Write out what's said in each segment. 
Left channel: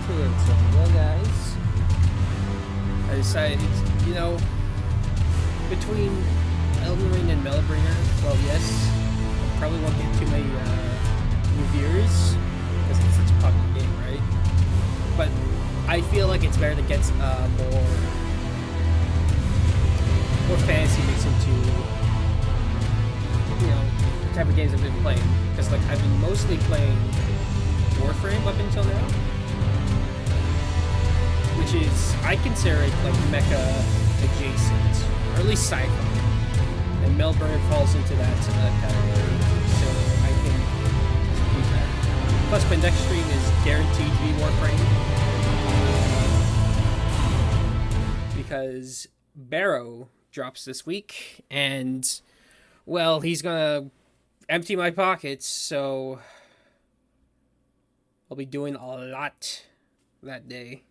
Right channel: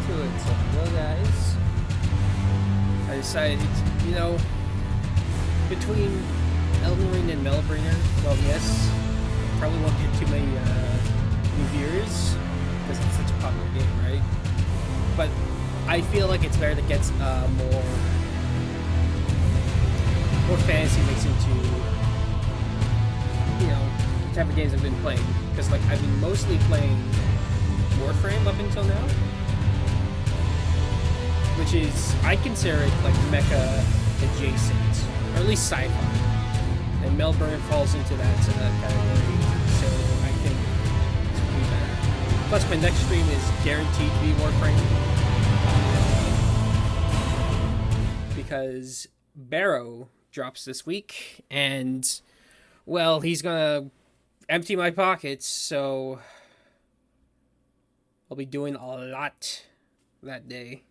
into it. So, hello guys. I decided, you know, between Elden Ring and Melbringer, well, yes, I probably won't get too many new viewers because it's such a popular game, right? But I feel like it's better to get more fantasy mixed into, you know, the type of games I've been playing. Because like I've been mostly playing Warframe up until now, which is, I consider it like mecha adjacent, or at least sci-fi. And Melbourne falls into that category, so I think this will be better. Plus, my next stream is guaranteed to be Warframe, because Barrow drops this week, and, well, he's gonna empty my pockets, so I'll be doing a lot that day.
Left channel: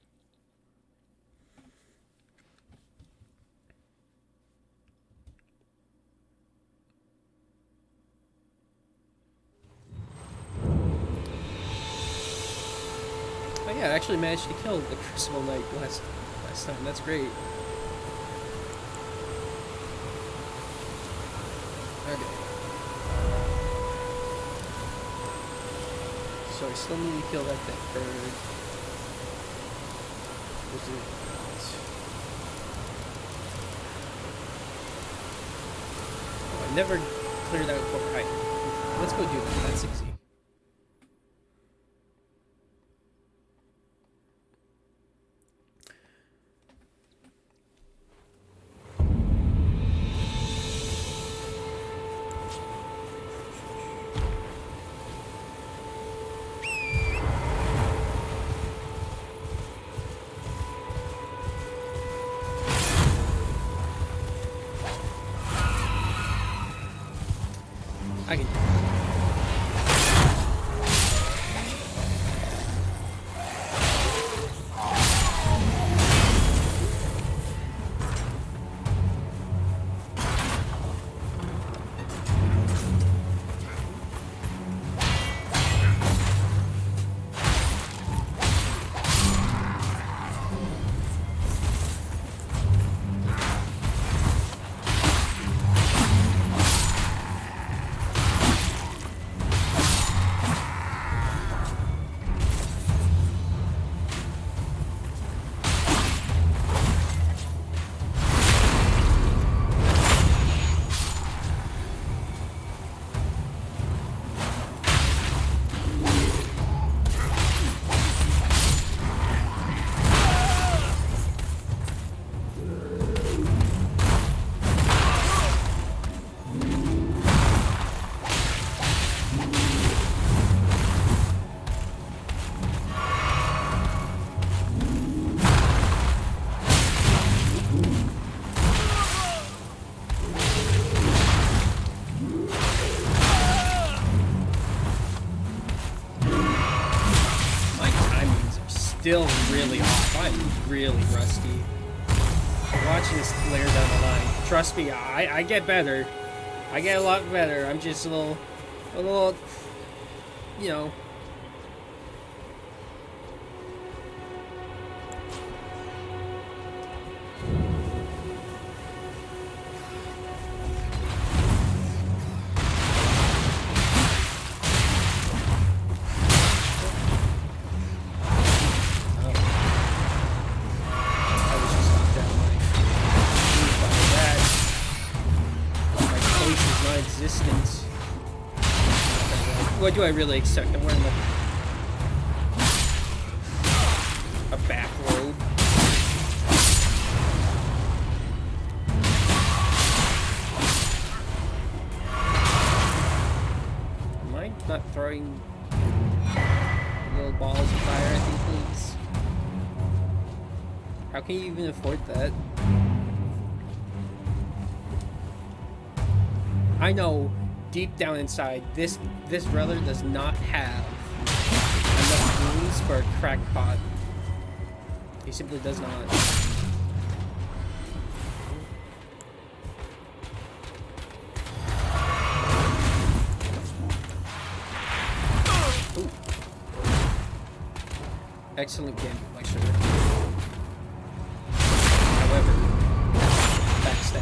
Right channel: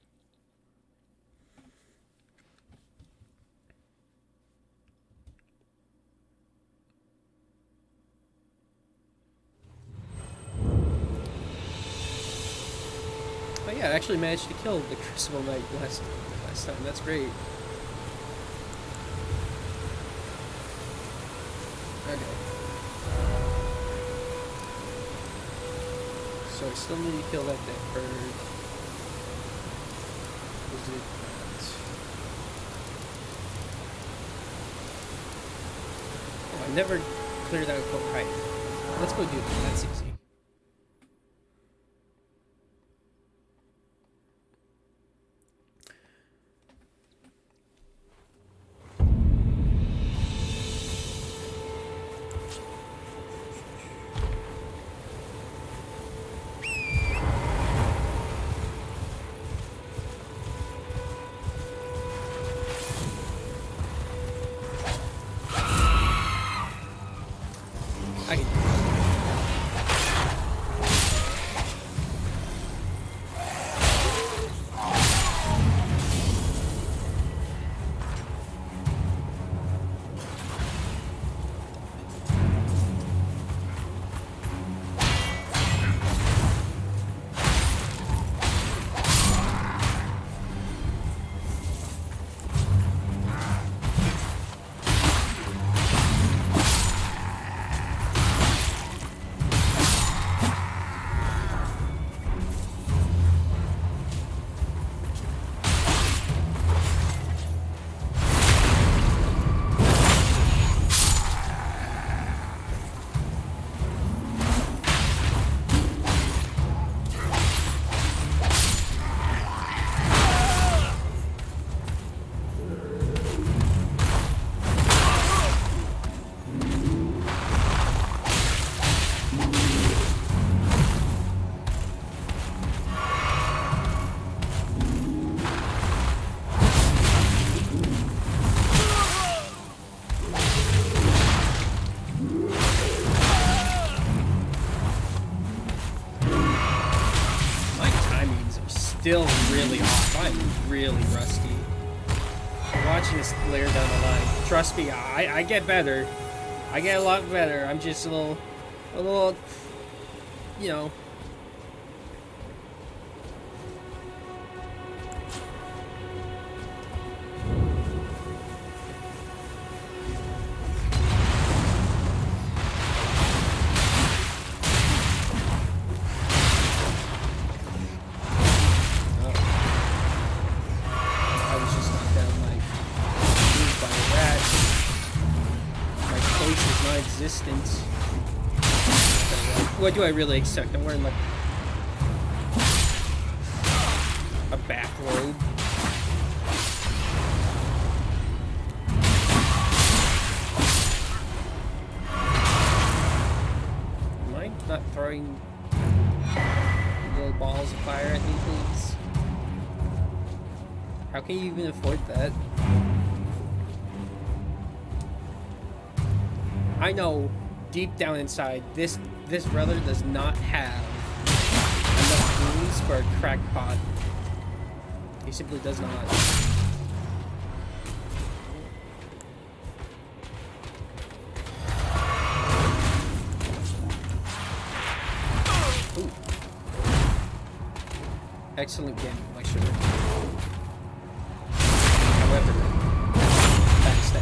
Oh yeah, I actually managed to kill the Crucible Knight last time. That's great. Okay. So I still need to kill that bird. Is it? Oh, I never cleared out Fort Height. Let's go do that. That's easy. I can do it. Still really off. I'm really rusty. Watching this later down the line. Trust me, I get better. I get a lot better. I'm just a little, you know. Existence. What do I really expect? I'm wearing like a bathrobe. Am I not throwing little balls of fire at me, please? How can you even afford that? I know deep down inside this brother does not have enough wounds for a crackpot. He simply does not. excellent game, like sure. However, backstab.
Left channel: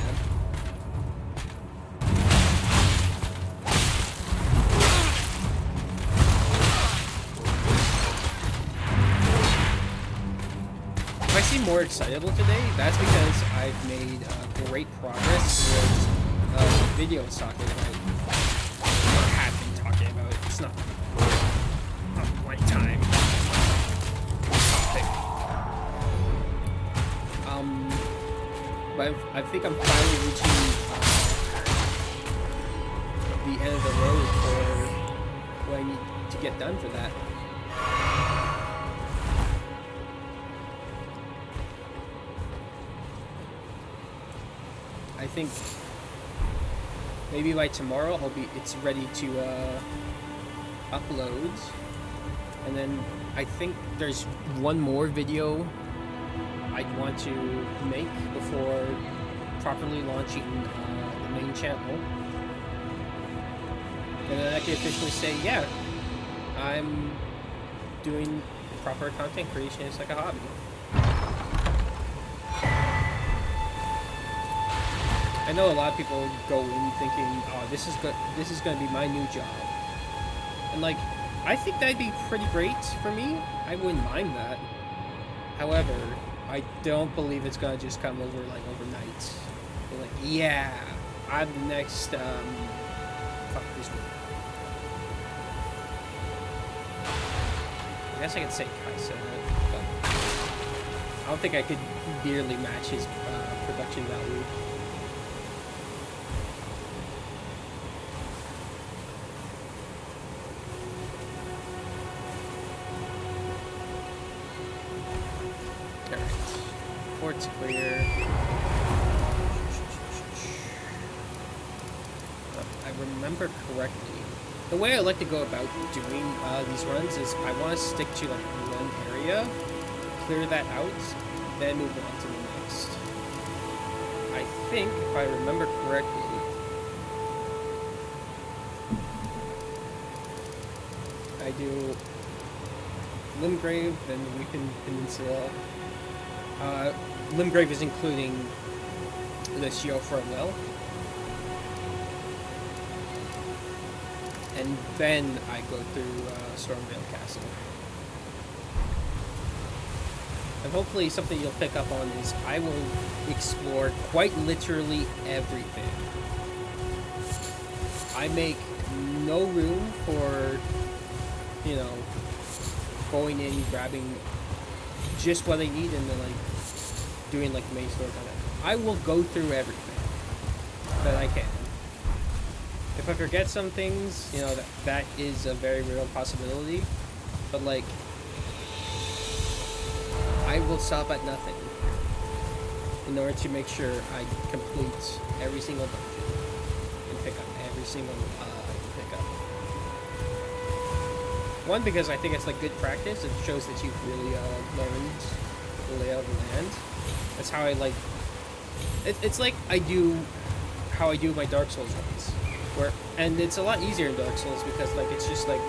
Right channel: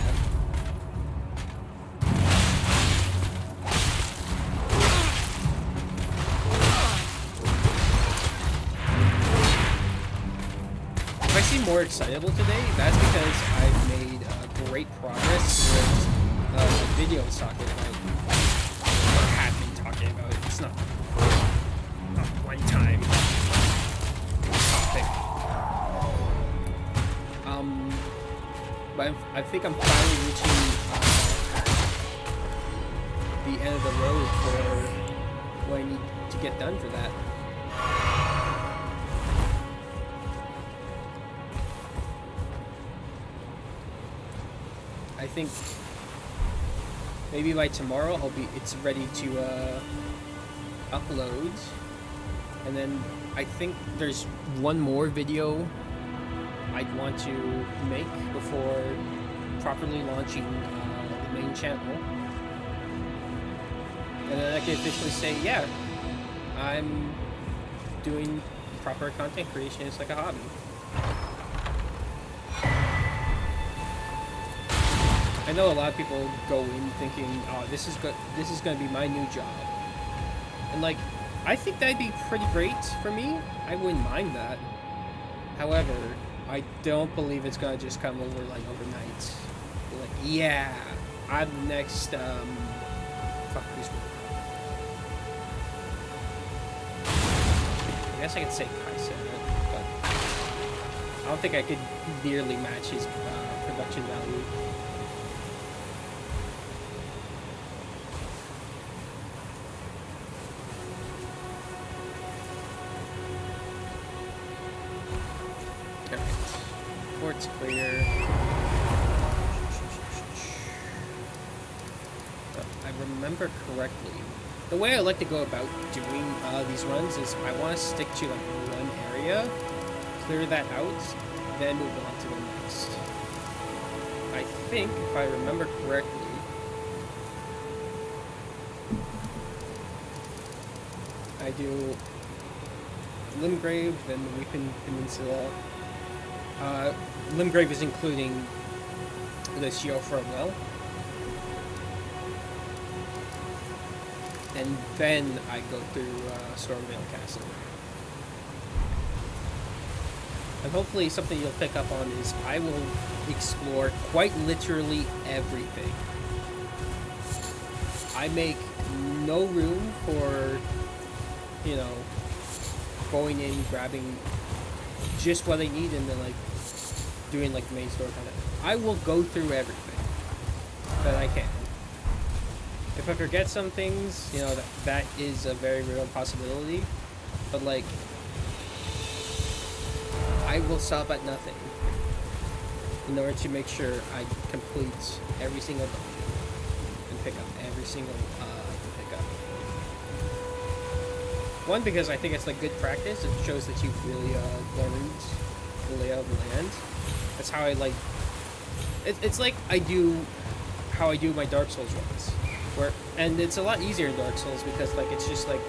If I seem more excitable today, that's because I've made great progress towards the video I was talking about. Or have been talking about. It's not a one-time topic. But I think I'm finally reaching the end of the road for what I need to get done for that. I think maybe by tomorrow it's ready to upload, and then I think there's one more video I'd want to make before properly launching the main channel, and then I can officially say, yeah, I'm doing proper content creation. It's like a hobby. I know a lot of people go in thinking, oh, this is going to be my new job. And like, I think that'd be pretty great for me. I wouldn't mind that. However, I don't believe it's going to just come over like overnight. You're like, yeah, I'm the next, fuck this one. I guess I could say Kaisa, but I don't think I could nearly match his production value. Alright, port's clear. I remember correctly, the way I like to go about doing these runs is I want to stick to like one area, clear that out, then move on to the next. I think, if I remember correctly, I do Limgrave, then the Weeping Peninsula. Limgrave is including the Siofra well. And then I go through Stormvale Castle. And hopefully something you'll pick up on is I will explore quite literally everything. I make no room for, you know, going in, grabbing just what I need and then like doing like the main story kind of. I will go through everything that I can. If I forget some things, you know, that is a very real possibility. But like, I will stop at nothing in order to make sure I complete every single dungeon and pick up every single item pick up. One, because I think it's like good practice. It shows that you've really learned the layout of the land. That's how I like. It's like how I do my Dark Souls runs. And it's a lot easier in Dark Souls because like it's just like,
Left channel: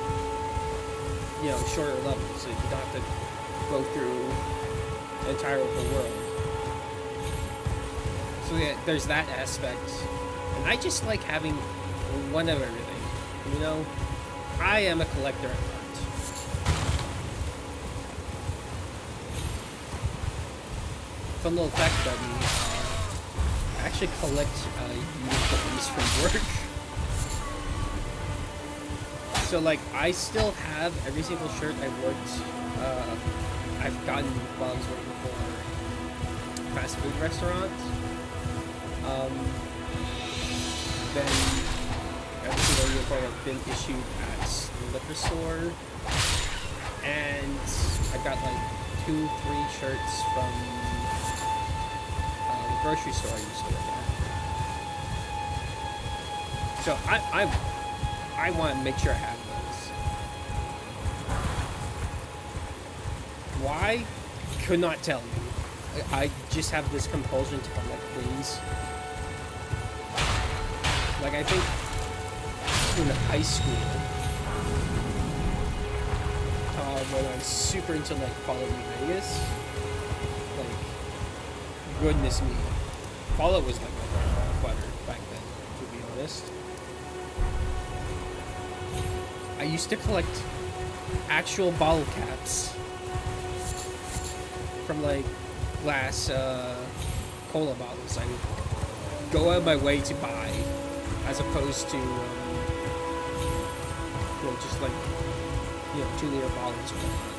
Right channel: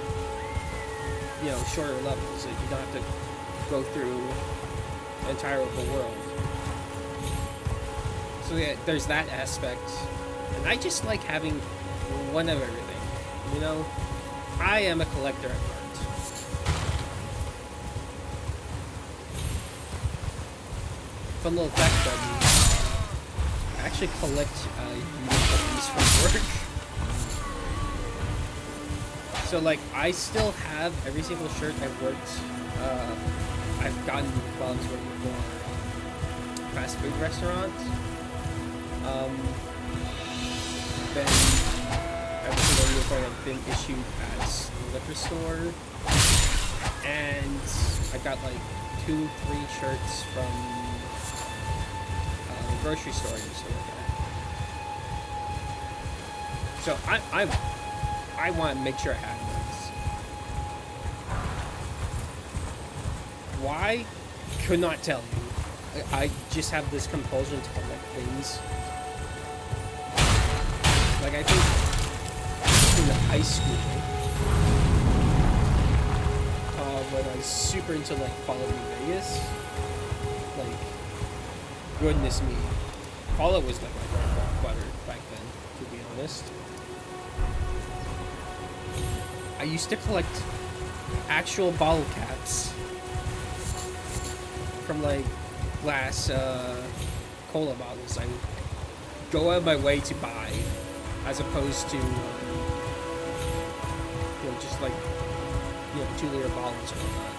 you know, shorter levels, so you don't have to go through the entire open world. So yeah, there's that aspect, and I just like having one of everything. You know, I am a collector at heart. Fun little fact about me: I actually collect uniforms from work. So like, I still have every single shirt I've gotten while I was working for fast food restaurants. Then every single uniform I've been issued at the liquor store, and I got like 2-3 shirts from the grocery store I used to work at. So I want to make sure I have those. Why? Could not tell you. I just have this compulsion to collect things. Like, I think in high school, when I was super into like Fallout New Vegas. Like, goodness me, Fallout was like my bread and butter back then. To be honest, I used to collect actual bottle caps from like glass cola bottles. I would go out of my way to buy, as opposed to just like 2-liter bottles or whatnot.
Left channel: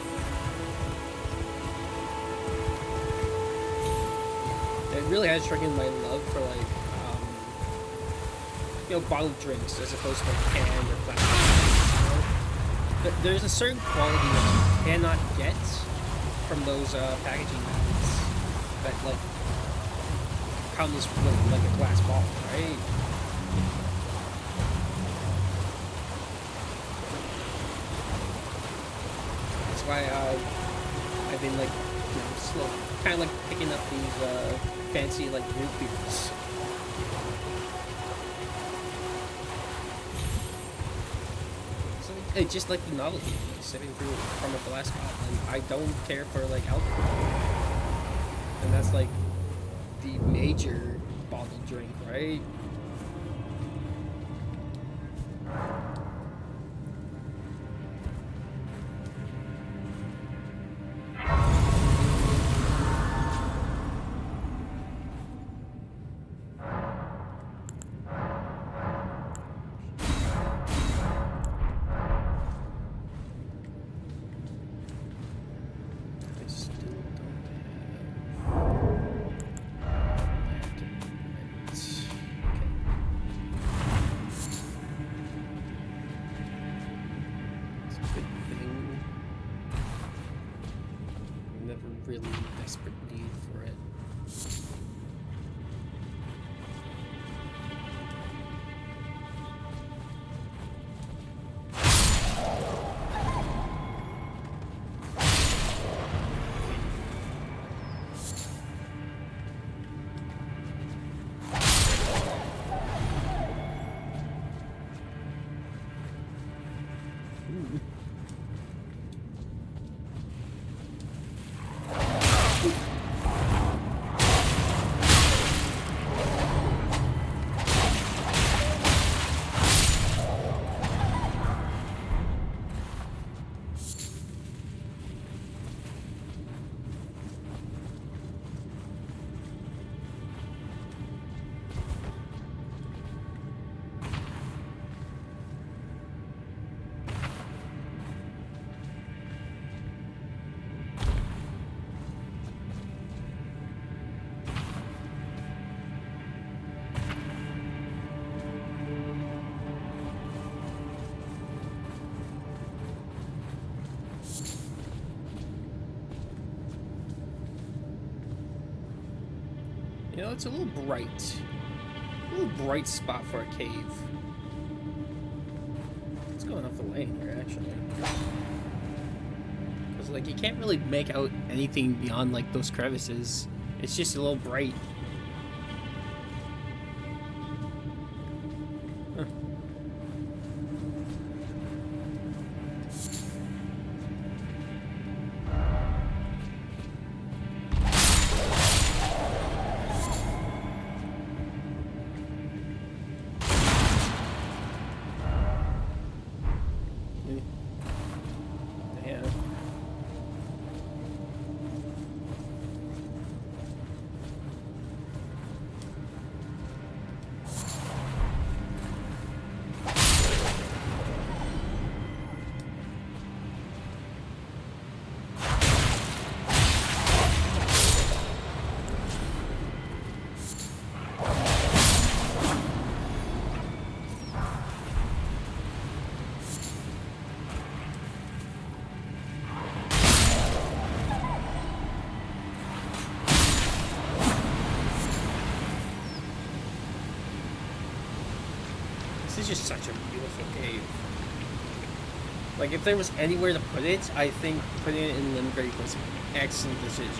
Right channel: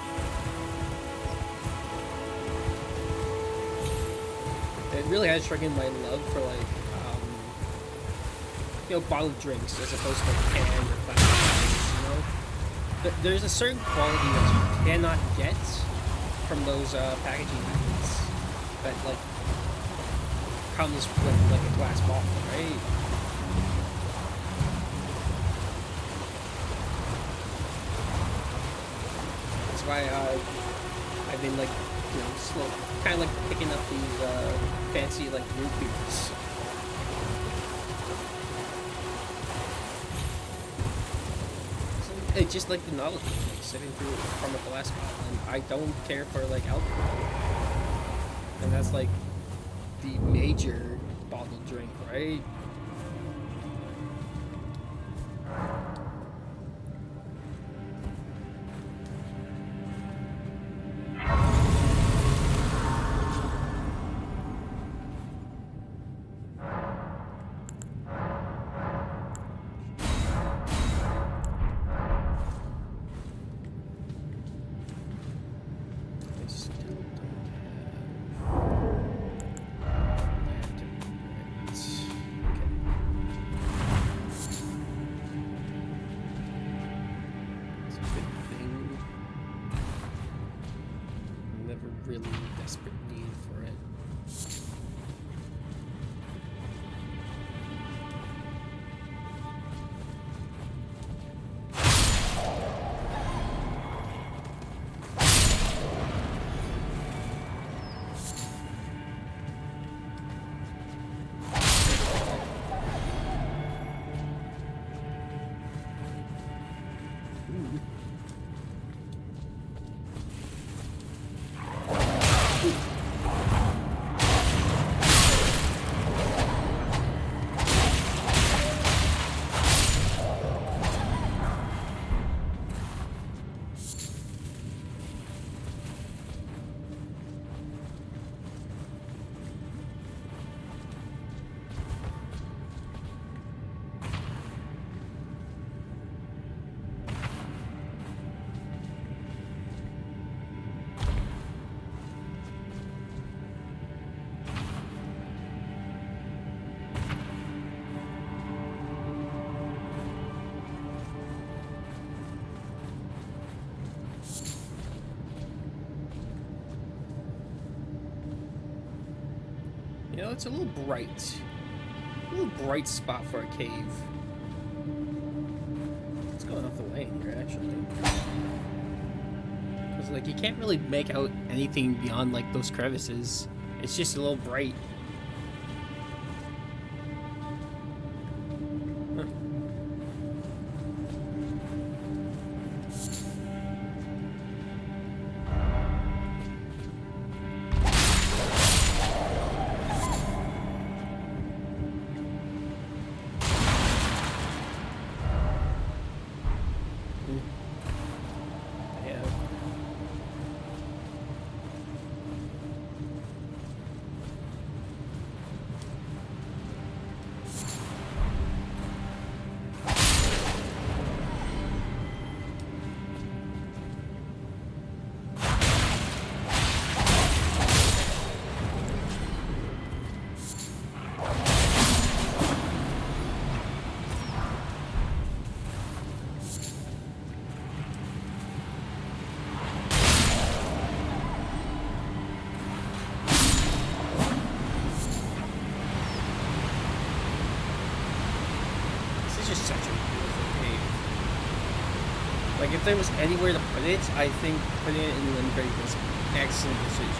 It really has stricken my love for like bottled drinks as opposed to like canned or plastic bottles. There's a certain quality that you cannot get from those packaging methods that like comes with like a glass bottle, right? That's why I've been like slow, kind of like picking up these fancy like root beers. It's just like the novelty, like sipping through from a glass bottle, and I don't care for like alcohol, and that's like the major bottled drink, right? Really desperate need for it. Ooh. It's a little bright. A little bright spot for a cave. It's going off the lane here, actually. Because, like, you can't really make out anything beyond, like, those crevices. It's just a little bright. Huh. This is just such a beautiful cave. Like, if there was anywhere to put it, I think putting it in Limgrave was an excellent decision.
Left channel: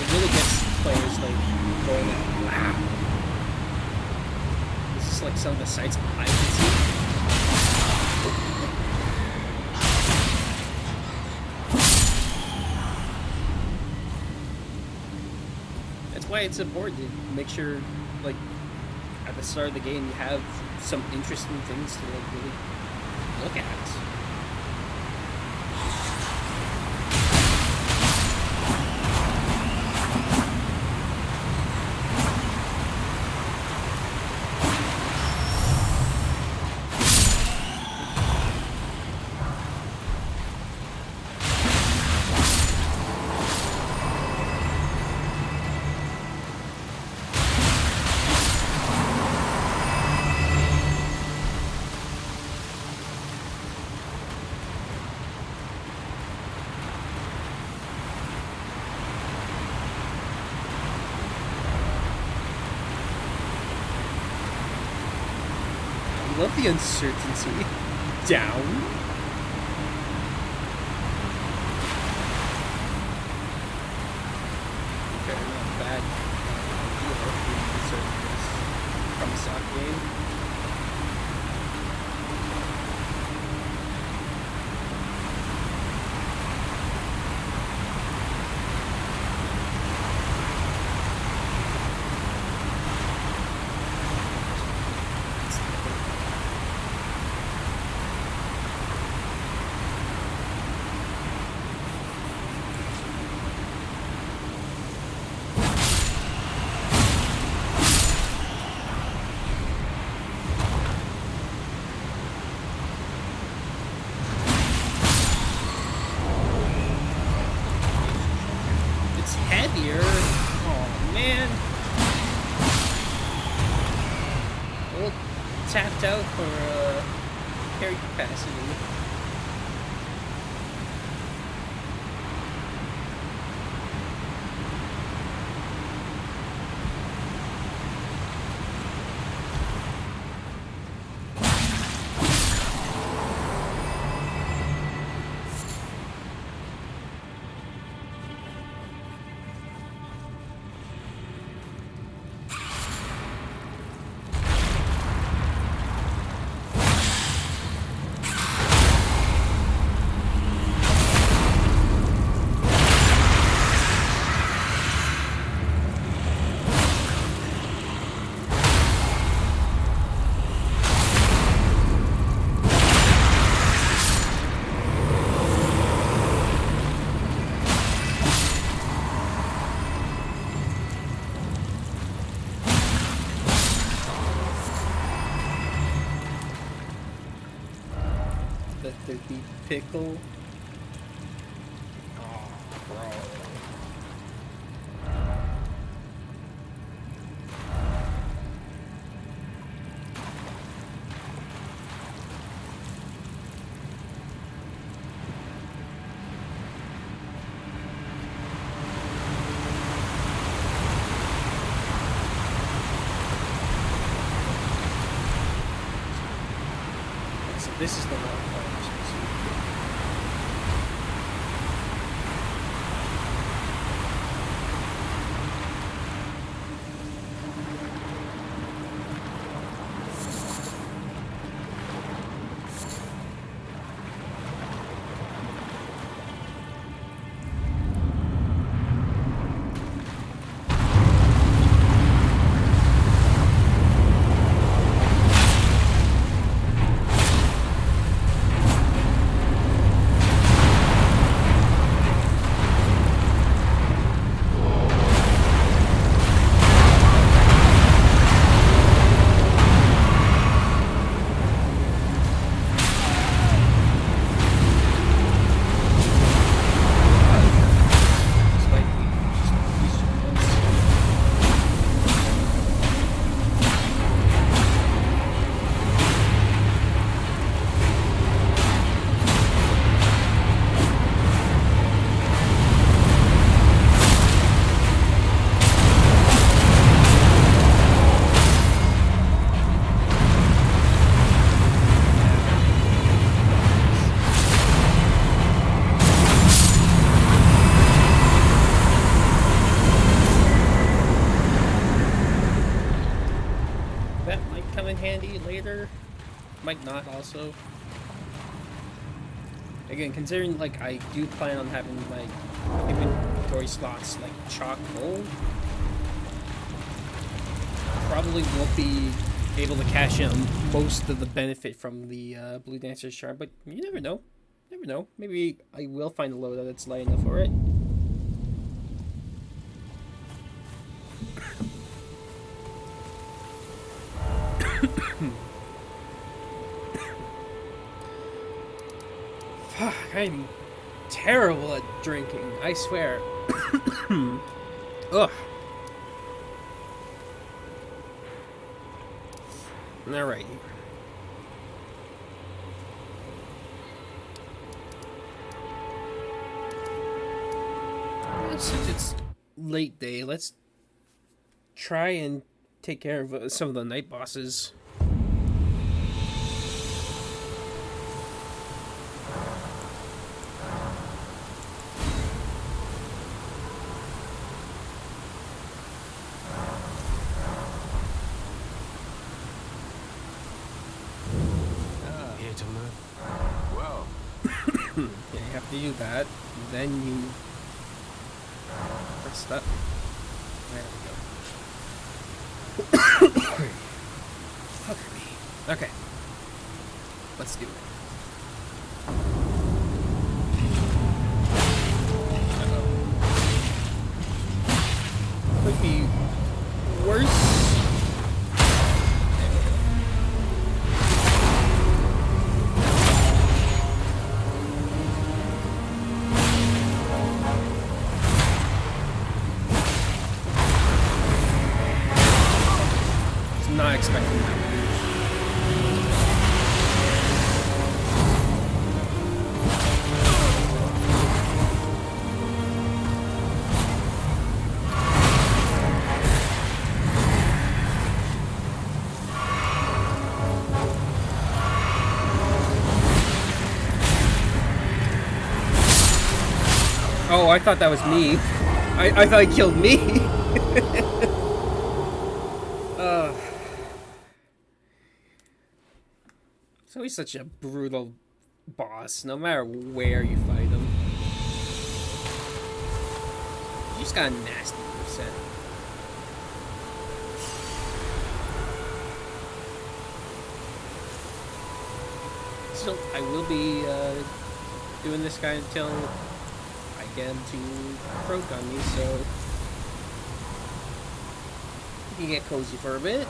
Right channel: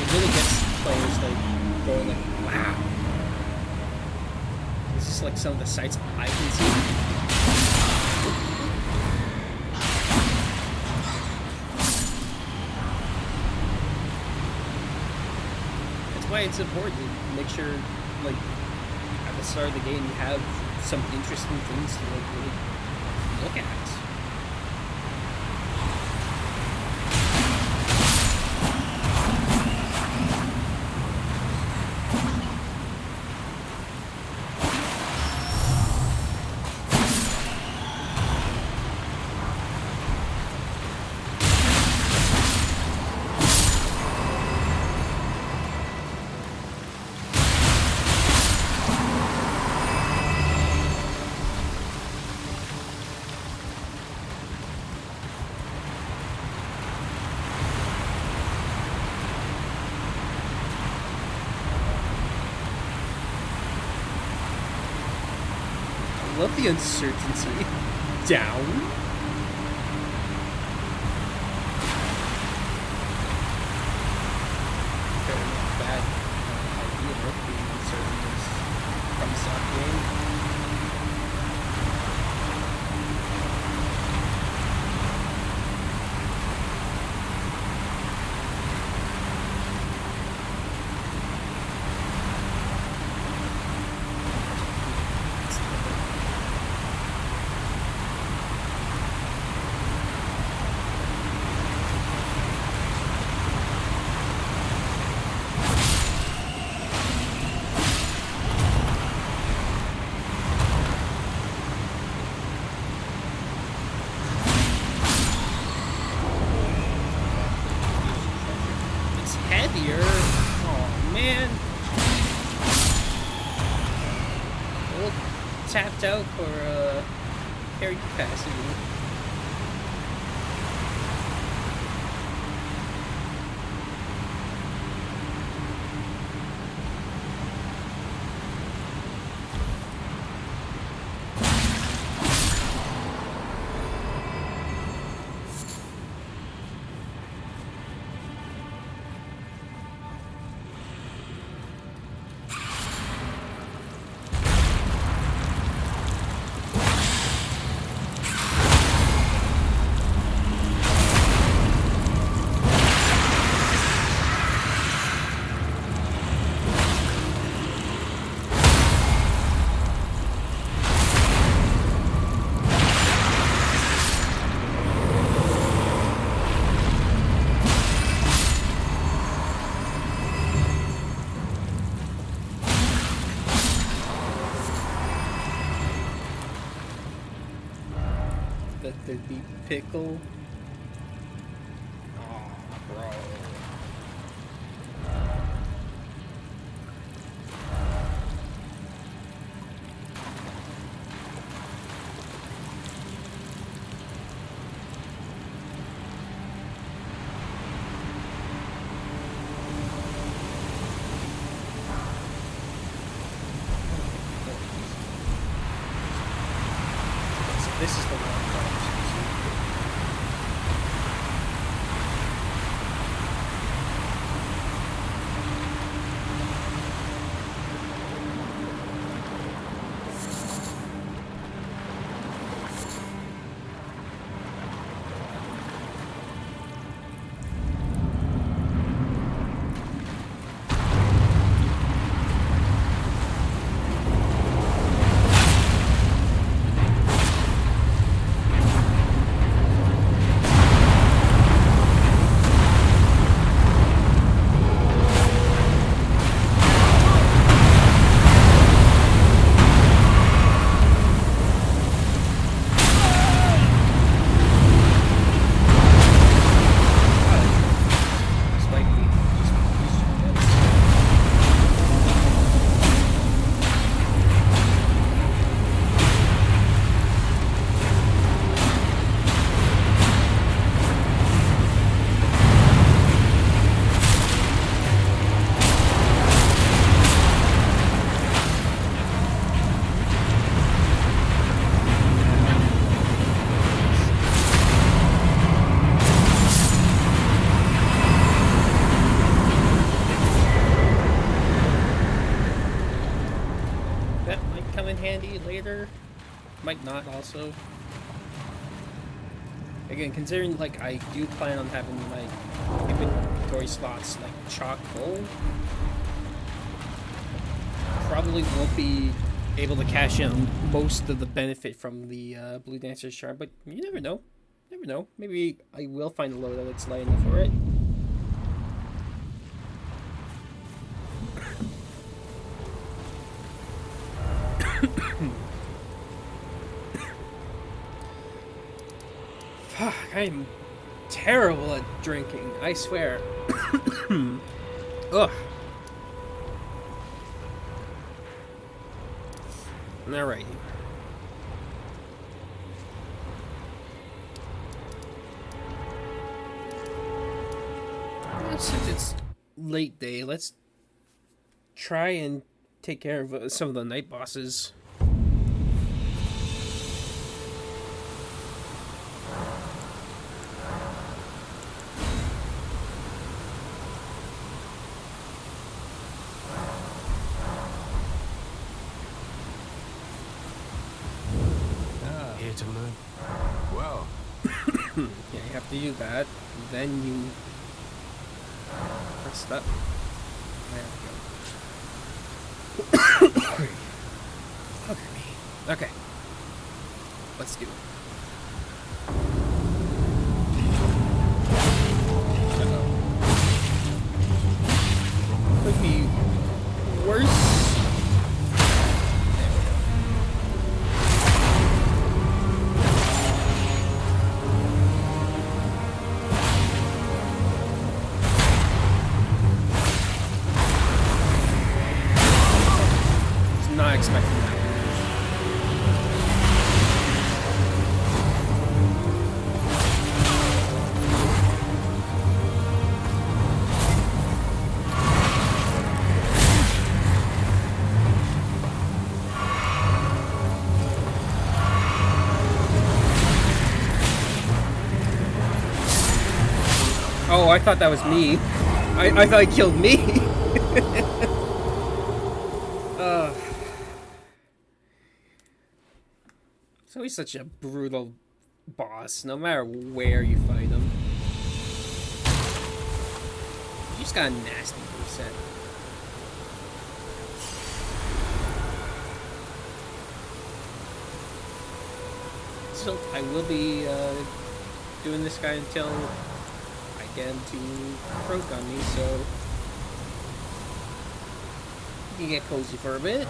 It really gets players, like, going like, wow. This is like some of the sights I can see. That's why it's important to make sure, like, at the start of the game, you have some interesting things to like really look at. I love the uncertainty. Down? Okay, not bad idea being uncertain in this from stock game. Heavier. Oh man. A little tapped out for carry capacity. That there'd be pickle. Oh, bro. So this is the one. come in handy later. Might not also. Again, considering like I do plan on having my inventory slots like chock full, probably won't be able to cash in on most of the benefit from the Blue Dancer's charm, but you never know. Never know. Maybe I will find a loadout that's light enough for it. Fuck, I'm terrible at drinking, I swear. Ugh. Alrighty. Yeah, since it's late day, let's try and take care of some of the night bosses. Here to learn. Well. Yeah, you have to do that. Then you press that. There we go. Fuck me. Okay. Let's do it. Uh-oh. Could be worse. Not expecting that move. Oh, I thought that was me. I thought he killed me. It's always such a brutal boss, no matter where you fight him. You just got a nasty moveset. So I will be doing this guy until I get him to croak on me, so you can get cozy for a bit.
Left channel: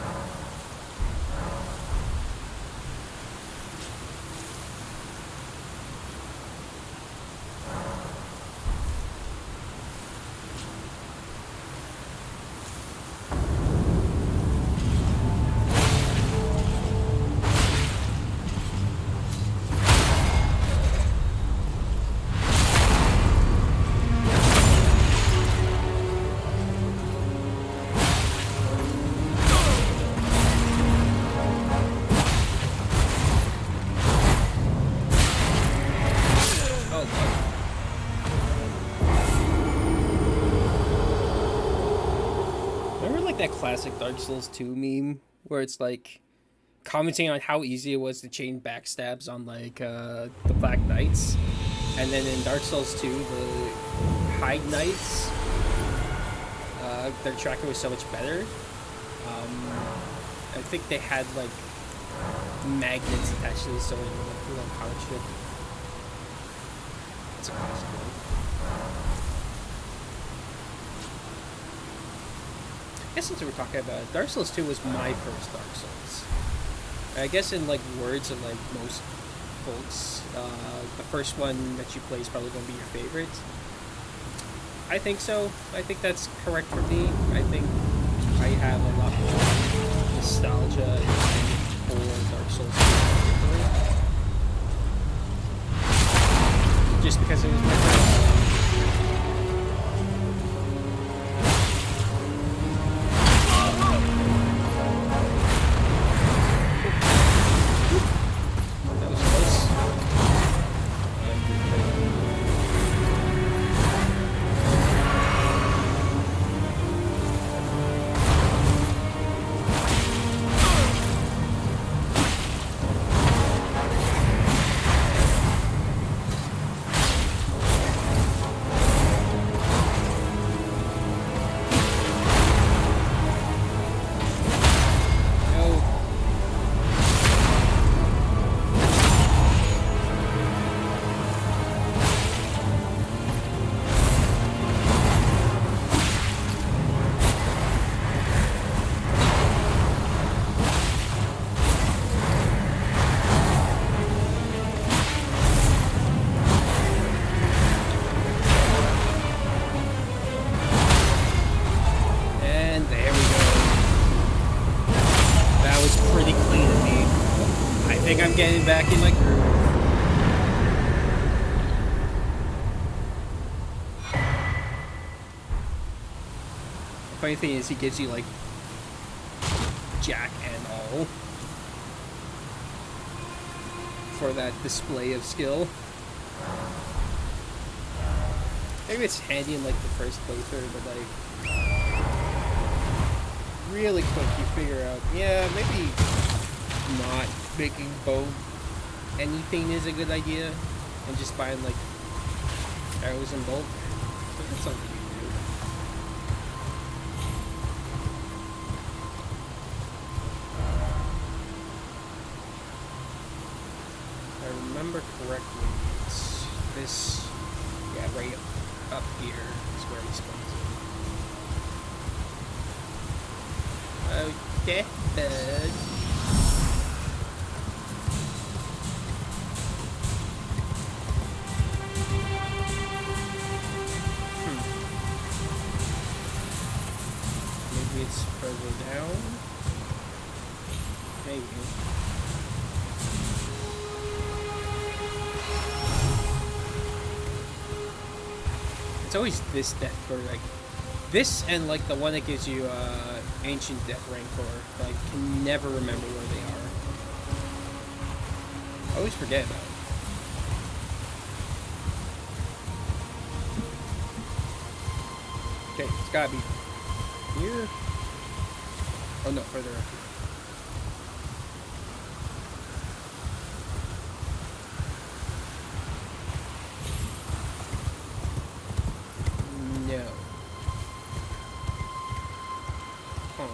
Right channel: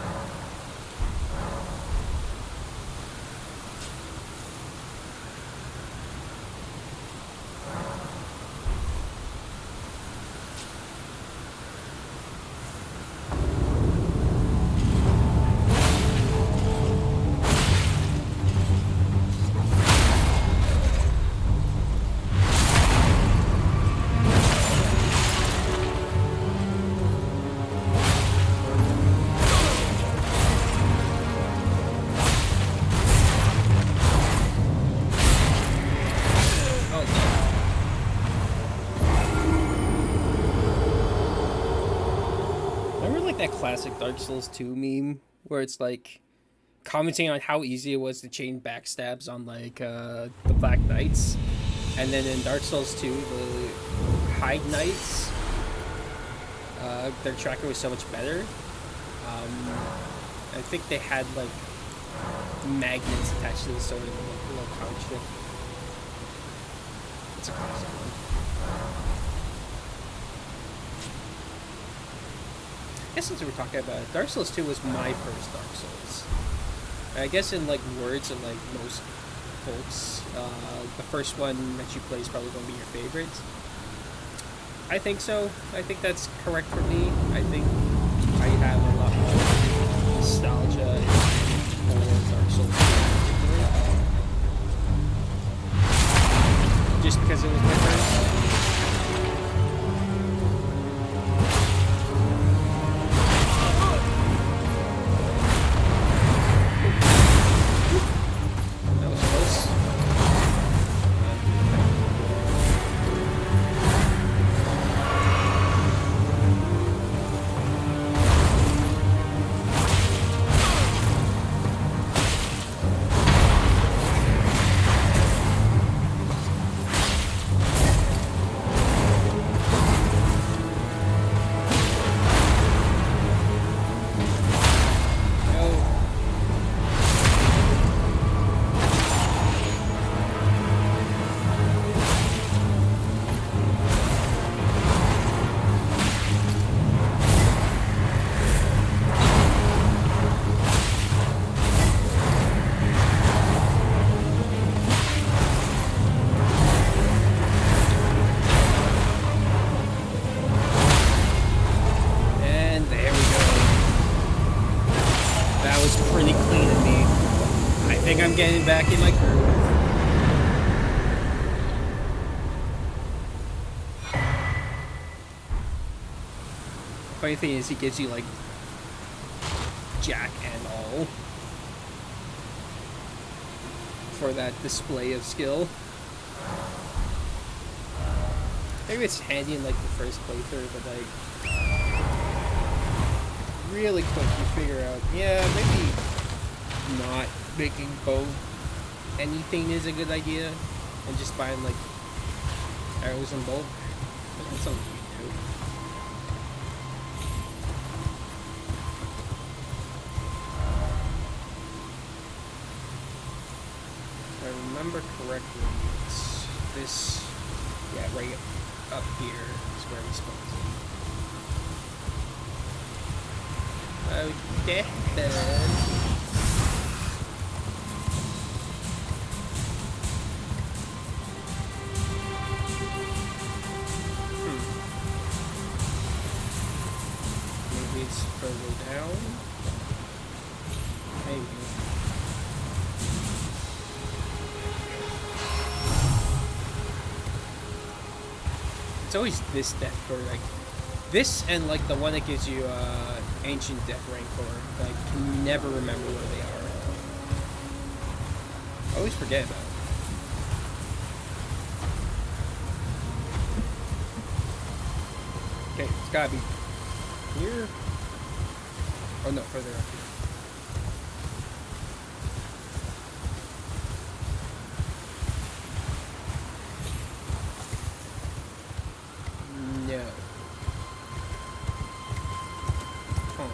That classic Dark Souls 2 meme where it's like commenting on how easy it was to chain backstabs on like the Black Knights, and then in Dark Souls 2 the Hide Knights, their tracker was so much better. I think they had like magnets attached to the sword and like a little comic strip. That's a classic one. I guess since we're talking about it, Dark Souls 2 was my first Dark Souls. I guess in like words of like most folks, the first one that you play is probably going to be your favorite. I think so. I think that's correct for me. I think I have a lot more nostalgia for Dark Souls 2 in particular. Just because it was my first. getting back in my groove. The funny thing is, he gives you like jack and all for that display of skill. Maybe it's handy in like the first playthrough, but like really quick you figure out, yeah, maybe not making bow anything is a good idea, and just buying like arrows in bulk. But that's something you can do. If I remember correctly, it's this, yeah, right up here is where he spawns in. Oh, deathbed. Maybe it's further down? Maybe. It's always this death, or like this, and like the one that gives you ancient death rank for. But I can never remember where they are. I always forget about it. Okay, it's gotta be here. Oh no, further up here. No. Huh.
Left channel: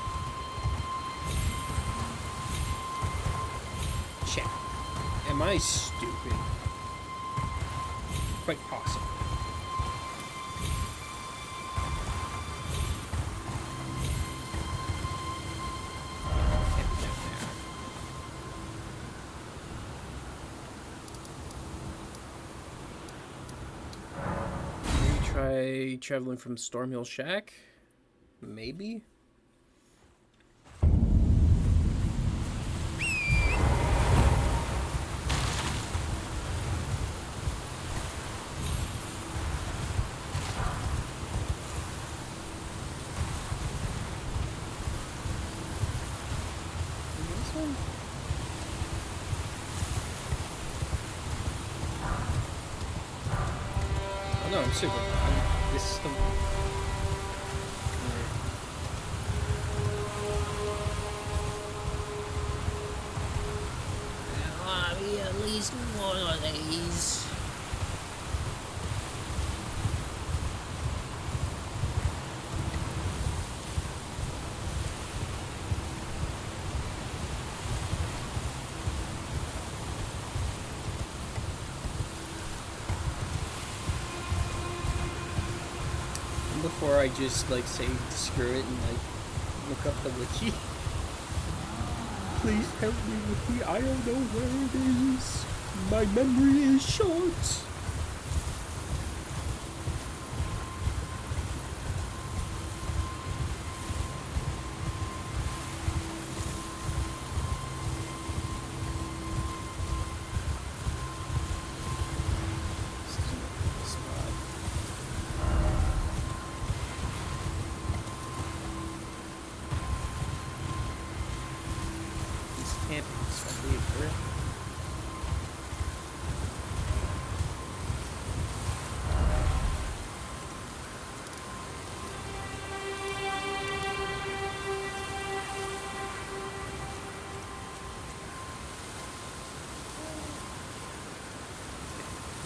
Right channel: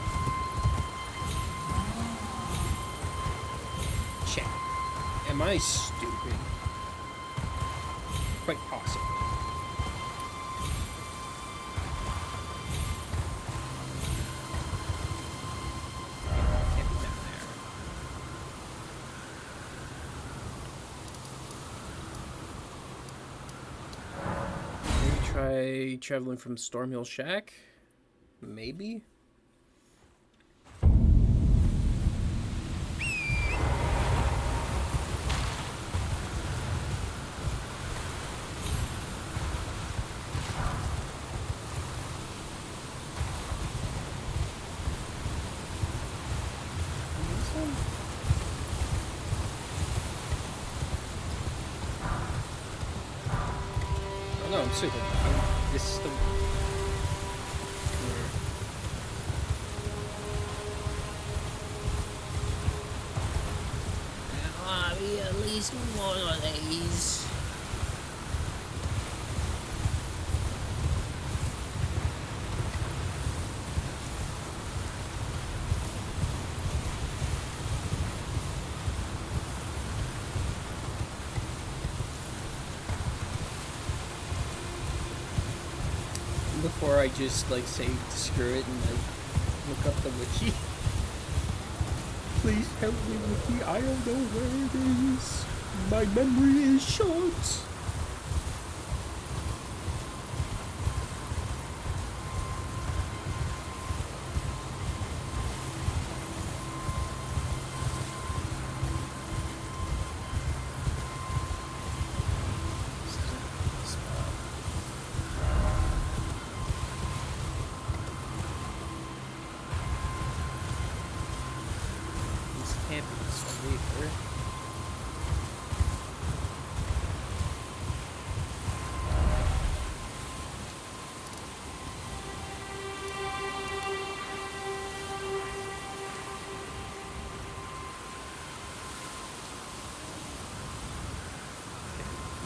Check. Am I stupid? Quite possibly. Try traveling from Stormhill Shack? Maybe? This one? Oh no, I'm super. This is the... I'll be at least one of these. Before I just like say screw it and like look up the wiki. Please help me, wiki. I don't know where it is. My memory is short. Can't be this one either.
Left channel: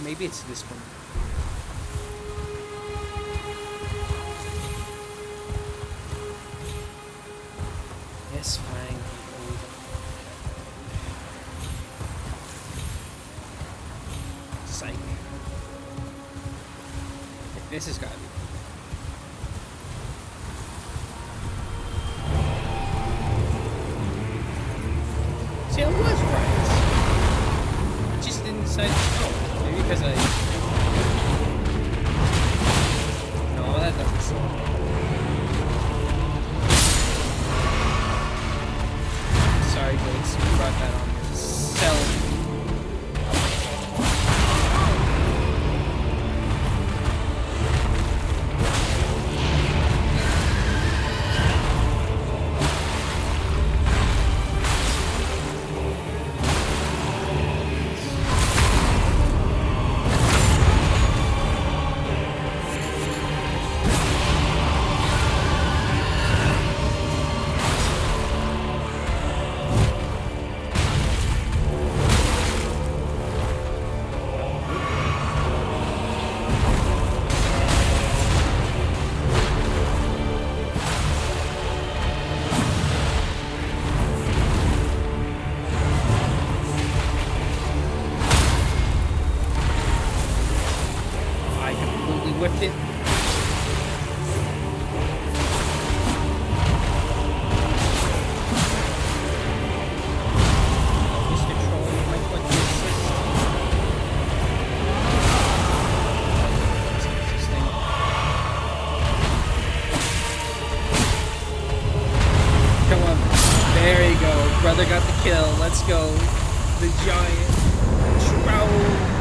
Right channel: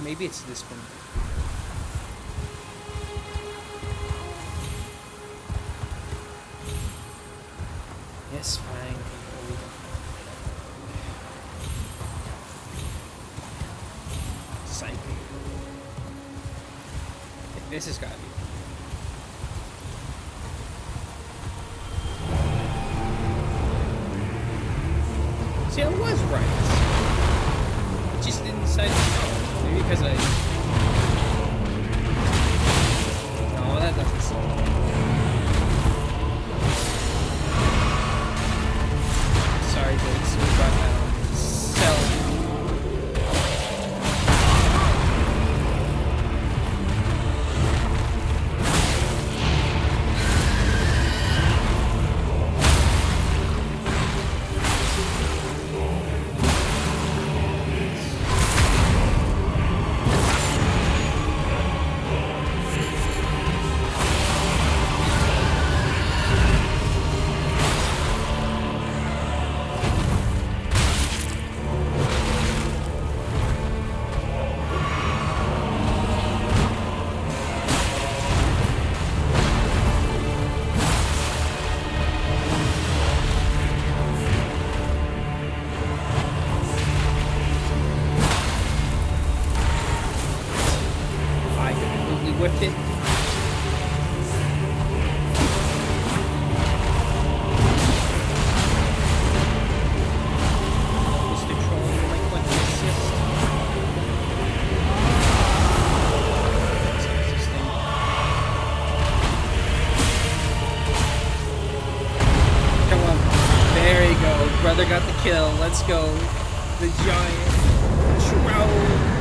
Maybe it's this one. Yes, fine. Psych. This has got to be. See, I was right. I just didn't decide to go. Maybe because I... No, that doesn't seem... Sorry, Jakes, you brought that on yourself. I completely whiffed it. Mr. Troll, you might want to assist. What's up with this thing? Come on. There you go. Brother got the kill. Let's go. The giant troll.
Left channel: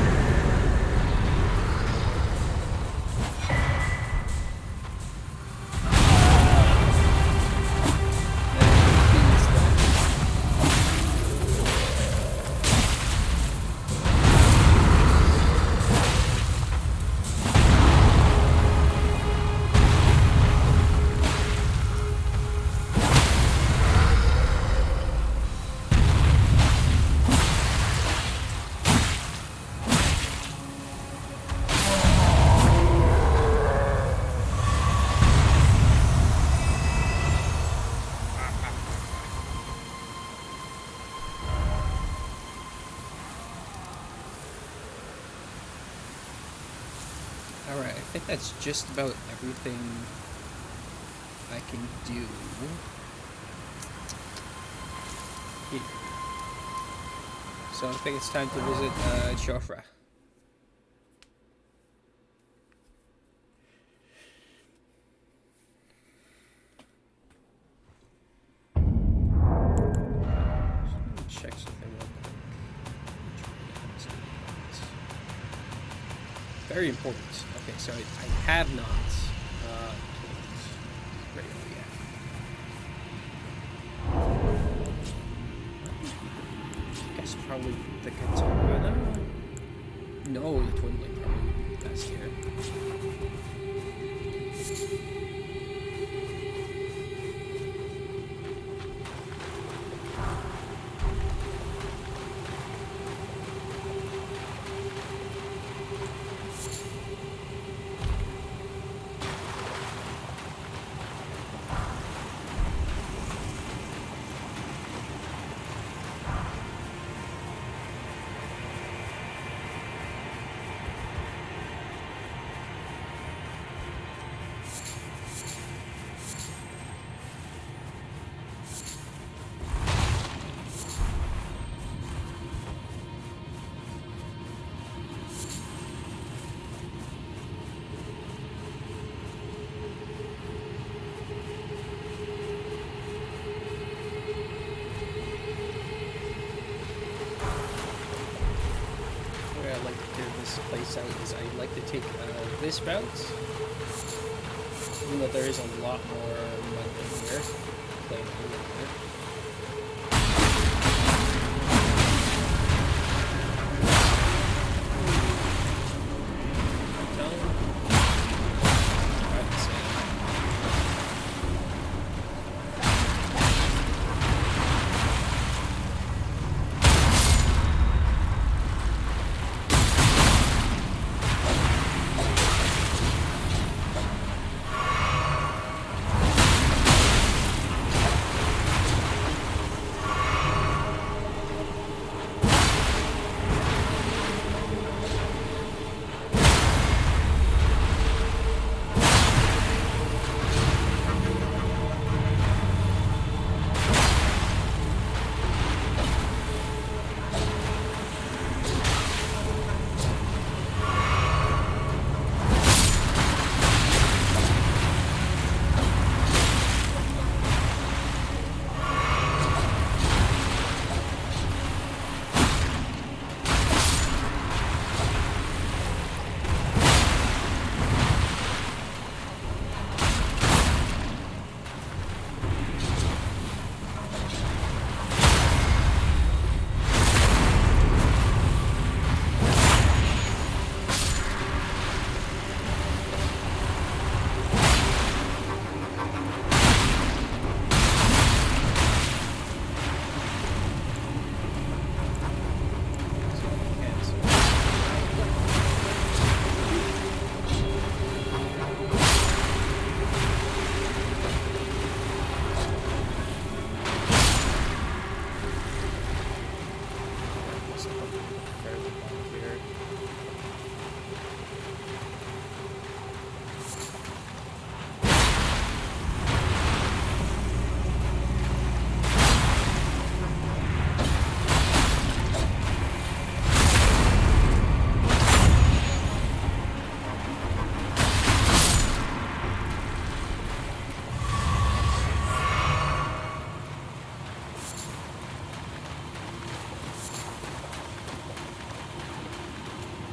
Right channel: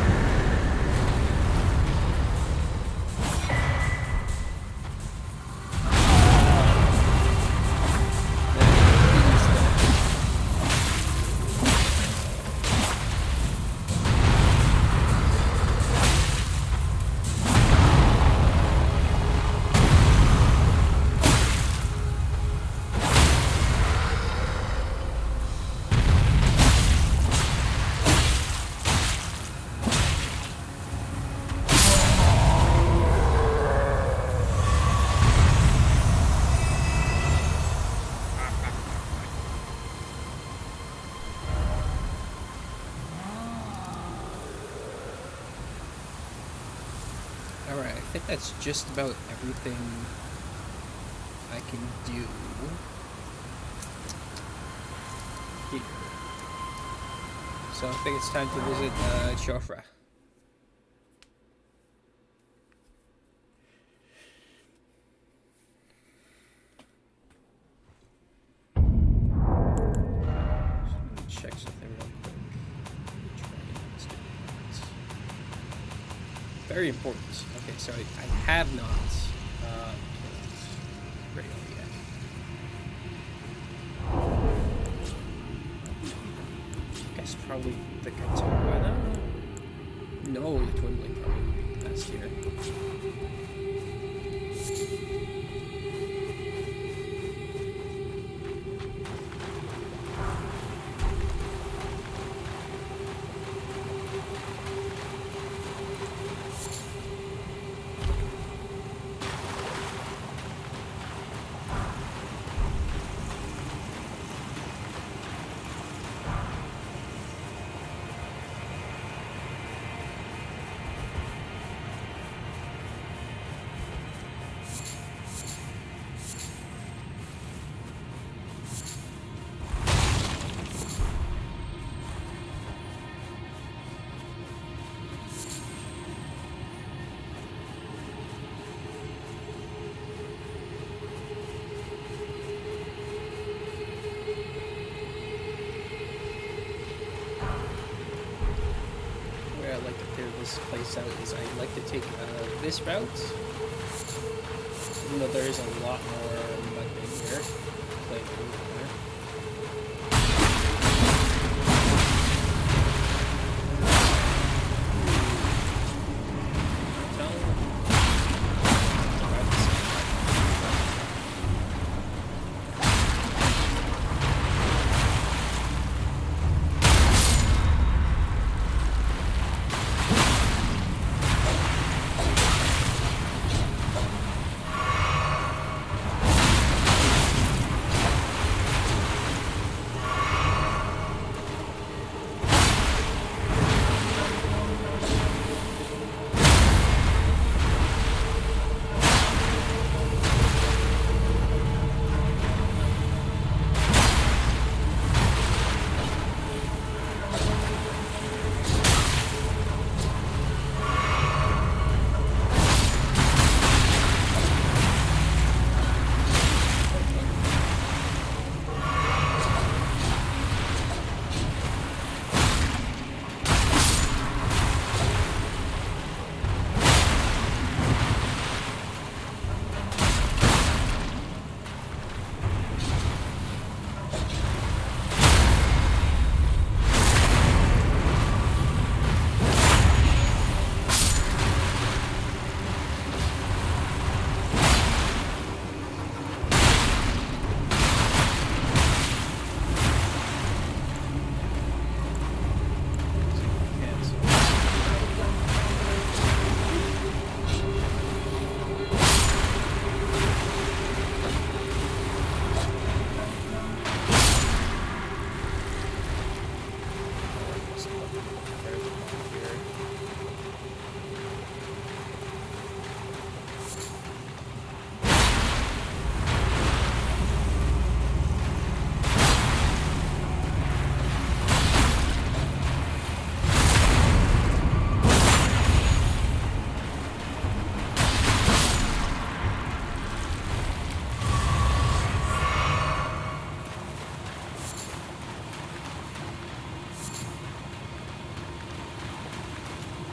Alright, I think that's just about everything I can do here. So I think it's time to visit Jofra. Check something real quick. Dragon Hunt's doing that. Very important. Okay, so I have not killed Rayo yet. I guess probably the Katana. No, the Twin Blade probably would be the best here. Where I like to clear this place out is I like to take this route, even though there is a lot more mud in here. Plain there.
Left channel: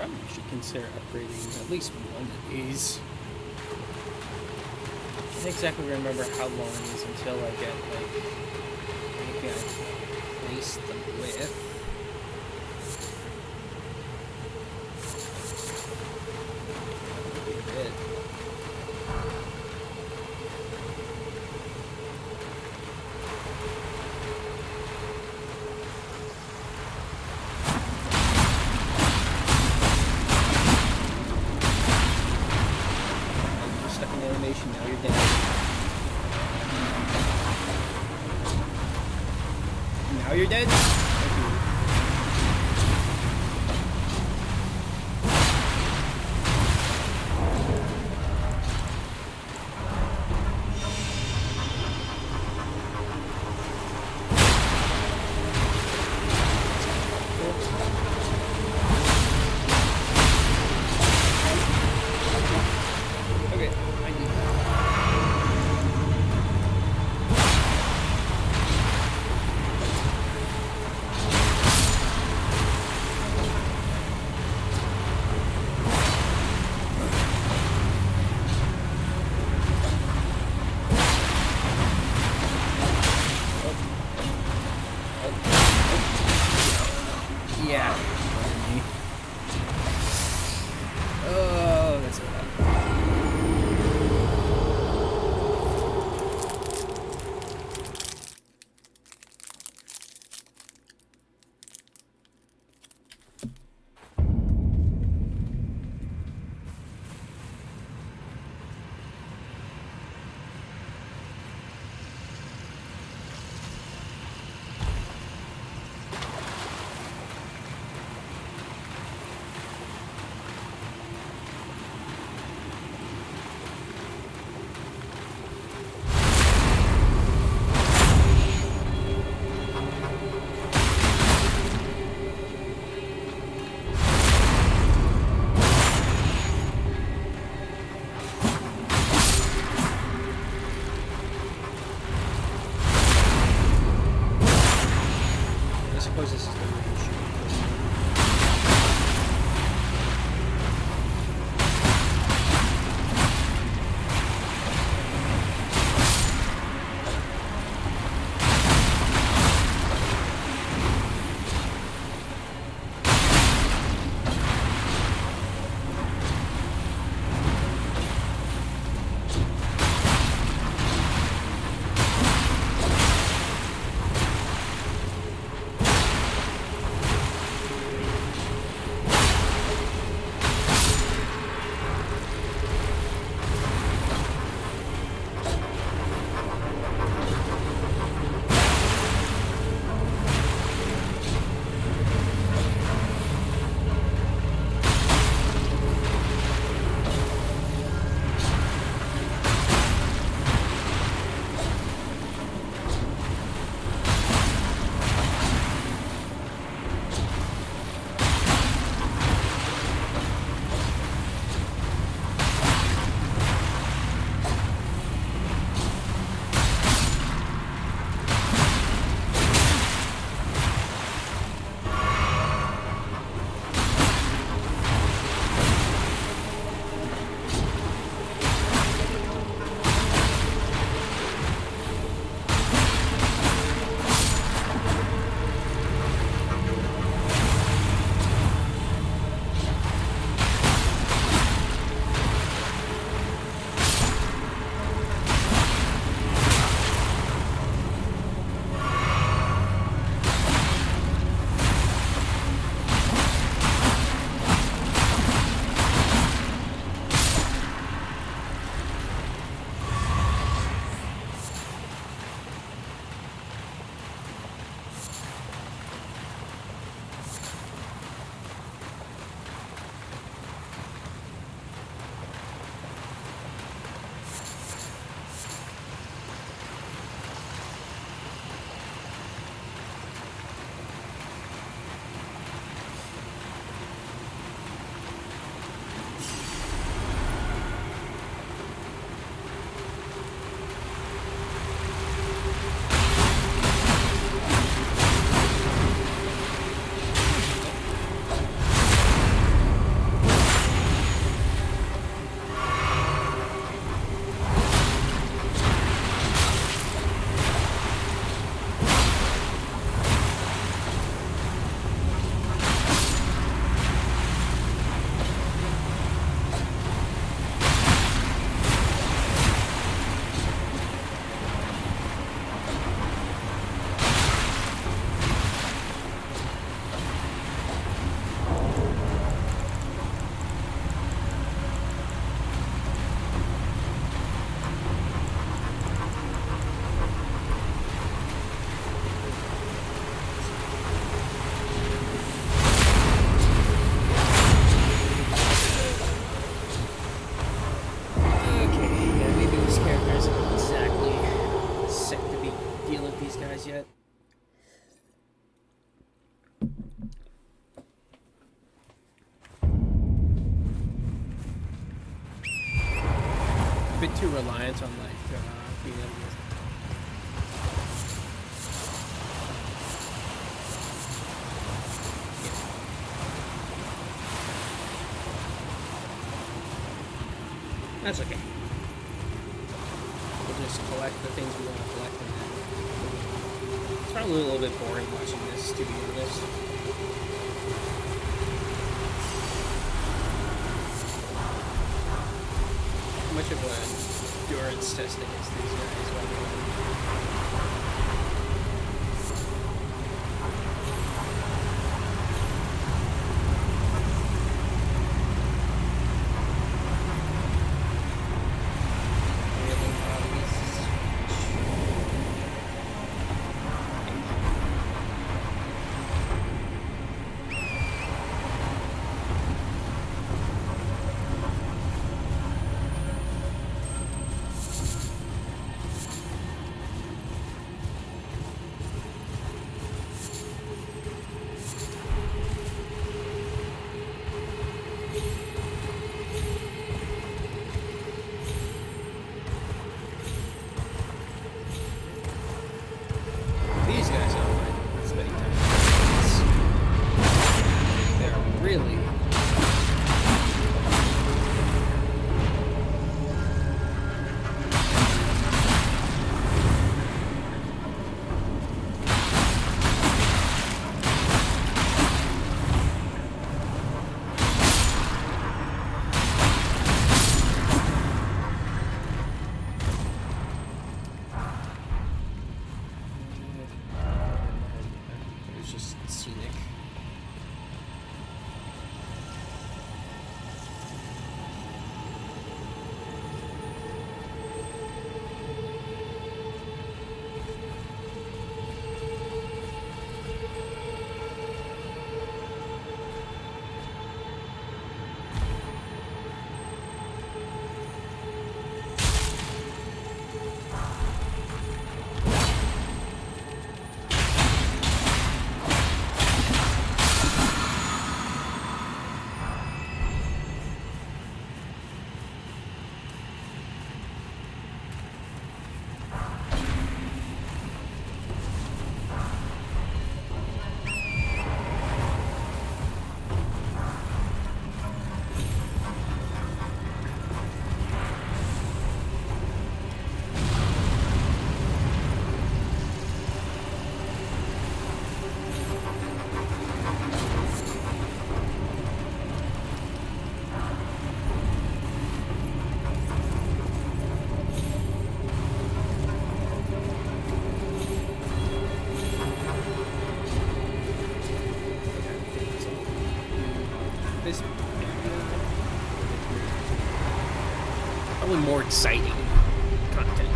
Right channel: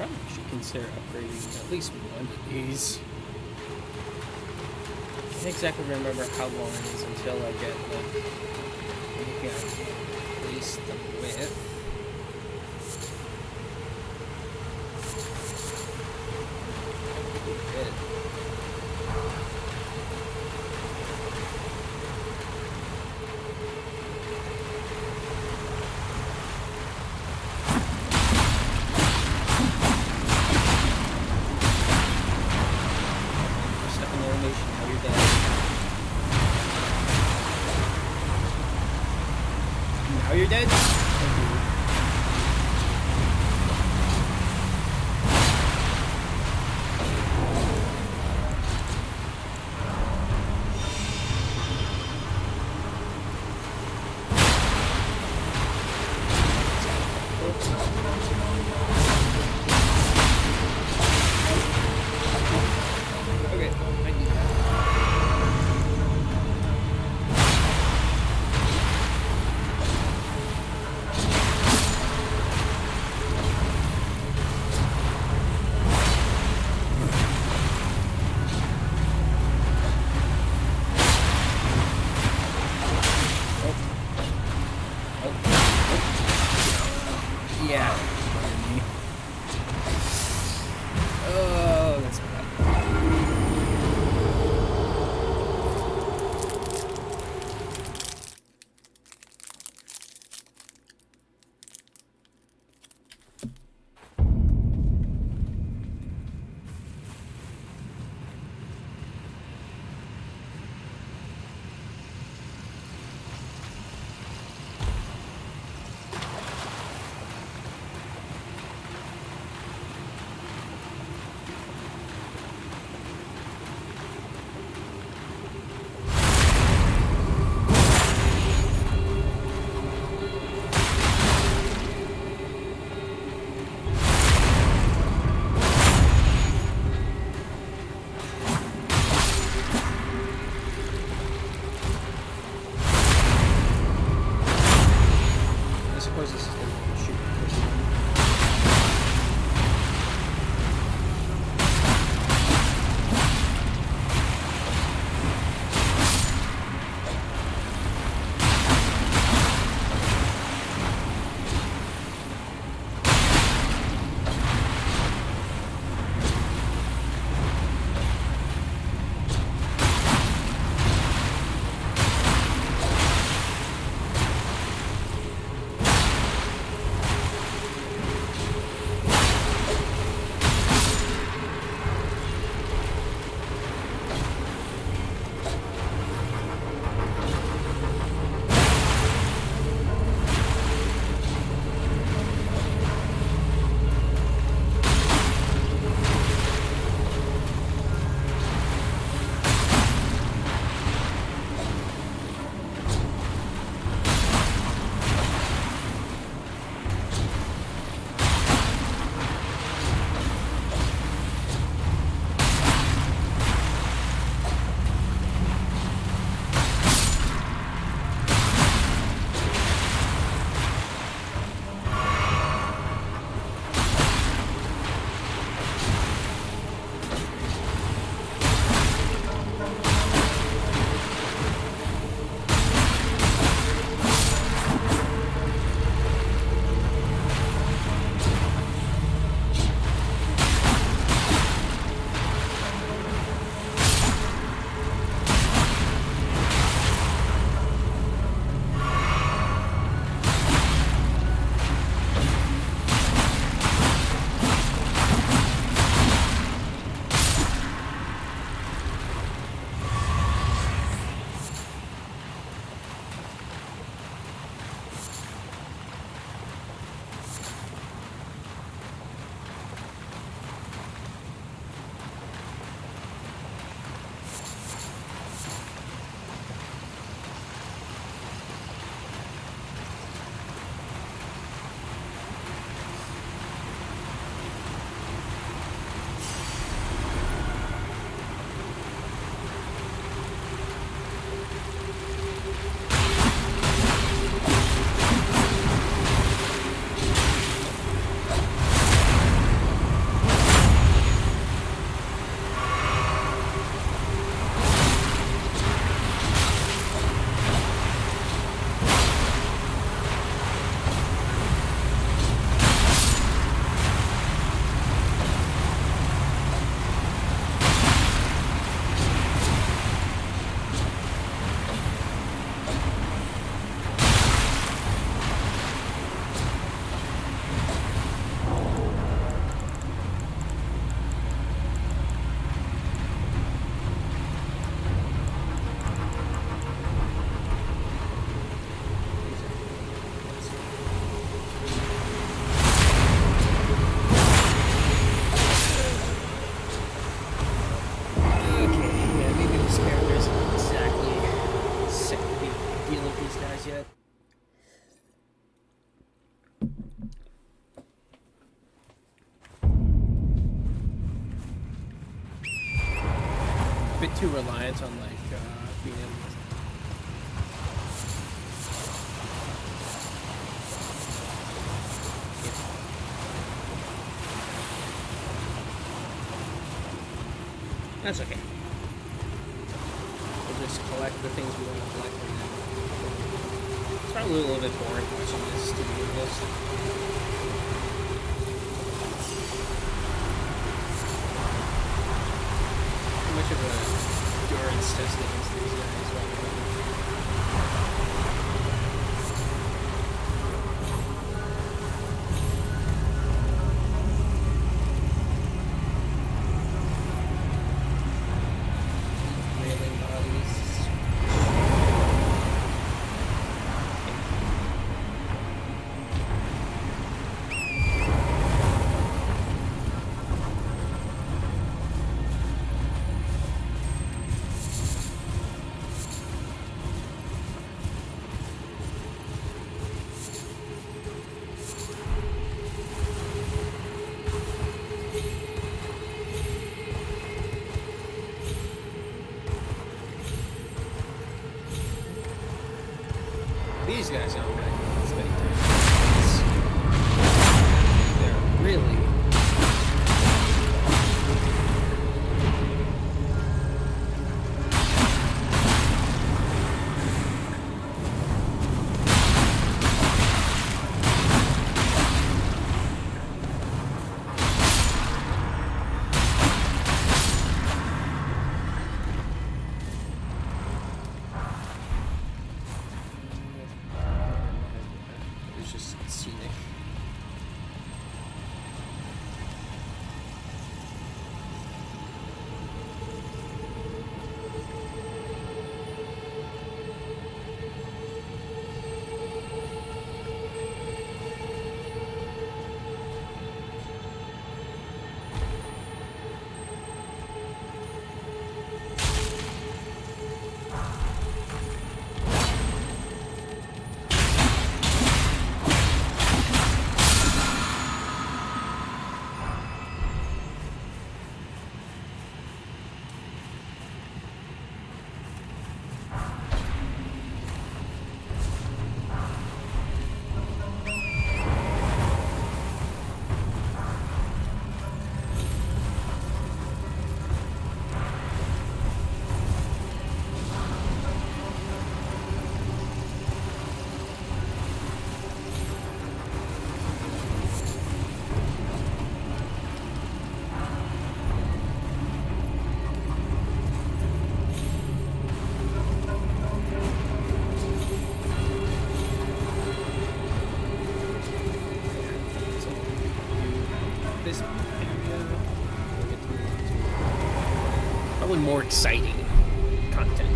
probably should consider upgrading at least one of these. I can't exactly remember how long it is until I get, like, anything I just want to replace them with. That would be a bit. Stuck in animation, now you're dead. Now you're dead? Thank you. Okay, I do that. Yeah. Oh, that's bad. I suppose this is the way you should be putting them. these guys yet. A bit too reliant on like being able to. That's okay. We'll just collect the things we want to collect and then it's probably a little bit boring watching this, to be honest. How much of an endurance test against these guys while we're running? Railing bodies. These guys aren't my spending time. They're really. Just scenic. This area, we'll get to move on to probably more exciting content.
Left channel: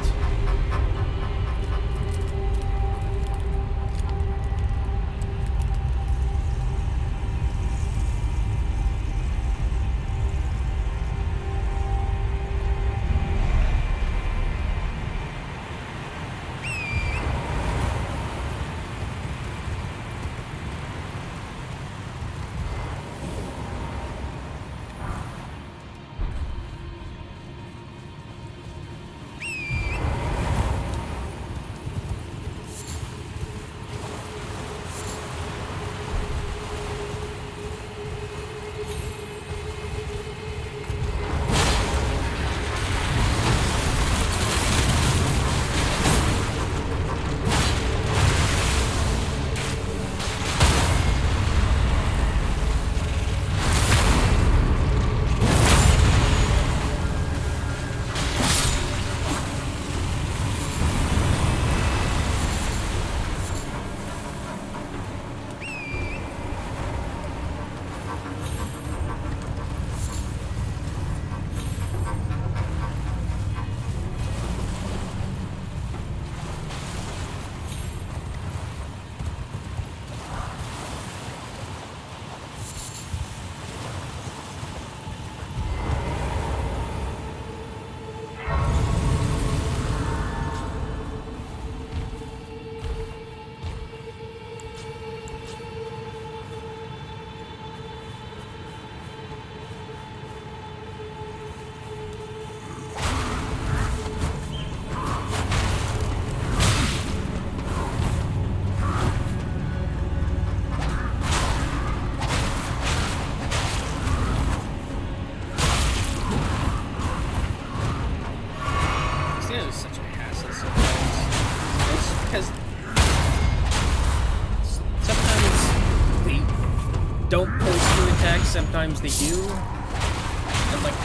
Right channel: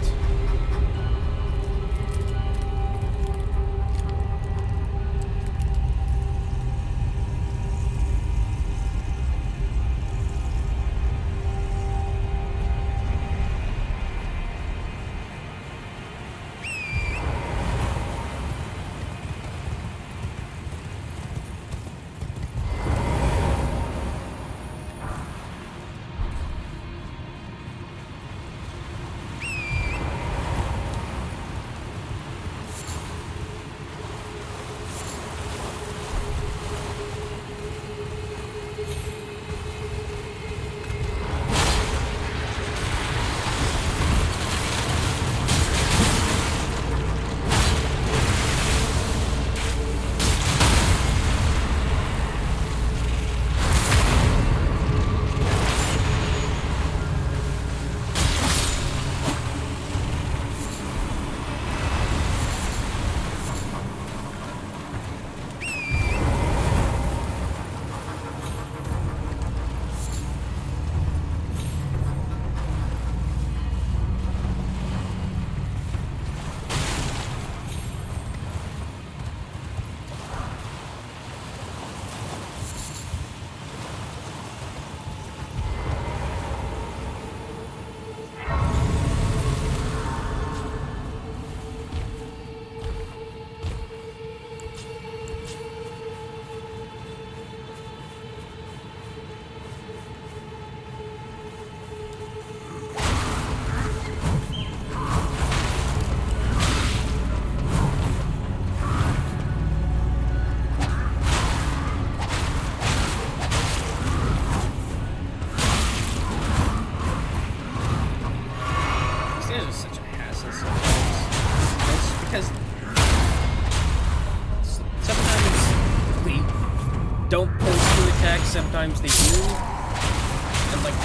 is such a hassle sometimes. It's because sometimes they don't post to attack, sometimes they do. And like,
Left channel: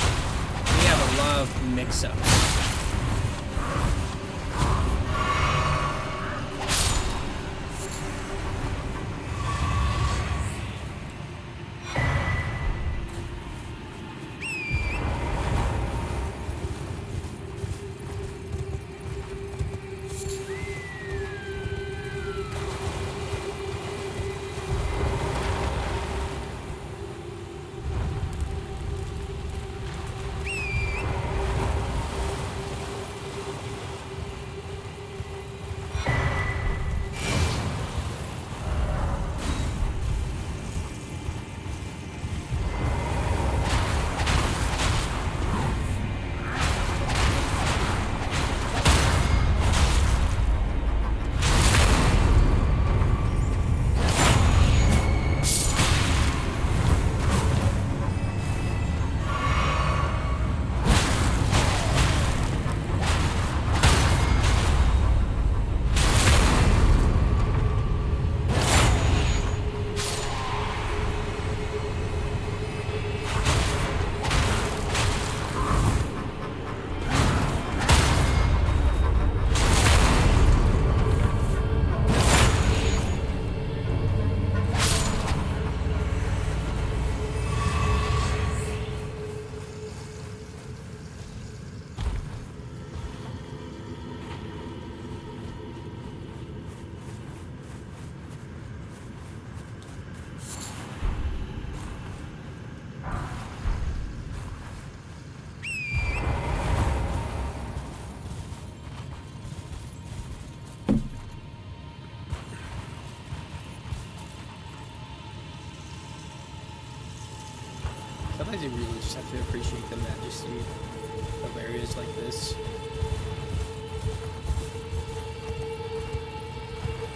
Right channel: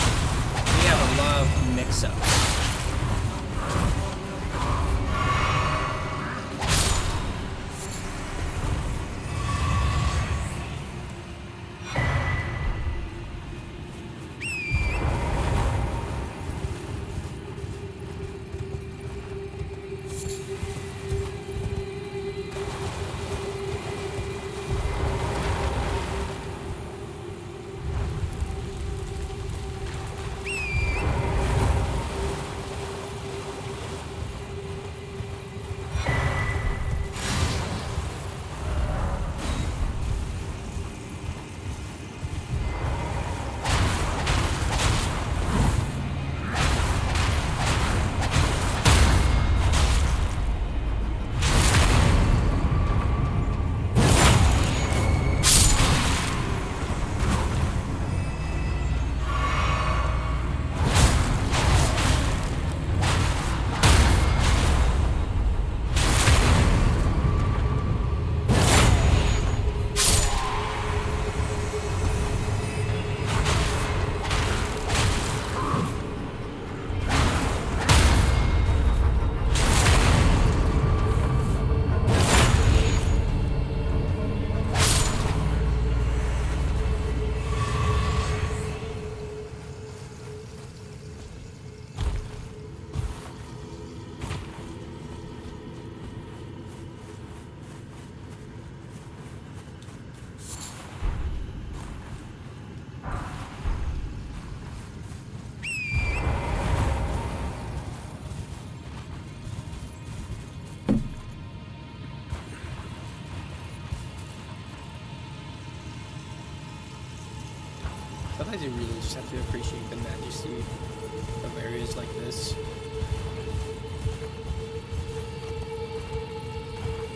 we have a lot of mix-ups. Sometimes you really just have to appreciate the majesty of areas like this.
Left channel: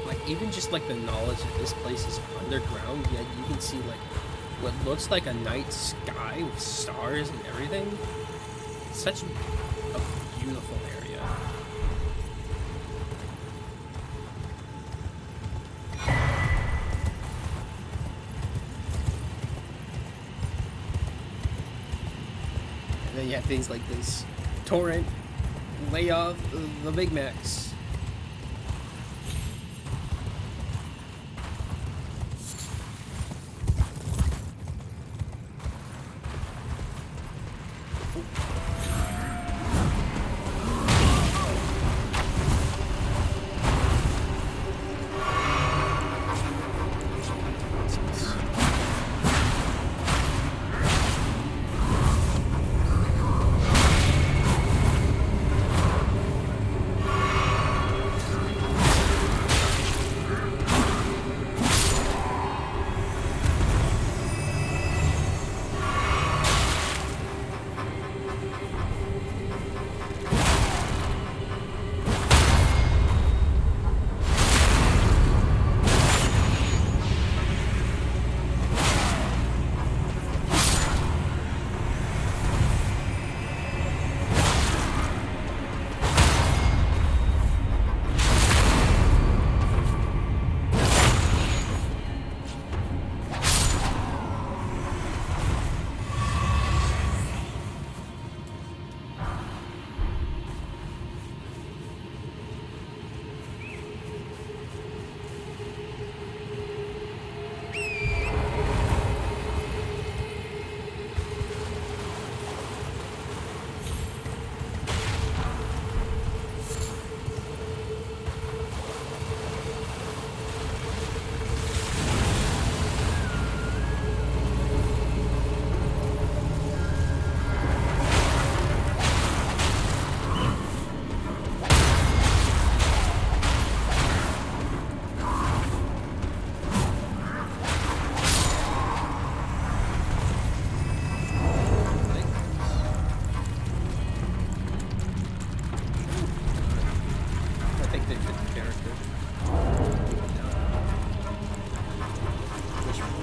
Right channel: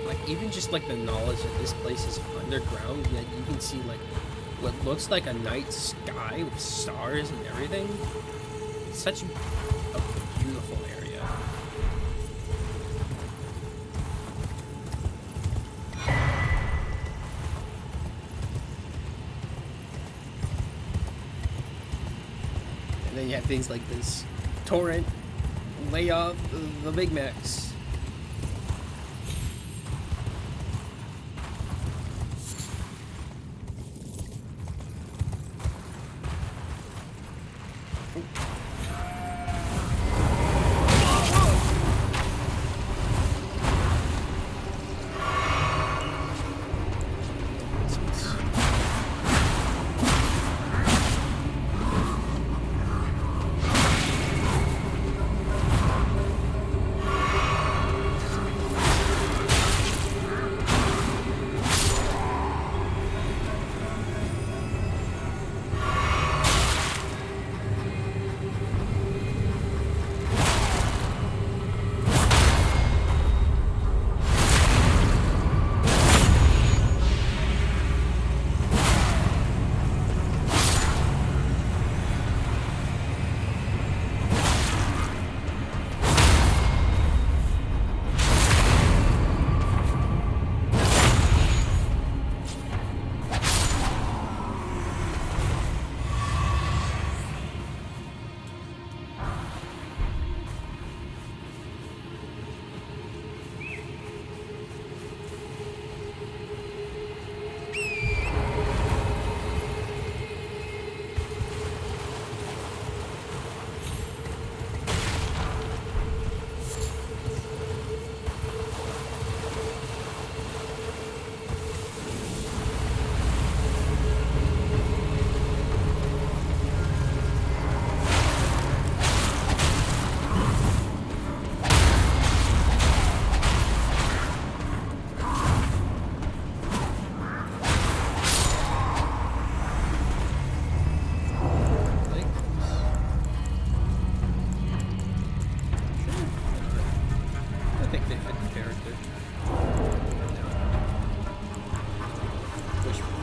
Like, even just like the knowledge that this place is underground, yet you can see like what looks like a night sky with stars and everything. It's such a beautiful area. And then you have things like this torrent, lay off the Big Macs. I think they fit the character. No. Wishful.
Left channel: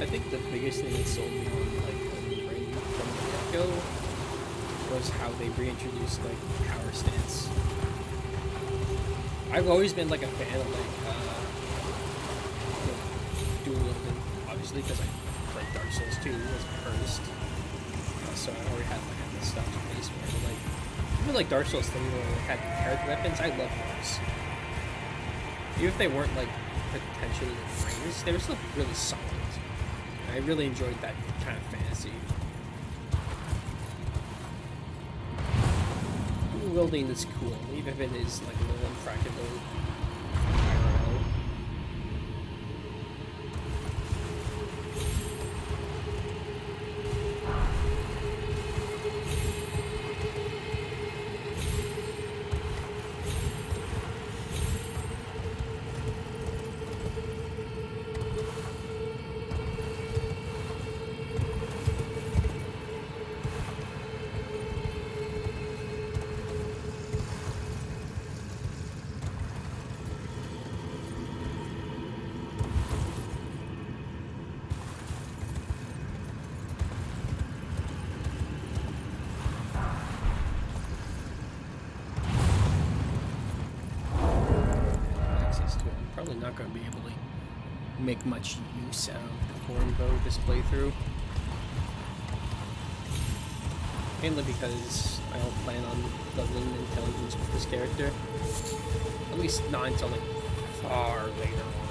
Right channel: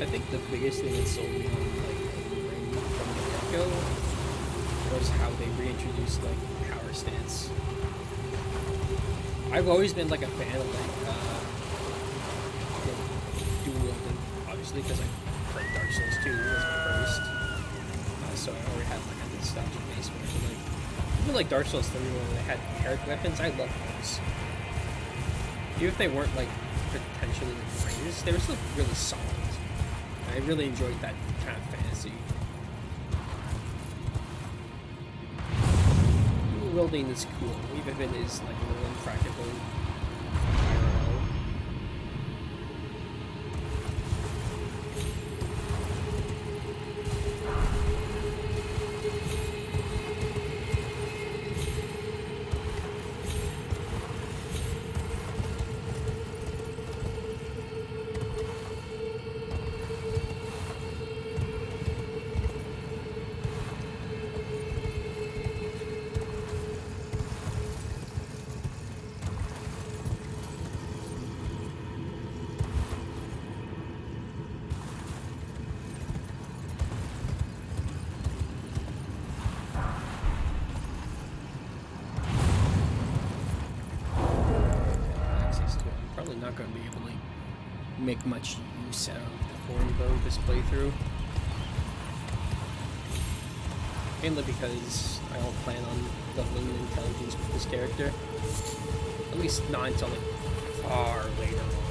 I think the biggest thing that sold me on like Elden Ring from the get-go was how they reintroduced like power stance. I've always been like a fan of like dual wielding, obviously because I played Dark Souls 2 was my first, so I already had like a nostalgic base for it. But like even like Dark Souls 3 where they had paired weapons, I love those. Even if they weren't like potentially the greatest, they were still really solid. I really enjoyed that kind of fantasy. Dual wielding is cool, even if it is like a little impractical IRL. Probably not going to be able to make much use of the horn bow this playthrough. Mainly because I don't plan on leveling intelligence with this character. At least not until like far later on.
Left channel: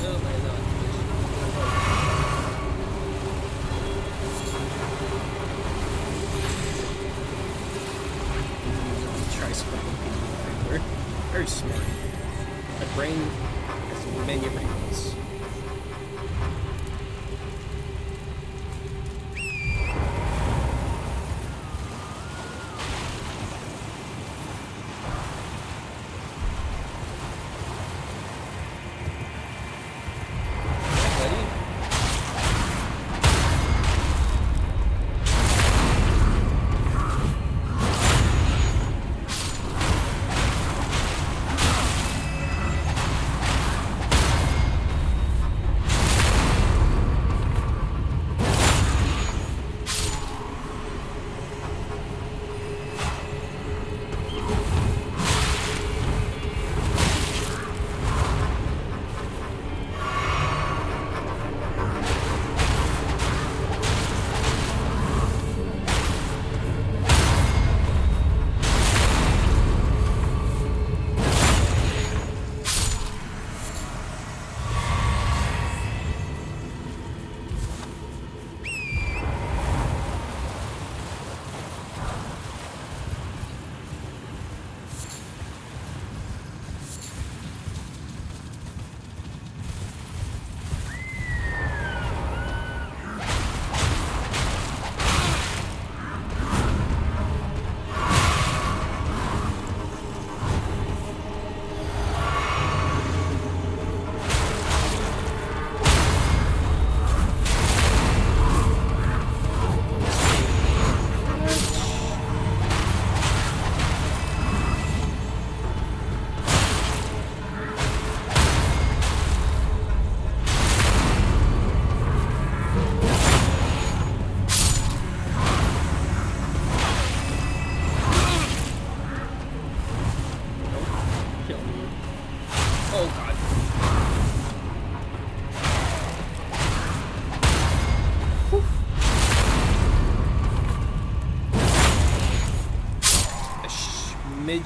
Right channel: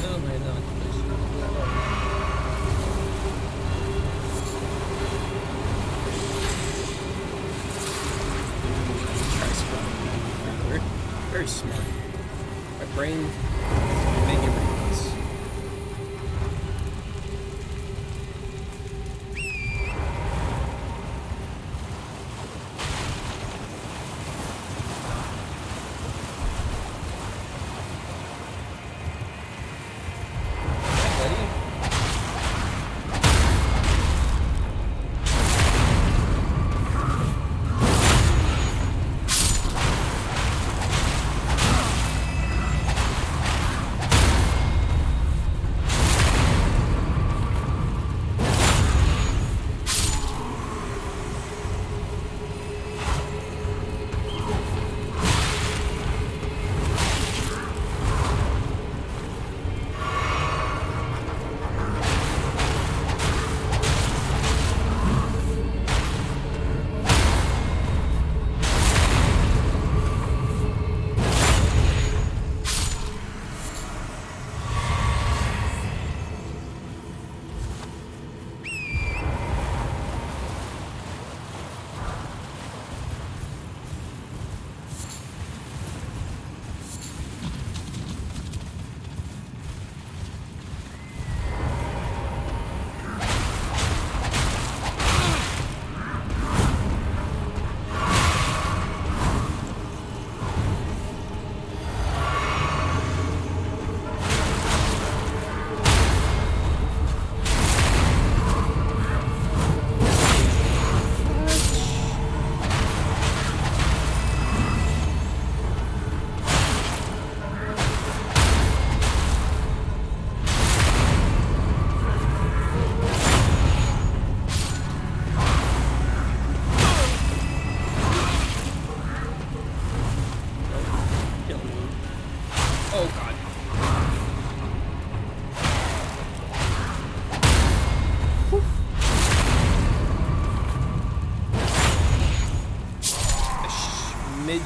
No, they're not. They should leave me alone. Immediately try scribbling even further. Very smart. My brain has many wrinkles.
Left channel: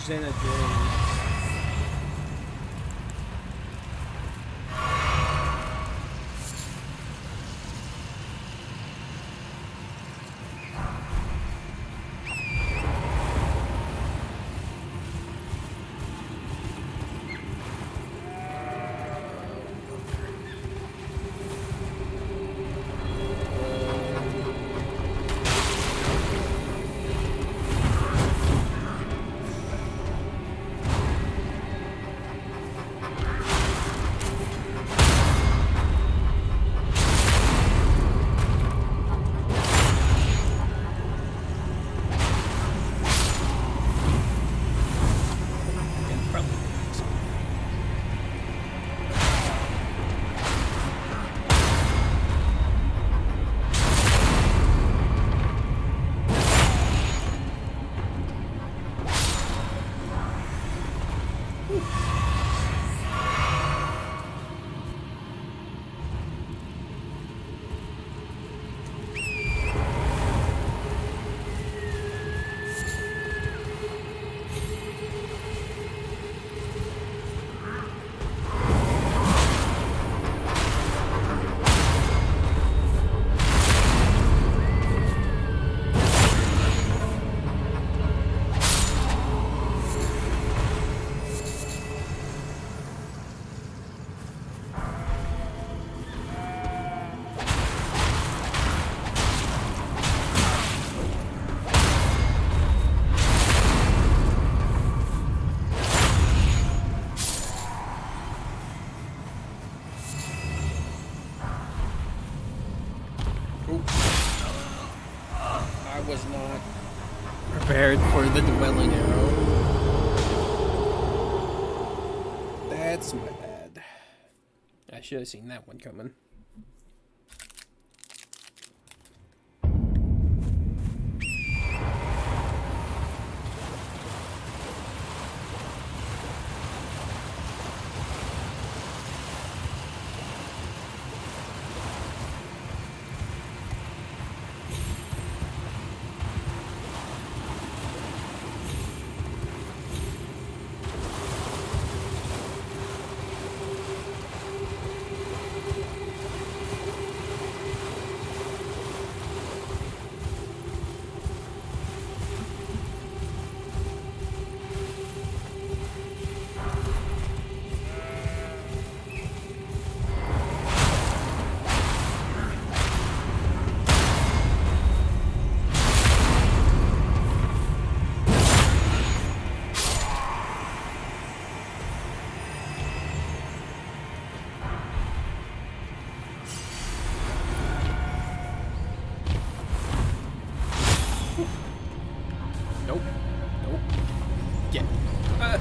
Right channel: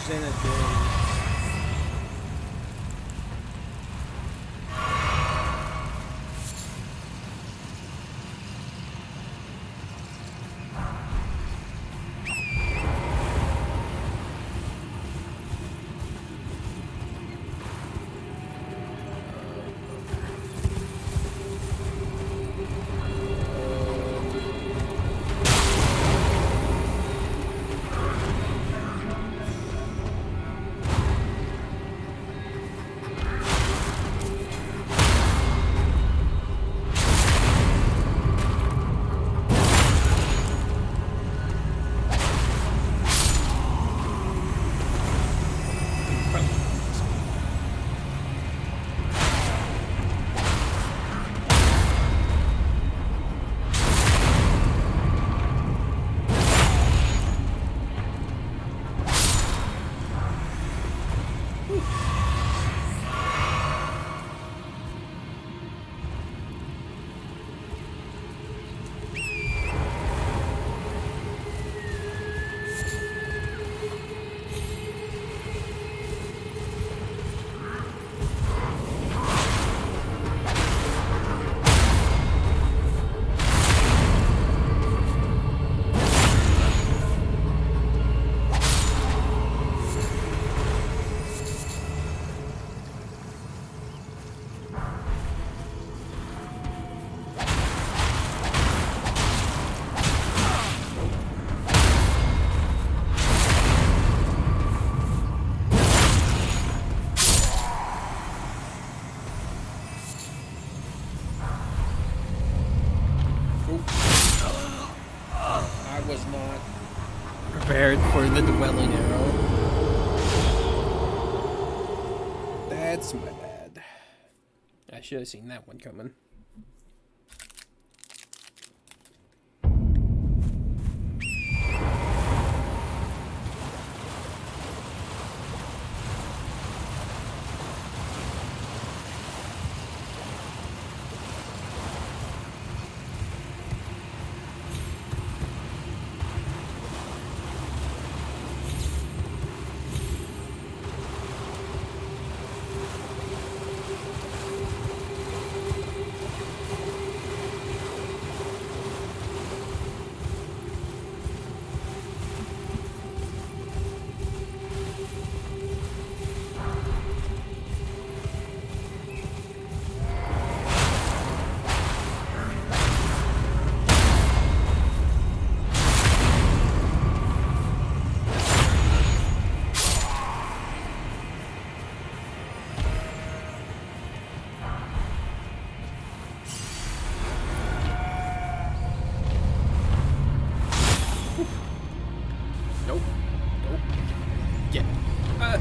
hours in a day. Probably focus on it. I was not prepared for the dwelling arrow. That's my bad. I should have seen that one coming. Nope. Nope. Get. I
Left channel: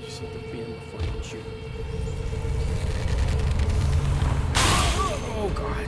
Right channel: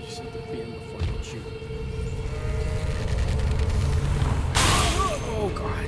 just need to beat him before he can shoot. Oh, God.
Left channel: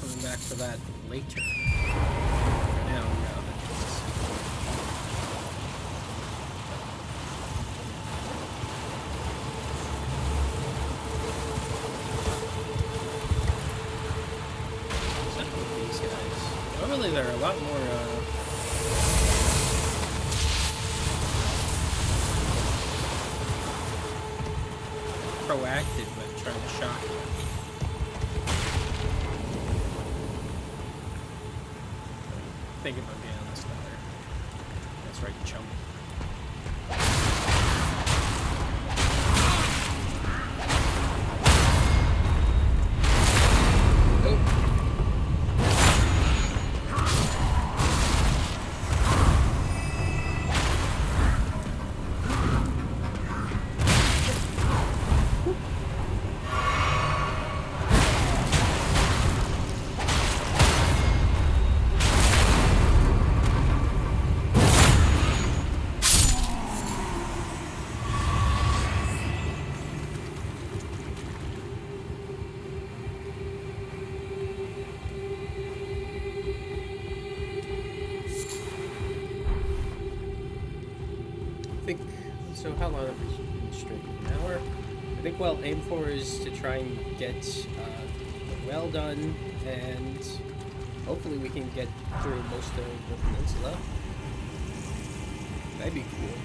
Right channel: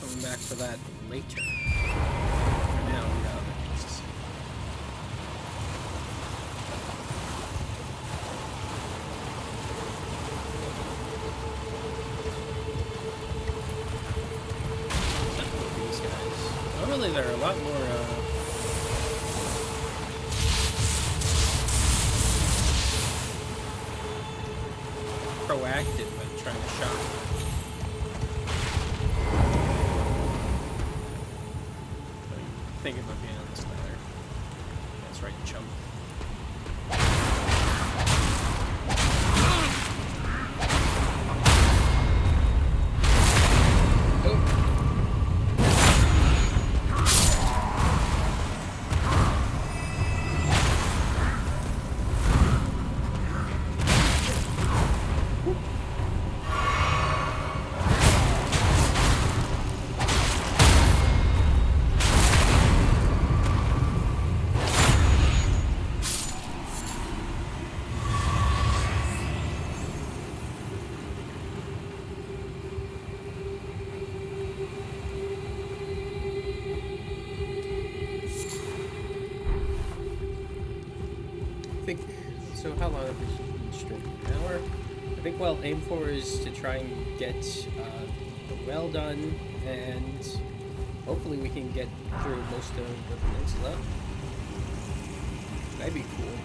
Coming back for that later. For now, we got other things to see. What's up with these guys? Oh, really, they're a lot more, proactive at trying to shock you. Think about being on this ladder. That's right, chump. think so. How long have we been streaming? An hour. I think what I'll aim for is to try and get the well done, and hopefully we can get through most of the peninsula. That'd be cool.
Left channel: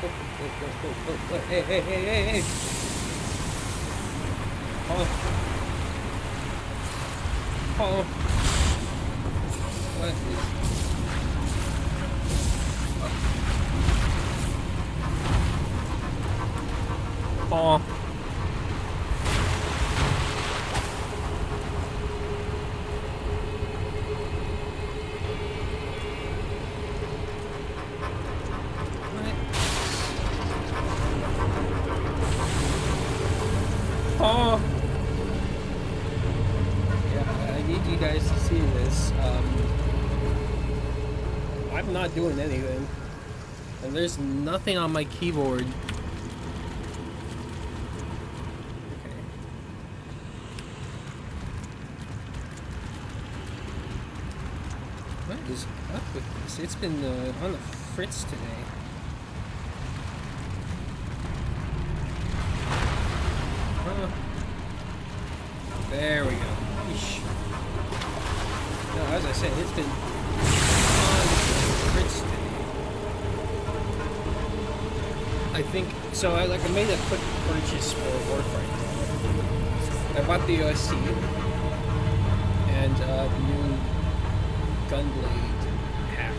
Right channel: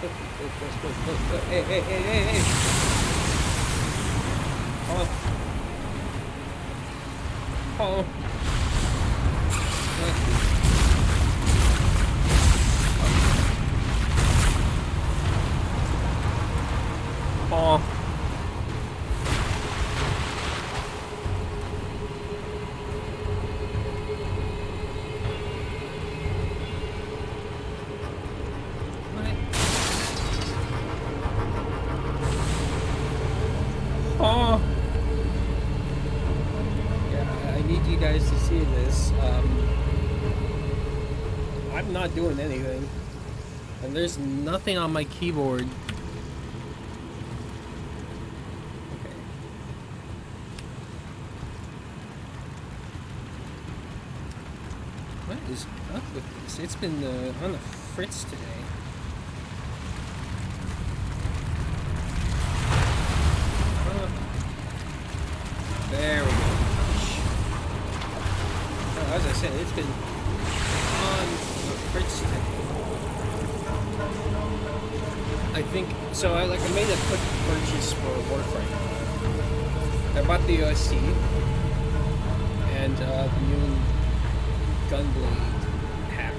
Oh, hey. Oh. What is... Oh. What? Oh. Yeah, I need you guys to see this. I'm not doing anything. And there's nothing on my keyboard. Okay. What is up with this? It's been on the fritz today. There we go. Eesh. No, as I said, it's been on the fritz today. I think so. I made a quick purchase for Warframe. I bought the OSC and the new Gunblade hack.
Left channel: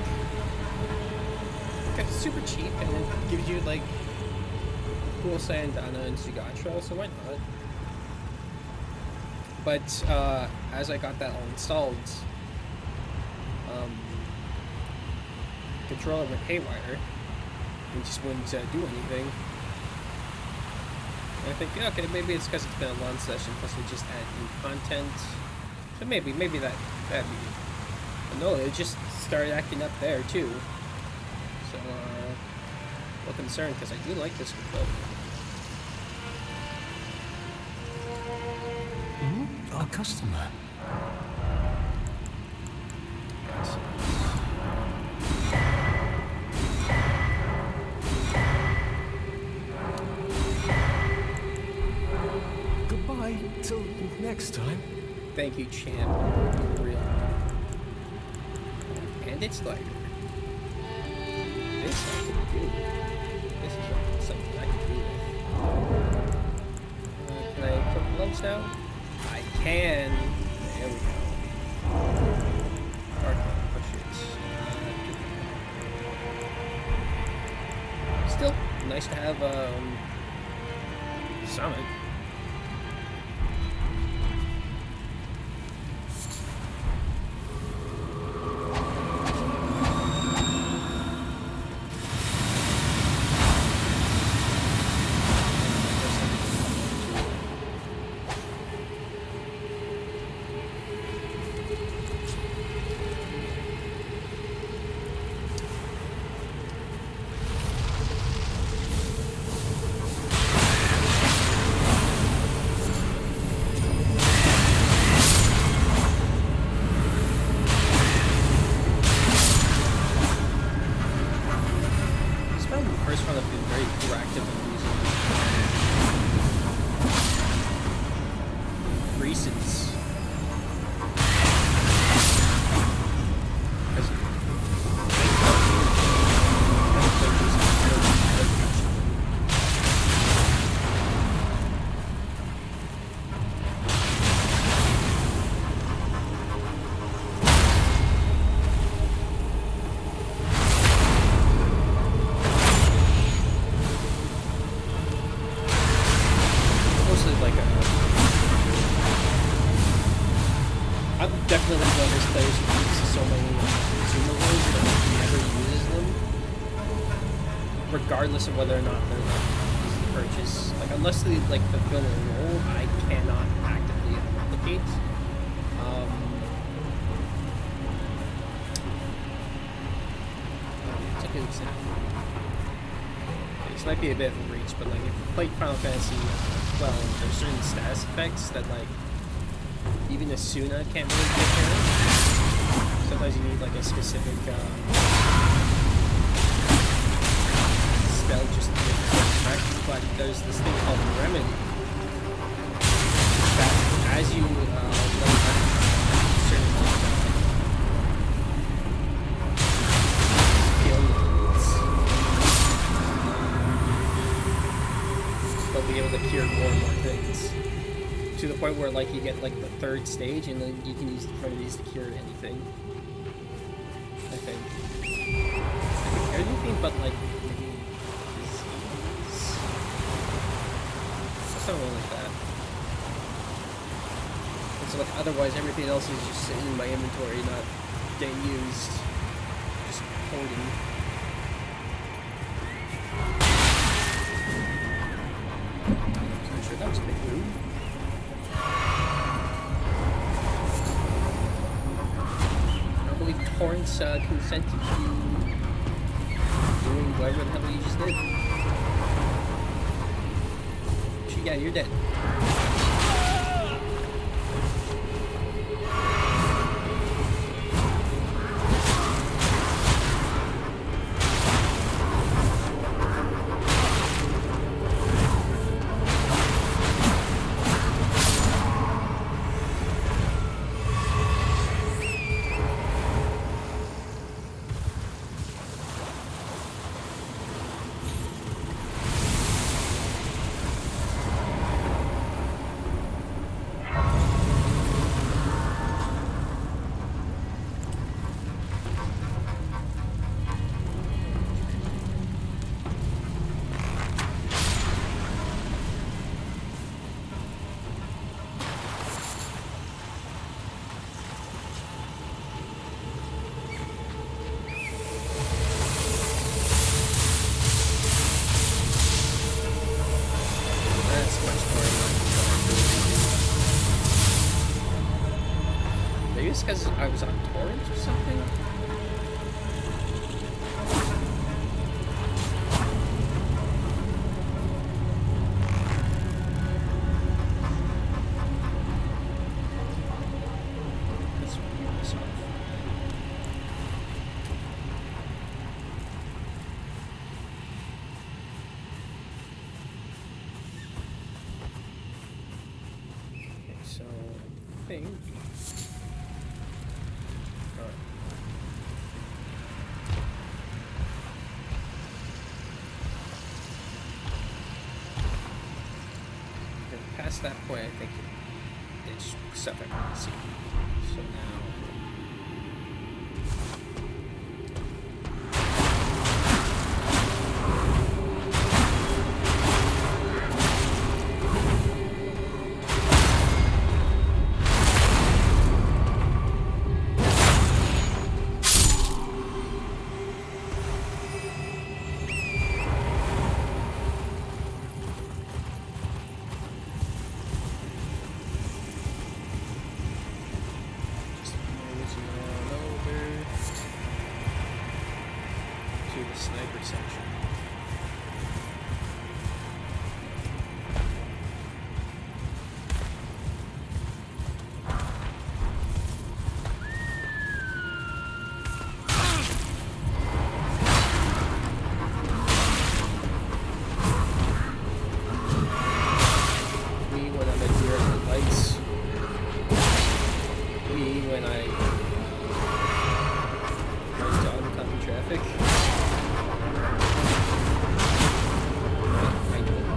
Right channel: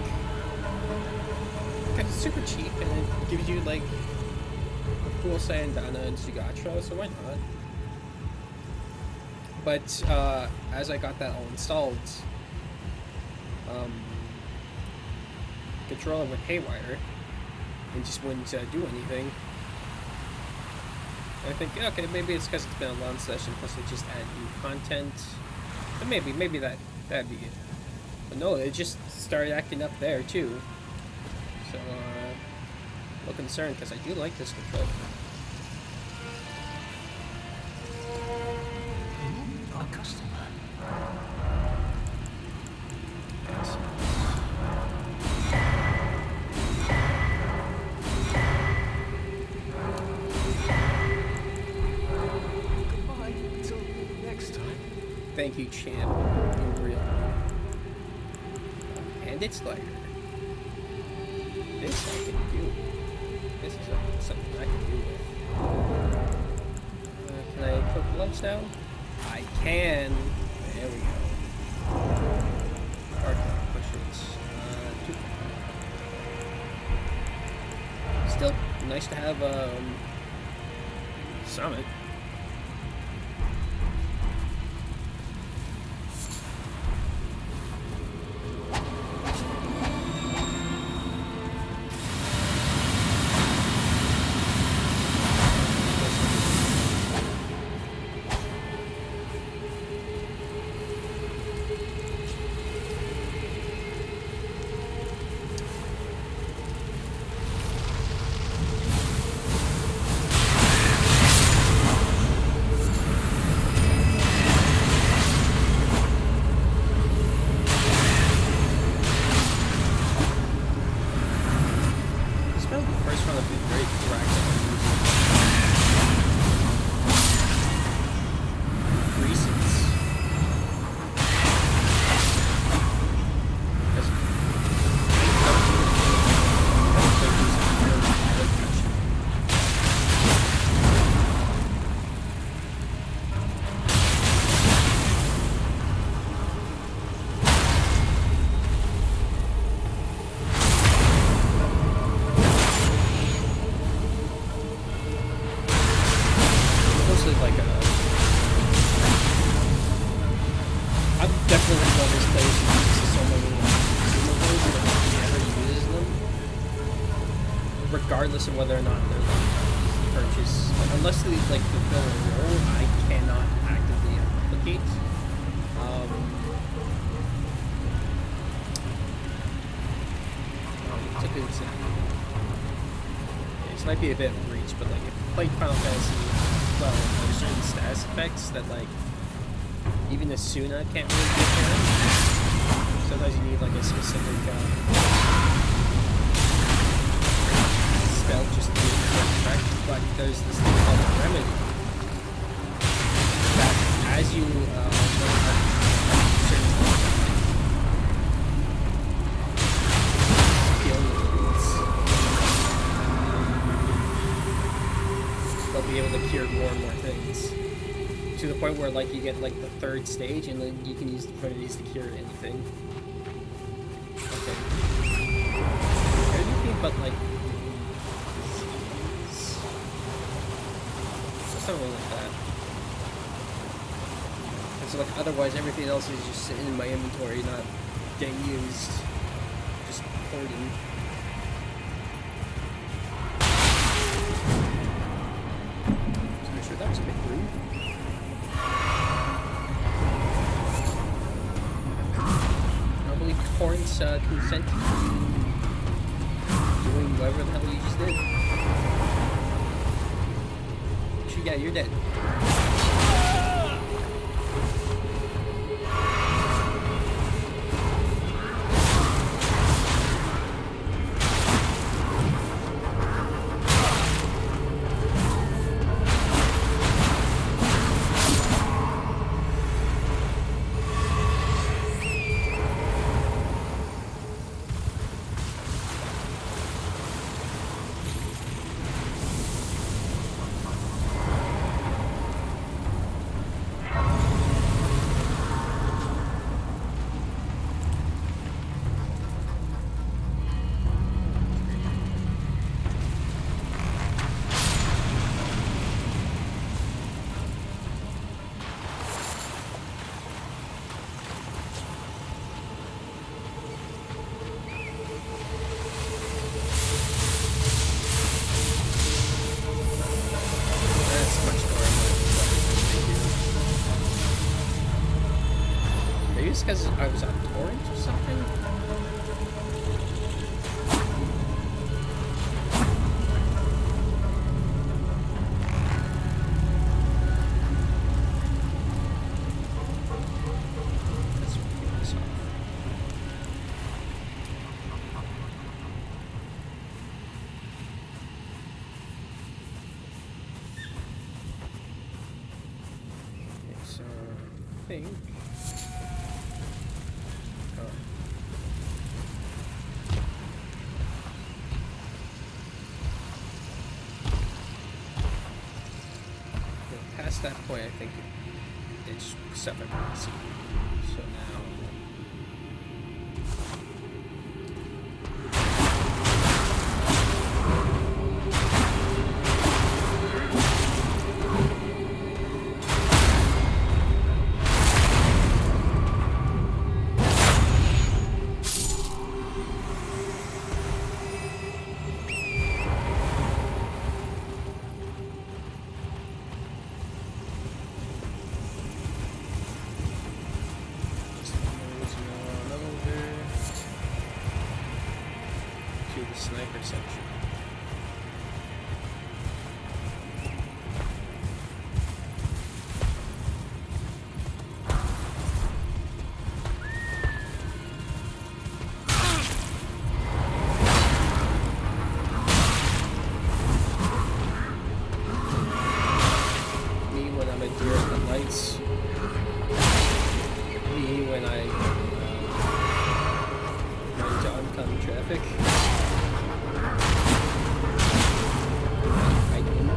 Because it's super cheap and it gives you like a cool Sayandana and Zugatra, so why not? But as I got that all installed, controller went haywire and just wouldn't do anything. And I think, okay, maybe it's because it's been a long session, plus they just add new content. But maybe that'd be it. But no, it just started acting up there too. So, a little concerned because I do like this controller. Our customer. Excellent. Goodbye till next time. Thank you, champ. You're real. And it's lighter. This I can do. This is something I can do with. Can I equip gloves now? I can. There we go. Or can I push it? Too far. Still nice to have Summit. Probably the first one I've been very proactive on using recents. I'm definitely one of those players who uses so many consumables that never uses them, regardless of whether or not they're like easy to purchase. Like unless they like fulfill a role, I cannot actively replicate. It's a good example. Okay, this might be a bit of a reach, but like if you played Final Fantasy 12, there's certain status effects that like even Asuna can't really get there. sometimes you need like a specific spell just to get the effect, but there's this thing called Remedy that as you learn certain skill needs, they'll be able to cure more and more things. To the point where like you get like the third stage and then you can use remedies to cure anything. Okay. Anything but like maybe disease? Something like that. And so like otherwise everything else is just sitting in my inventory, not getting used. Just hoarding. Sorry, sure, that was a bit rude. I don't believe Torrance consented to you doing whatever the hell you just did. Yeah, you're dead. Maybe it's because I was on torrent or something? That's what we piss off. Okay, so I think... Past that point, I think it's stuff I've already seen. So now... the sniper section. Me when I'm at deer at the lights. Me when I run into oncoming traffic. Hiking.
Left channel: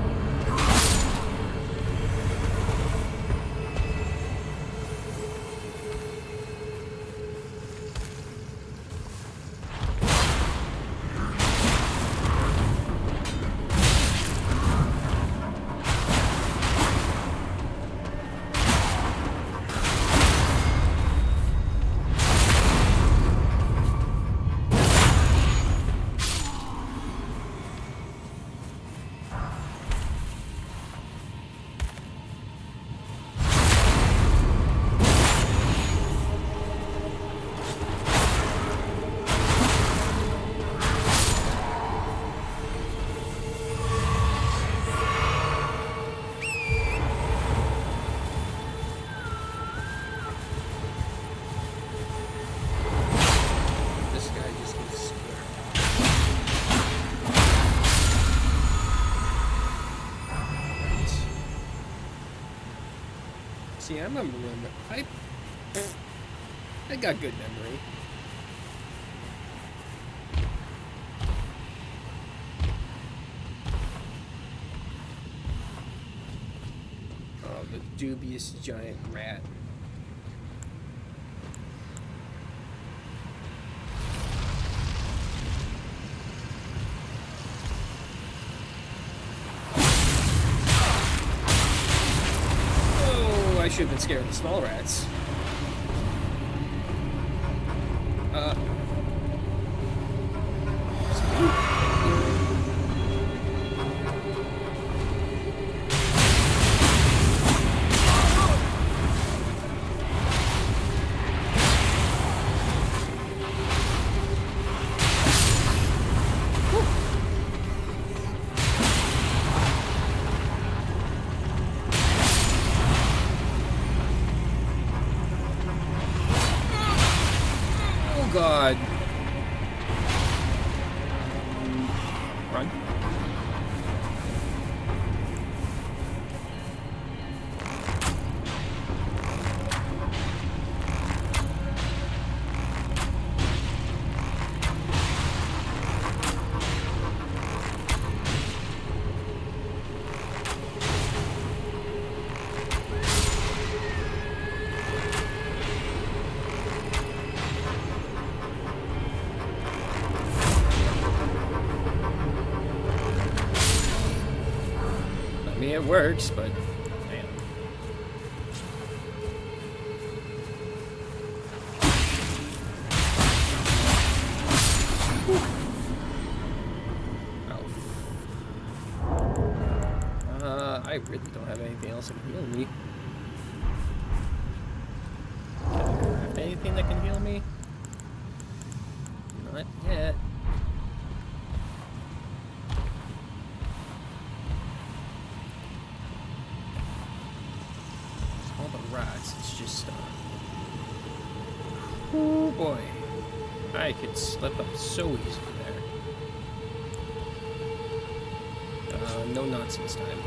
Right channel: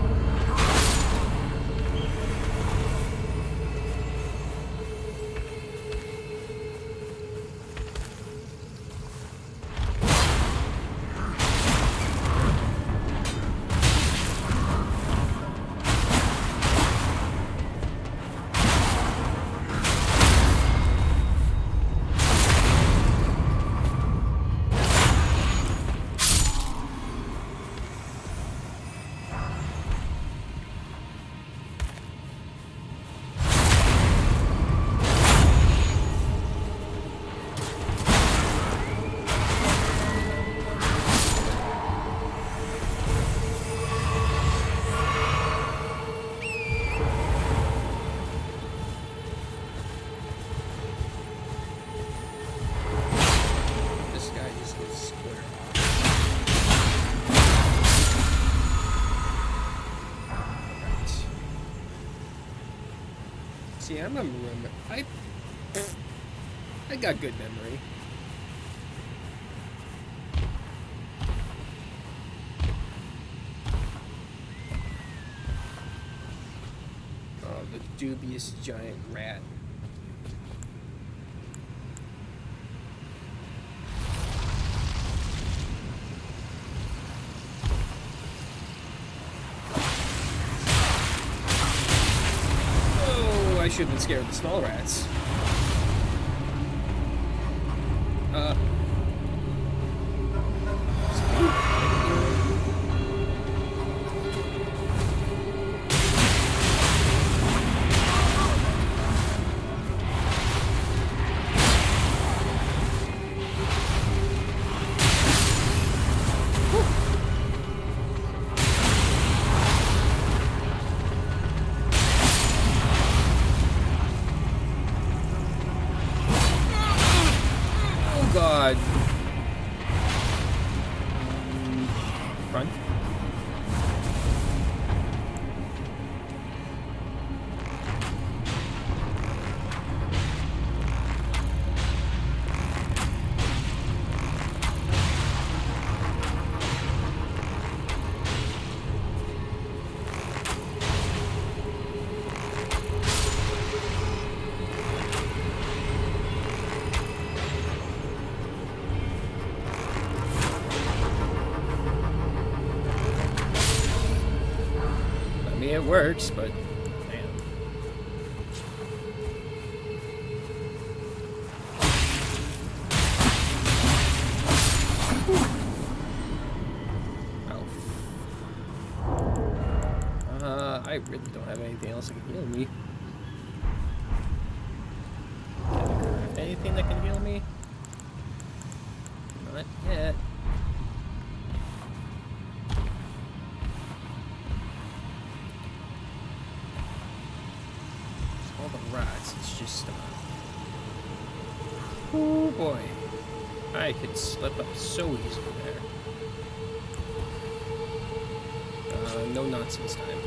See, I'm a remember. I got good memory. Oh, the dubious giant rat. I should have been scared of the small rats. God. Run. I mean, it works, but damn. Oh. I really don't have anything else that can heal me. Can I craft anything that can heal me? Not yet. All the rats, it's just, oh boy. I could slip up so easily there. No nonsense time.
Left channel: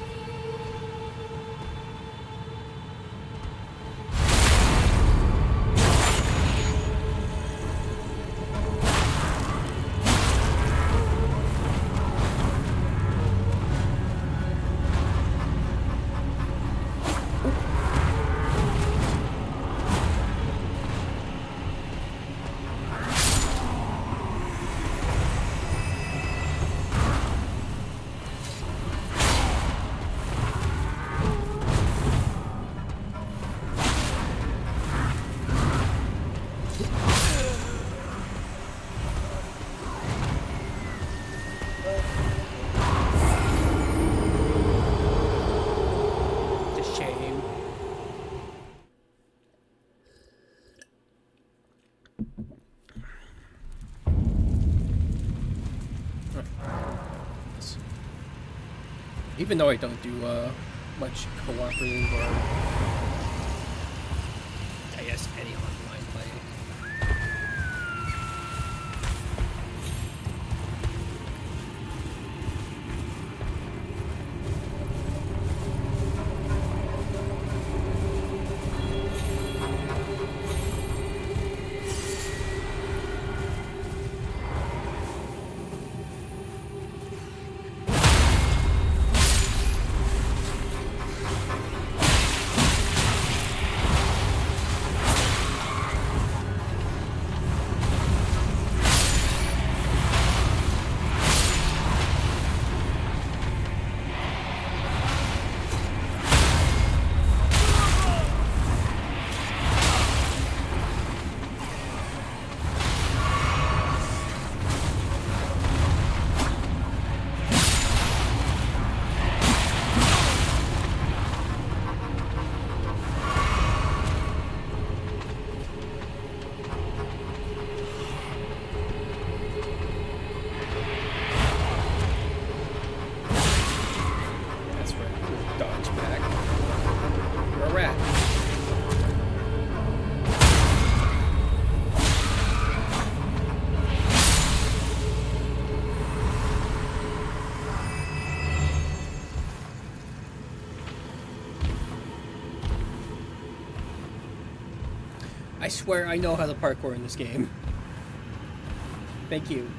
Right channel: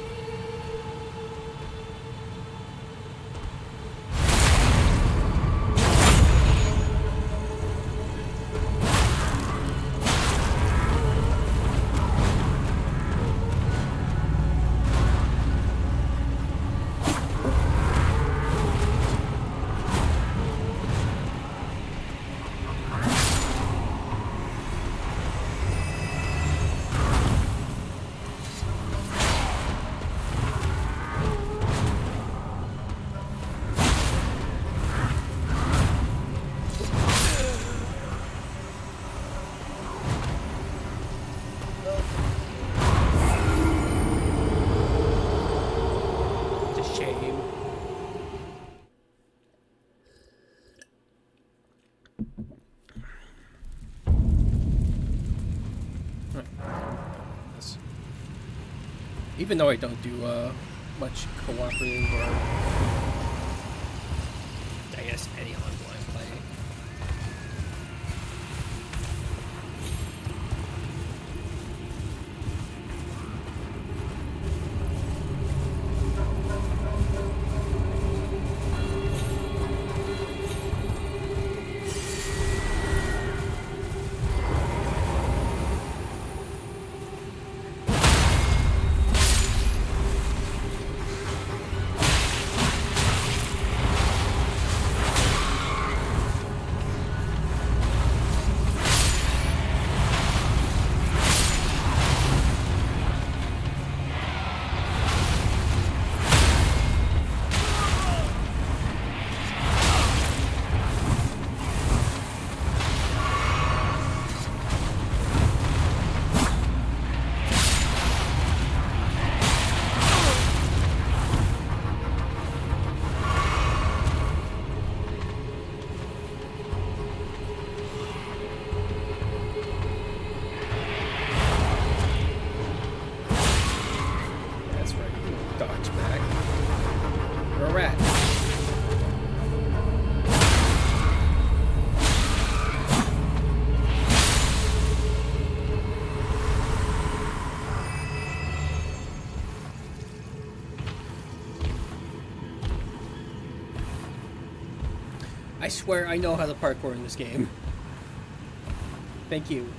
Shame. Even though I don't do much cooperative or I guess any online play. Dodge back. You're a rat. I swear I know how to parkour in this game. Thank you.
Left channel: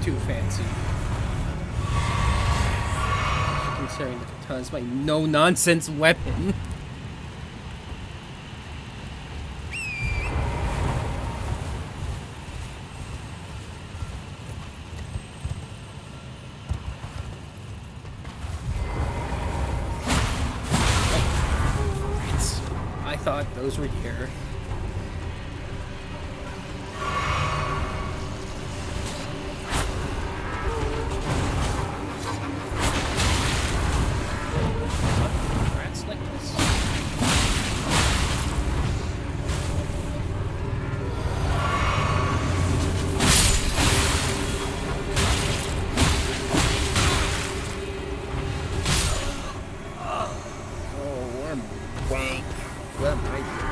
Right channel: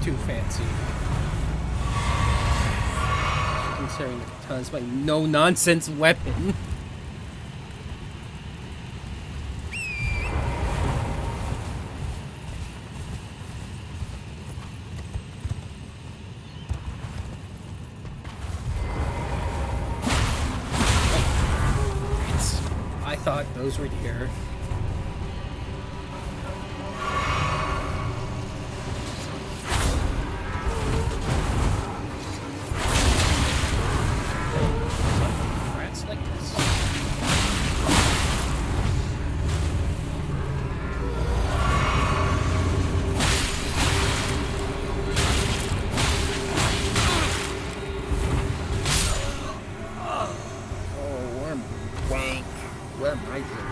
Too fancy. Considering the katana's my no-nonsense weapon. I thought those were deer. Like this. Oh, I'm wank. What am I doing?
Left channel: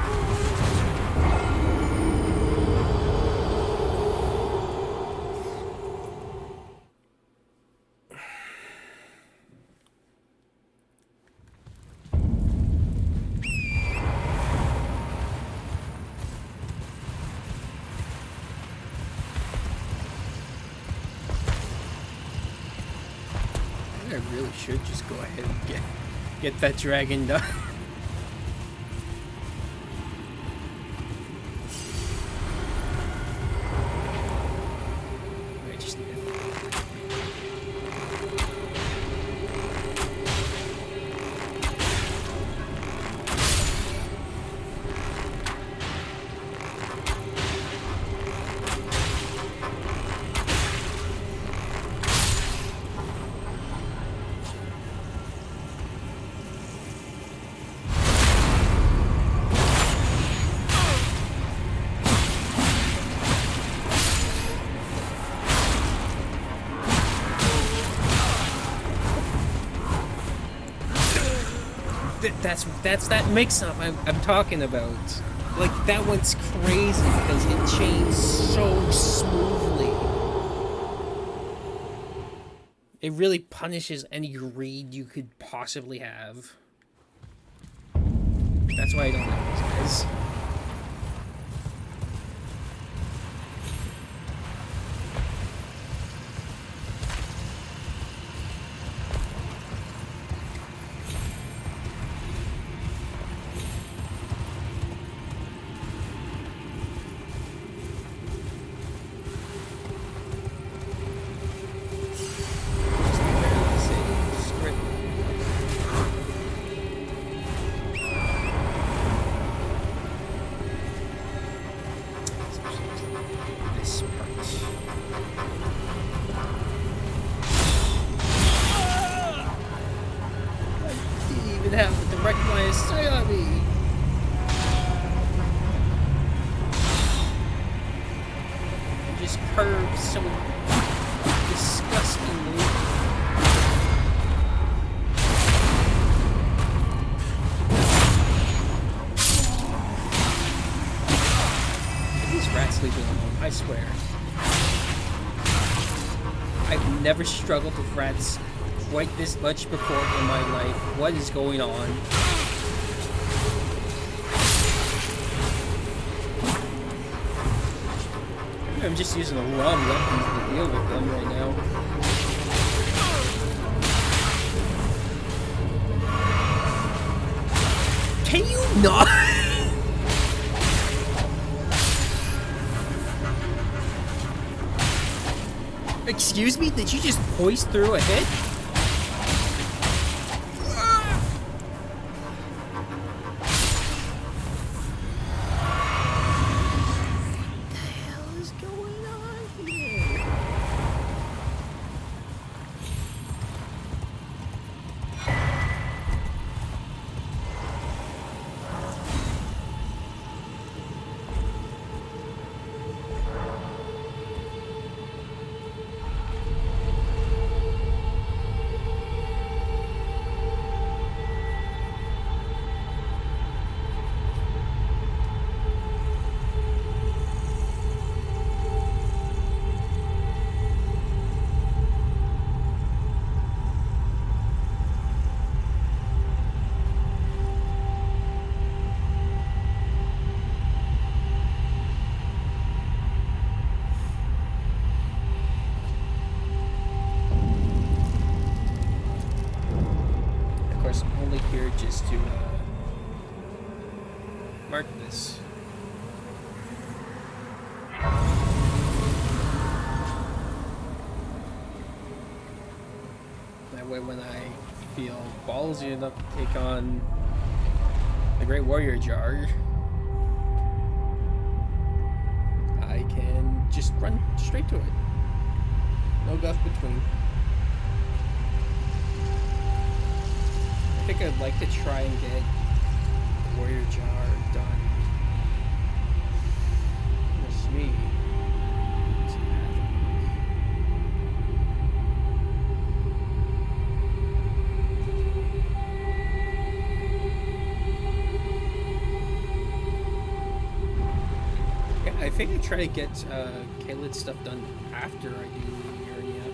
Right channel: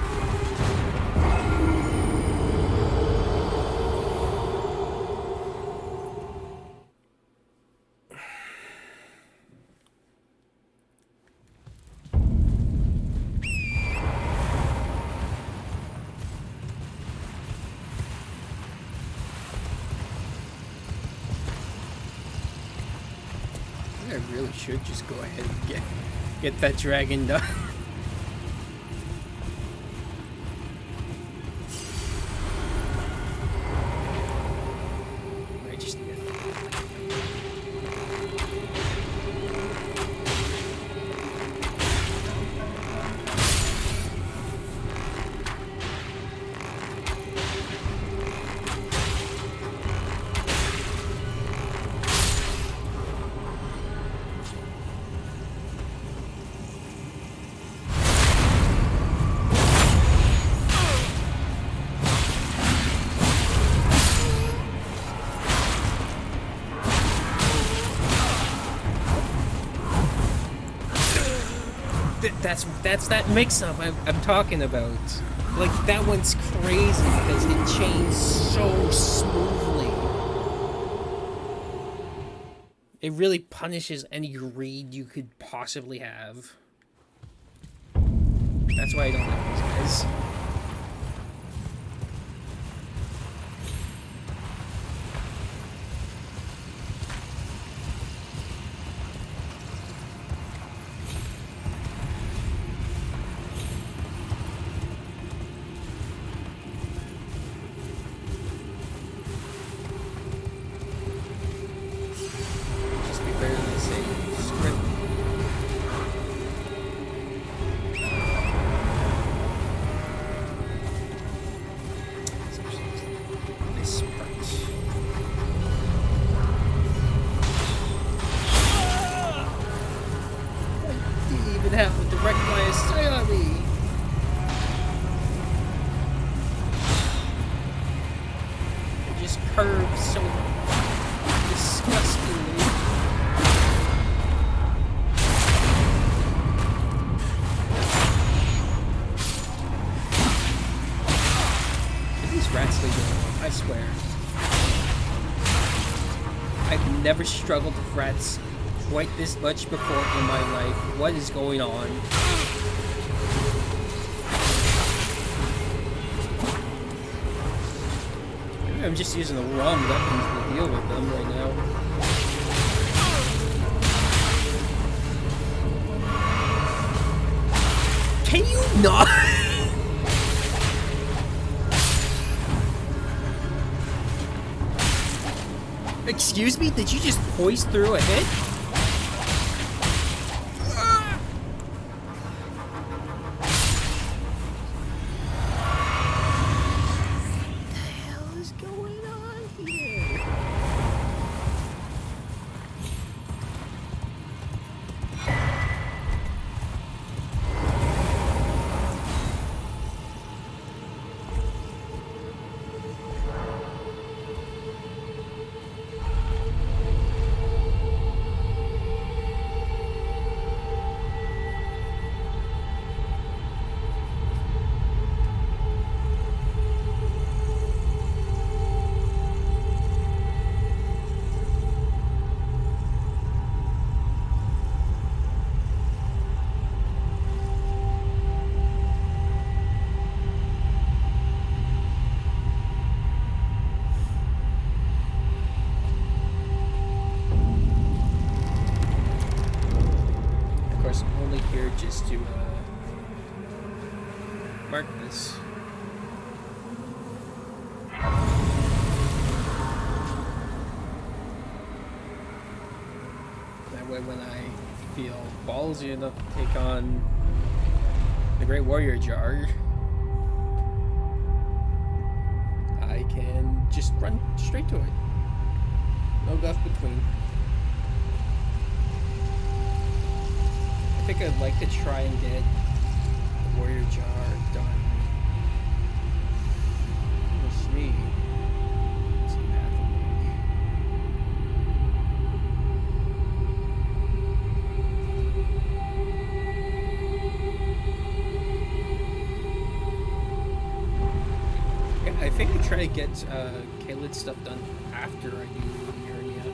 I really should just go ahead and get that dragon done. I just need it. That's that mix-up I'm talking about. Like, that one's crazy because it chains so smoothly. It really punishes any greed you could possibly have. That's why I don't like these guys. Have a direct line of sight on me. It just curves so disgustingly. These rats leave me alone, I swear. I've never struggled with rats quite this much before in my life. What is going on? Maybe I'm just using the wrong weapons to deal with them right now. Can you not? Excuse me? Did you just poise through a hit? course, I'm only here just to mark this. That way when I feel ballsy enough to take on the Great Warrior Jar, I can just run straight to it. No guff between. I think I'd like to try and get the Warrior Jar done. That's me. What's the path look like? Yeah, I think I try to get Kalad's stuff done after I do Urania.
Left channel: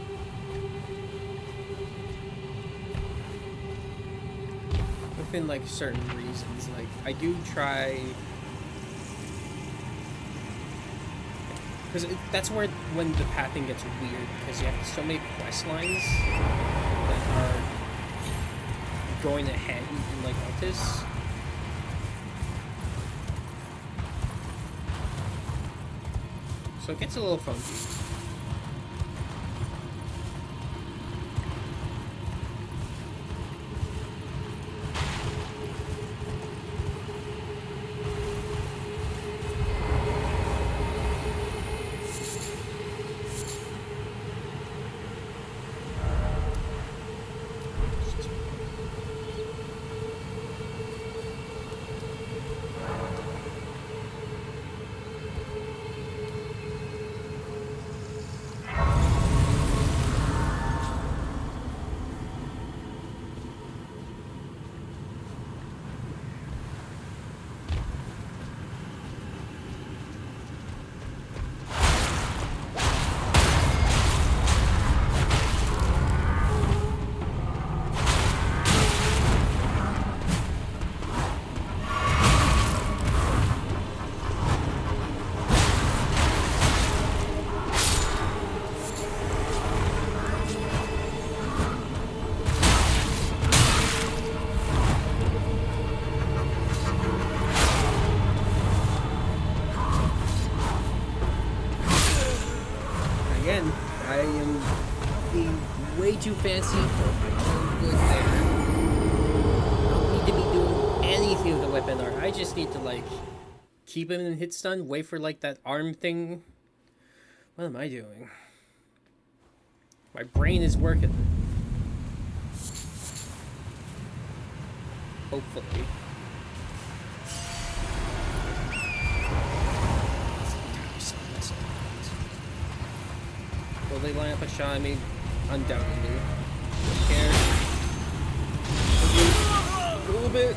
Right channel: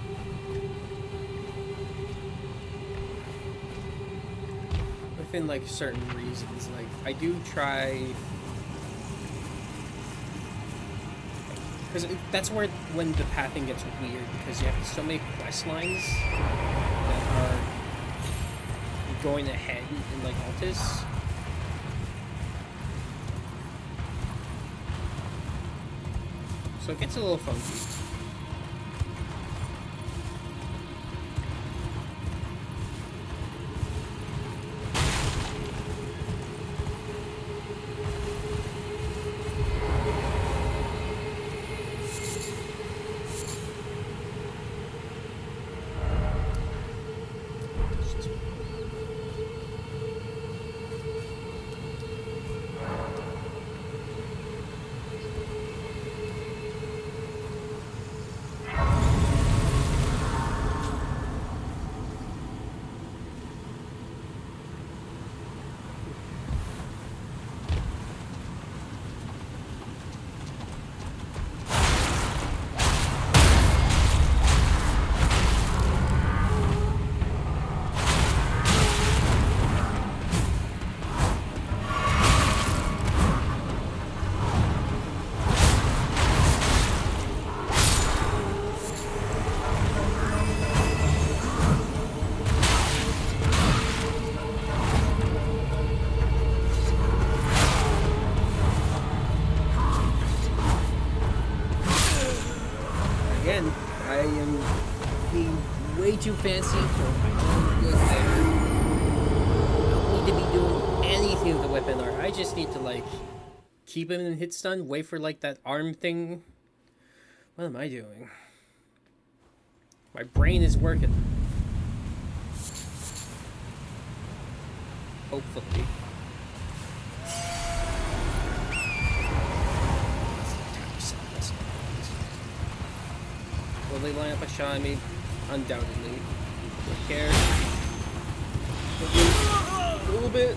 Within like certain reasons, like I do try, because that's where when the pathing gets weird, because you have so many quest lines that are going ahead in like Altus. So it gets a little funky. Again, I am being way too fancy for my own good there. I don't need to be doing anything with the weapon art. I just need to, like, keep him in hit stun, wait for, like, that arm thing. What am I doing? My brain is working. Hopefully. Will they line up a shot at me? Undoubtedly. Don't care. A little bit.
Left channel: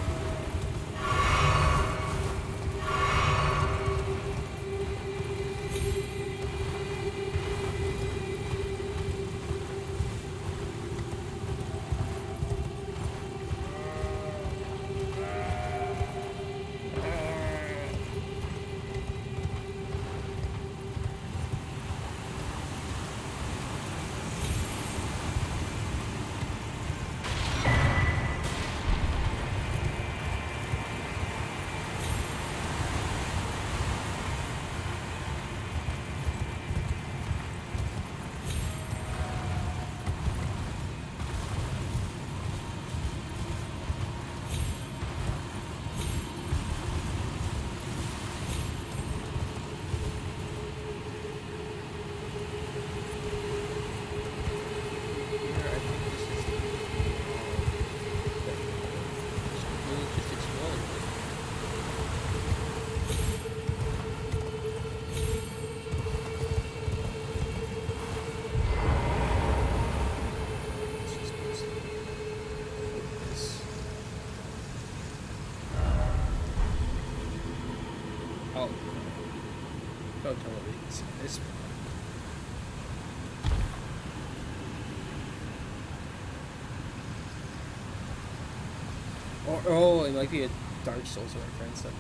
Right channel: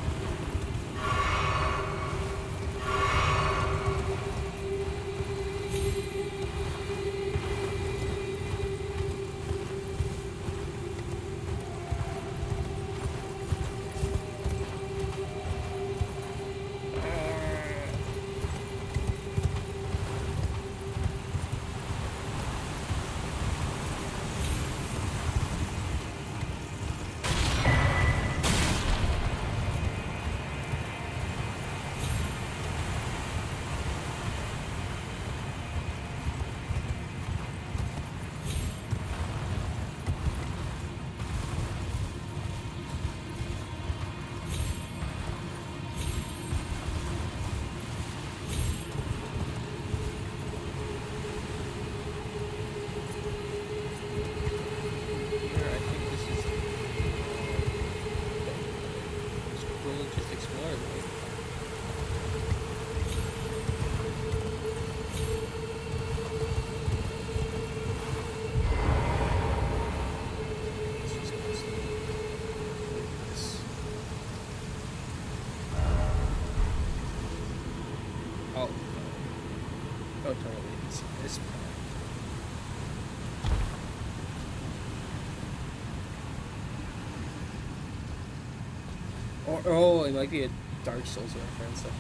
Just explore it. Let's just focus. Oh no. Don't tell me you can see this part. Or, oh, it might be a Dark Souls reference. Okay.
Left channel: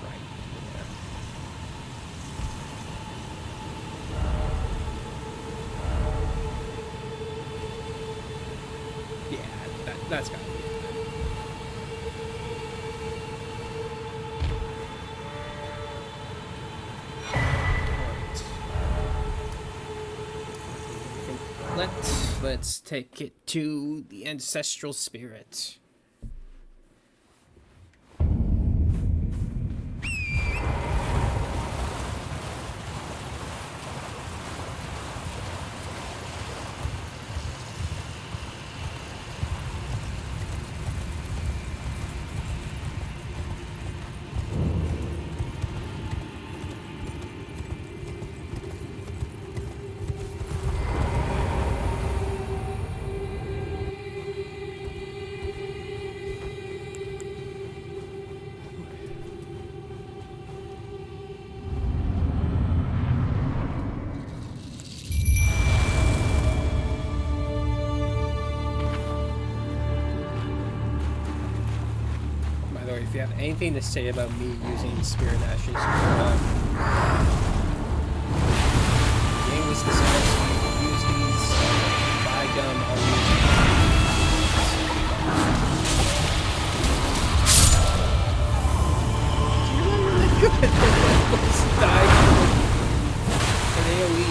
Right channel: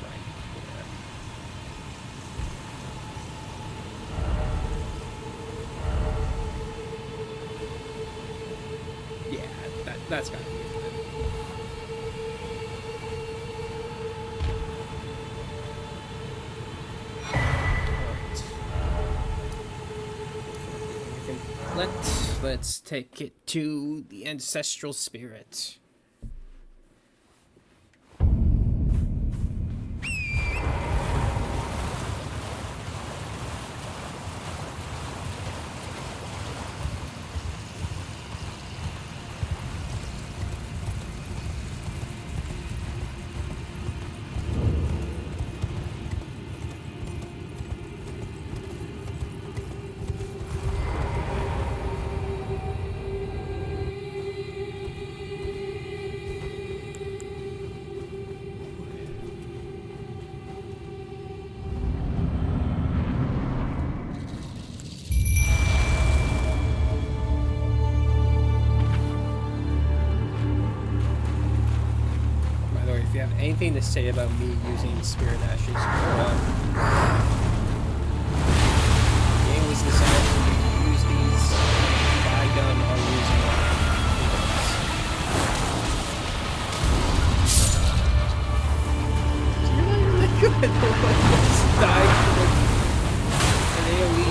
Right, yeah. That's gotta be it then. Alright. Everything. Let's take it to the ancestral spirit. By the way, if you have anything to say about me using Spirit Ashes, the game was designed for you to use these. By gum, I'll use them. So you're not even that good. Let's die for an AoE.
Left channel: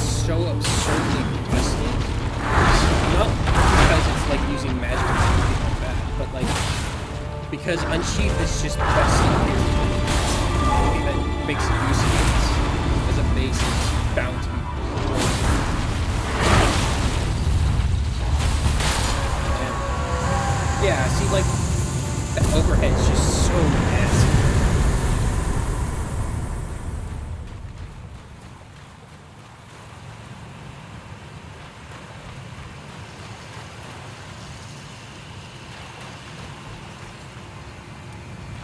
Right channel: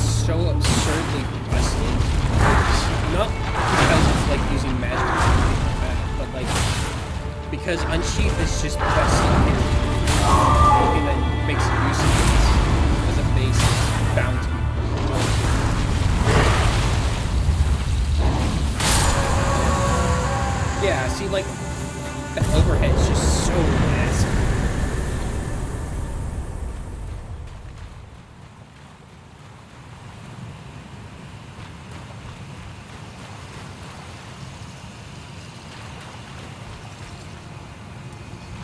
So absurdly busted. Not because it's like using magic or anything like that, but like because Unsheath is just busted here. Anything that makes use of it as a base is bound to be broken. Yeah, see, like that overhead is just so nasty.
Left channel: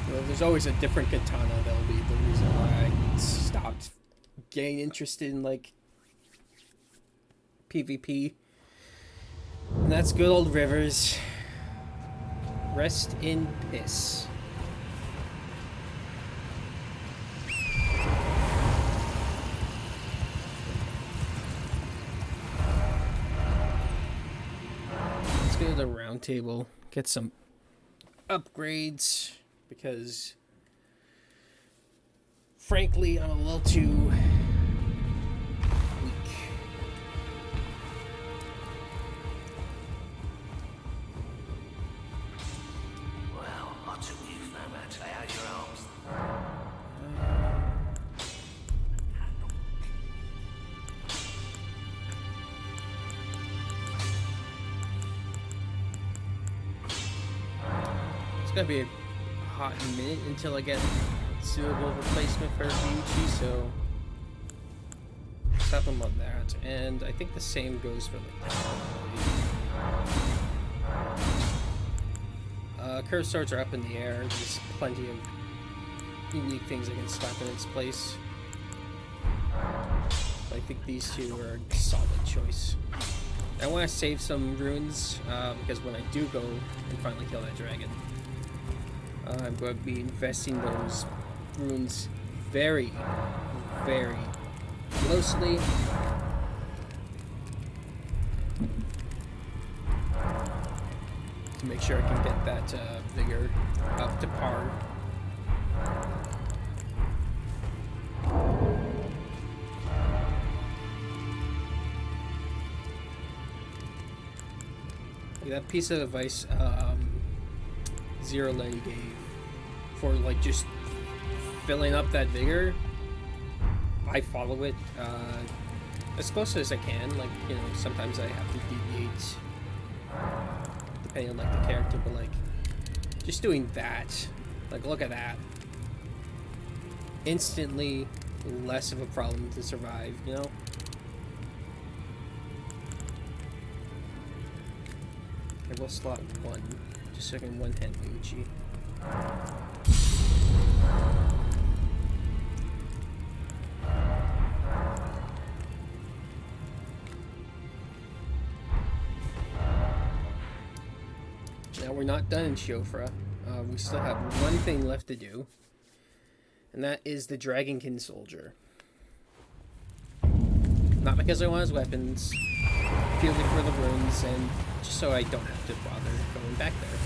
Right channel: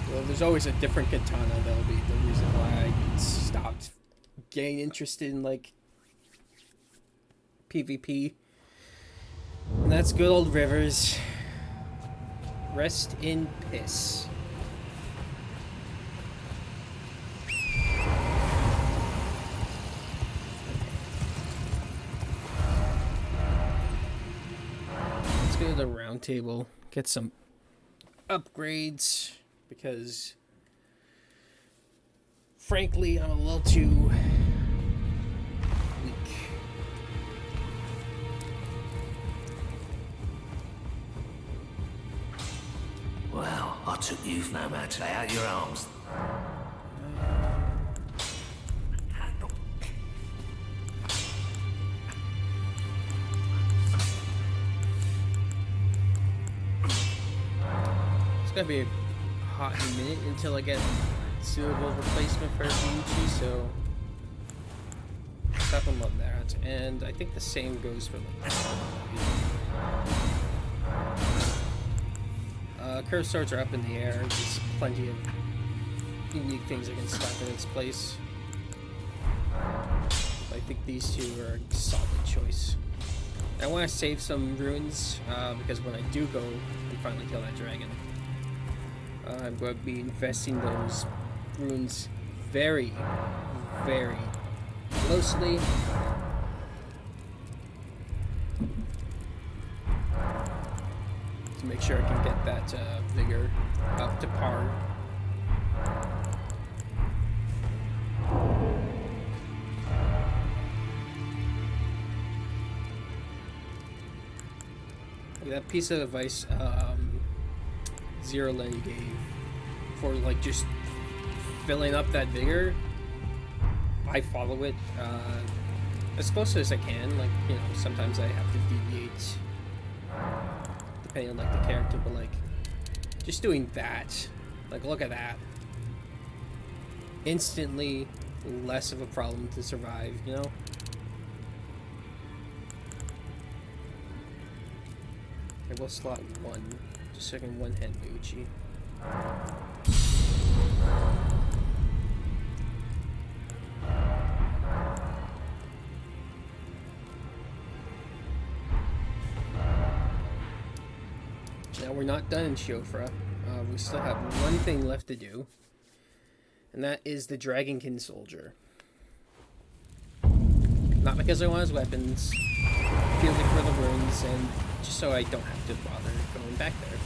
There's always a different katana that'll be the reason why I stopped getting interested in like PvP. And that's good old Rivers. Rest in piss. Let's go to the round table, get some upgrades. Because, frankly, I'm a little too weak. Well, I'll took you've no how to lay out your arms. It's gonna be a hot minute until I get suitable replacement for Ryuichi, so stop him on that. And I think the same goes for like curved swords are up in the air. There's plenty of unique things I can slap in its place. But I think these two are a solid choice. I want to save some runes because when I do go and finally kill that dragon, I'm going to be investing those runes very, very closely. To make sure I can get that vigor up to par. That piece of advice Zero Lenny gave for like just filling up that vigor, I follow it as close as I can. Like, you know, sometimes I have to deviate depending on like the character, but like just doing that, like look at that, instantly less of a problem to survive, you know. I will slot one, just so I can one-hand Ryuichi. Now we're not done in Shiofra. We still have one thing left to do, and that is the Dragonkin Soldier. Not because I want his weapons, purely for the runes, and just so I don't have to bother going back there.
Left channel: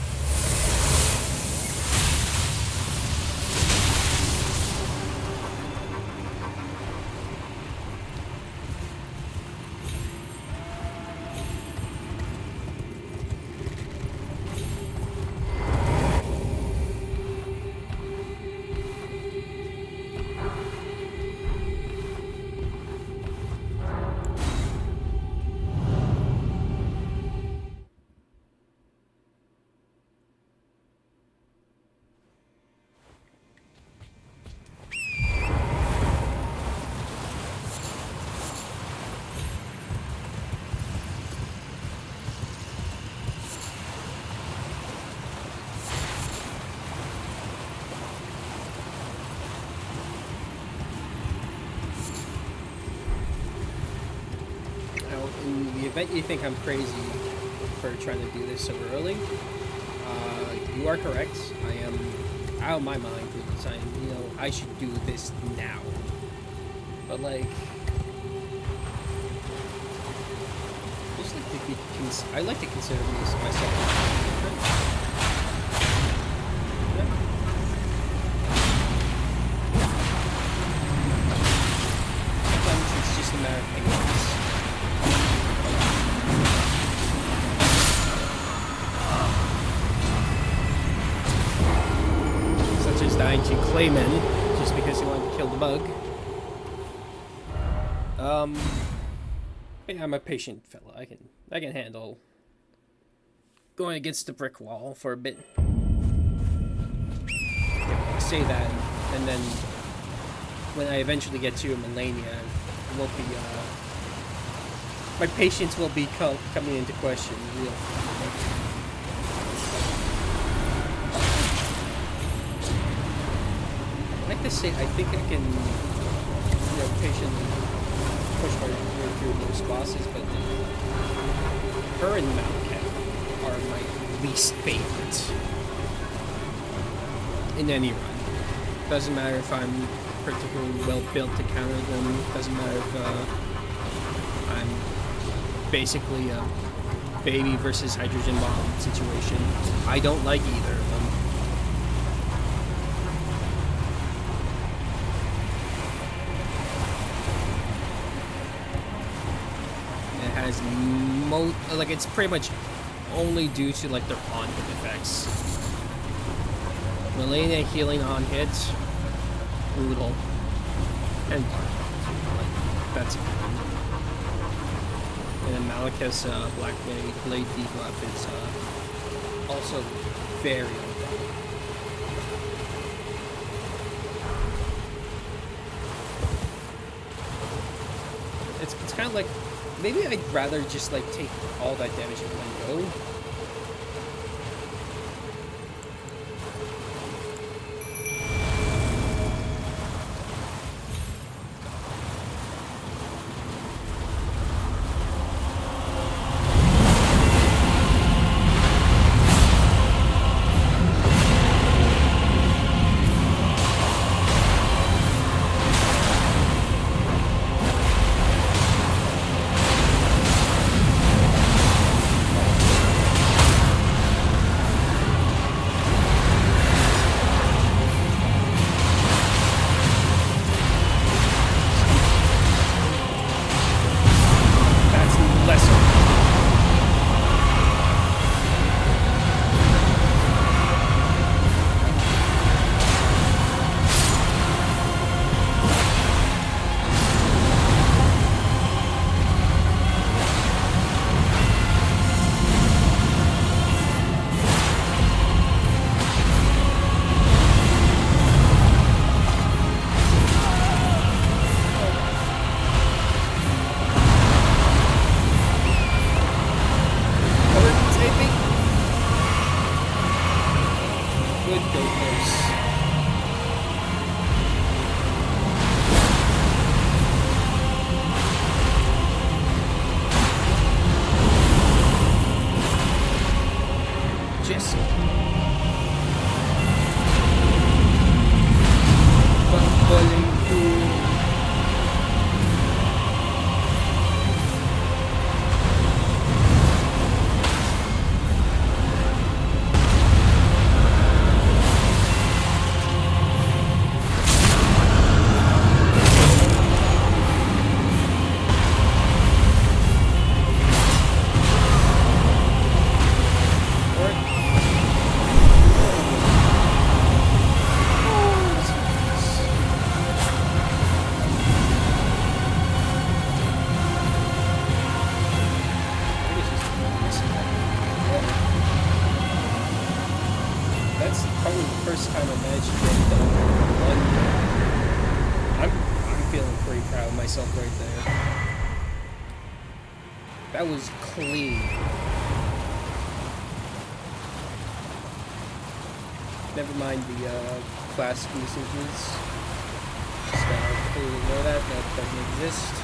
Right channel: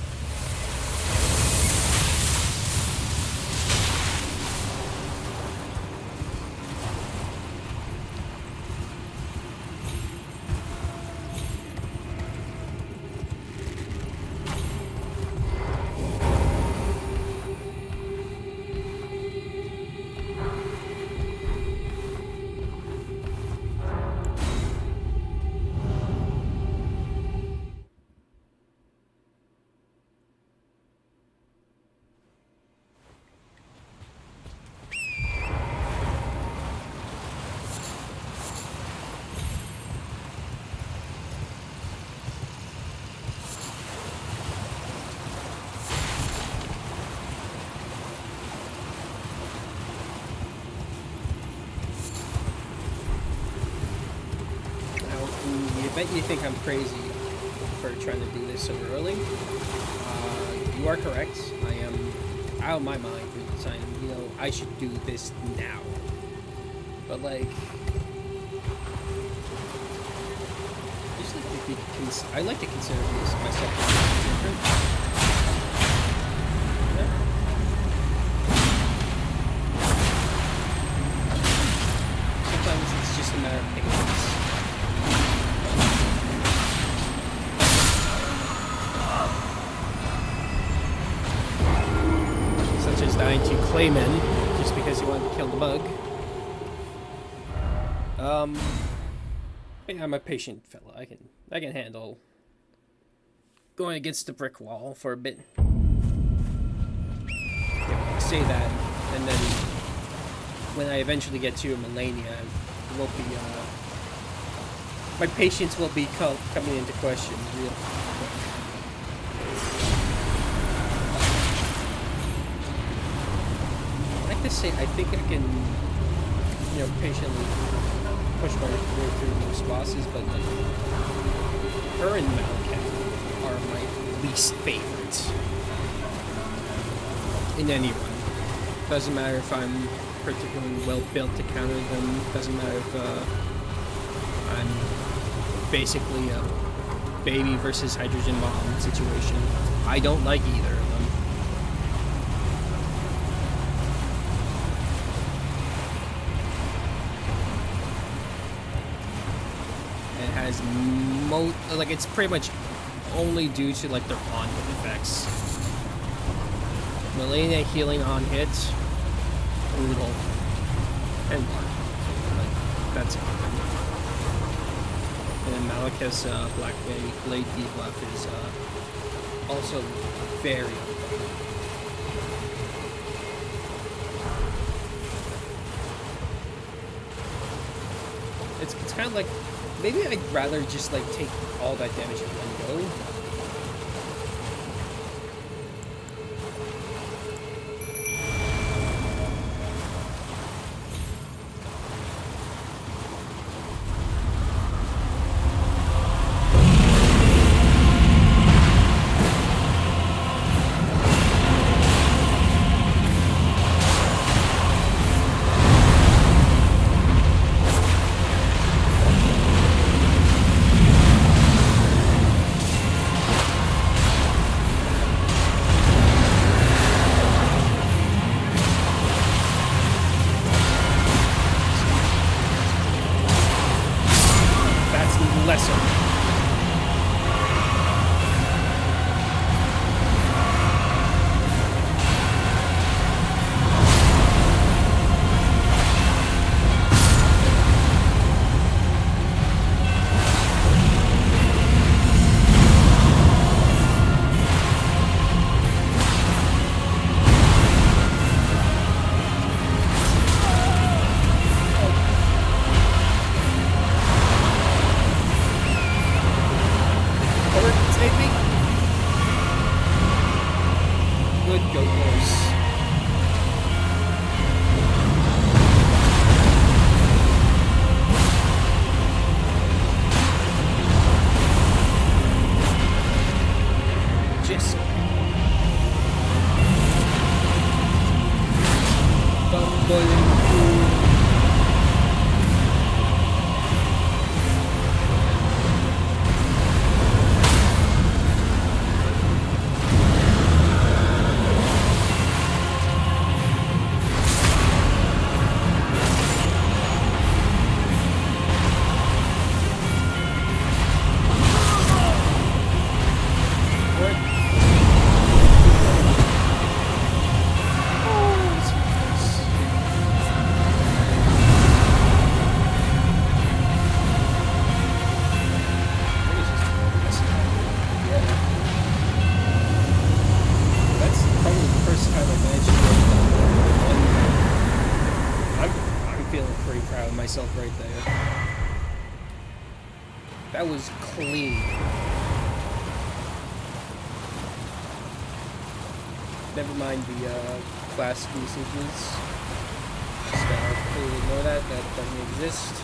In the event you think I'm crazy for trying to do this so early, you are correct. I am out of my mind for the time. You know, I should do this now. But like, I just like to be. I like to consider myself different. You know? Sometimes it's just a matter of patience. Such as dying to Claymen just because he wanted to kill the bug. Yeah, I'm a patient fella. I can handle going against the brick wall for a bit. Say that, and then when I eventually get to Melania, it won't be my patience will be coming into question real quick. I like to say I think I can, you know, patiently push my way through most bosses, but like her and Malekith are my least favorites in any run. Doesn't matter if I'm particularly well built to counter them. Doesn't matter if I'm basically a baby versus hydrogen bomb situation. I don't like either of them. And it has like it's pretty much only due to like their on-hit effects. Melania healing on hit. Brutal. And Mark, too. Like, that's a given. And then Malekith's Black Blade debuff is also very unfun. It's kind of like, maybe I'd rather just like take all that damage in one go. Good goat horse. Just bumbling fool. That's probably the first time I managed to get done in one go. I'm feeling pretty proud of myself right there. That was clean. Never mind the class usages. Just completely ignore that. That doesn't exist.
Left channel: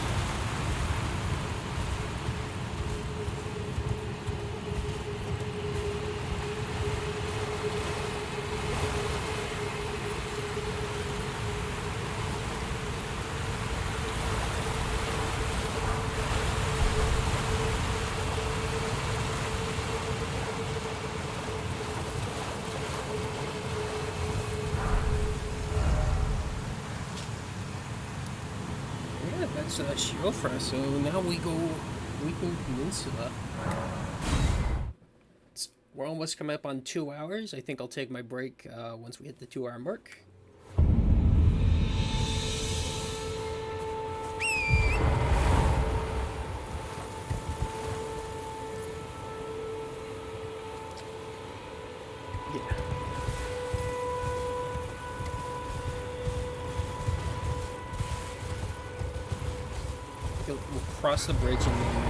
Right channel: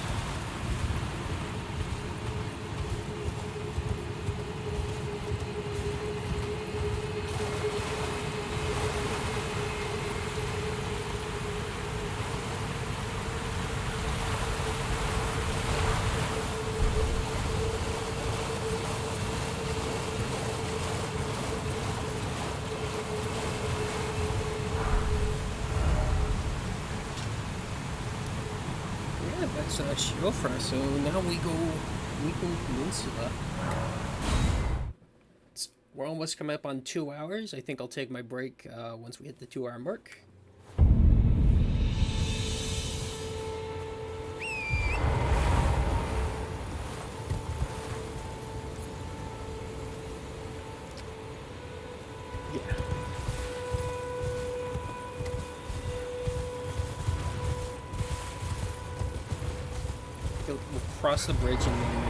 Yeah, that's Shiofra, so now we go Weeping Peninsula. We're almost coming up on 2 hours. I think I'll take my break once we hit the 2 hour mark. Yeah. We'll cross the bridge and then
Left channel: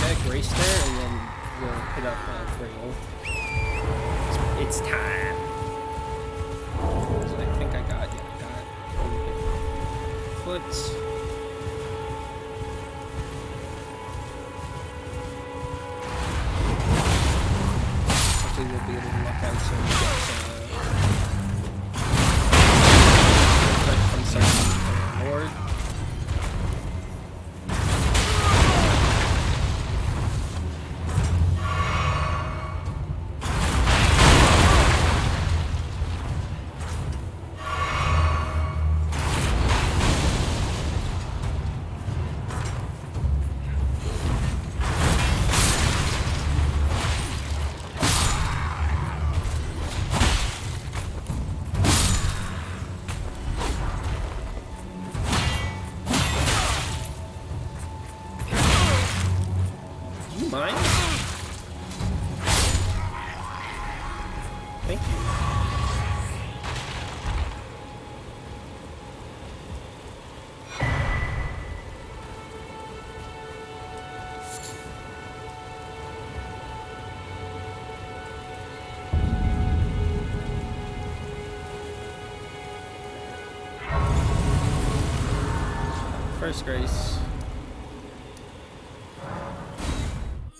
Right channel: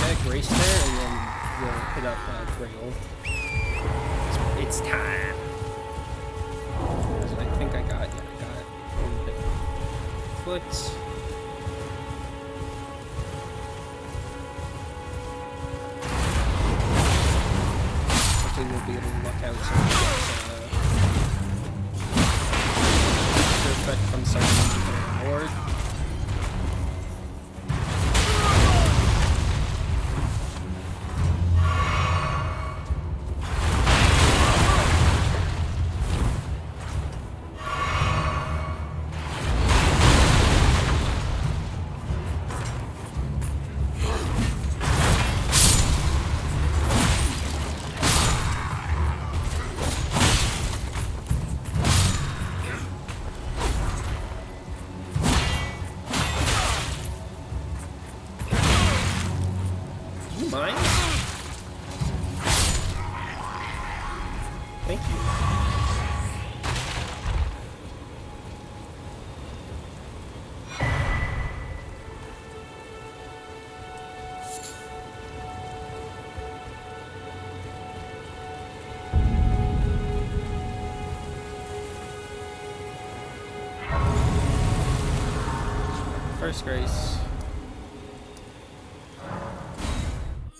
get Grace there, and then we'll hit up Grail. It's time. As I think I got over the foot. Hopefully we'll be able to luck out some effect from someone becoming a lord. you mind? Thank you. First grace.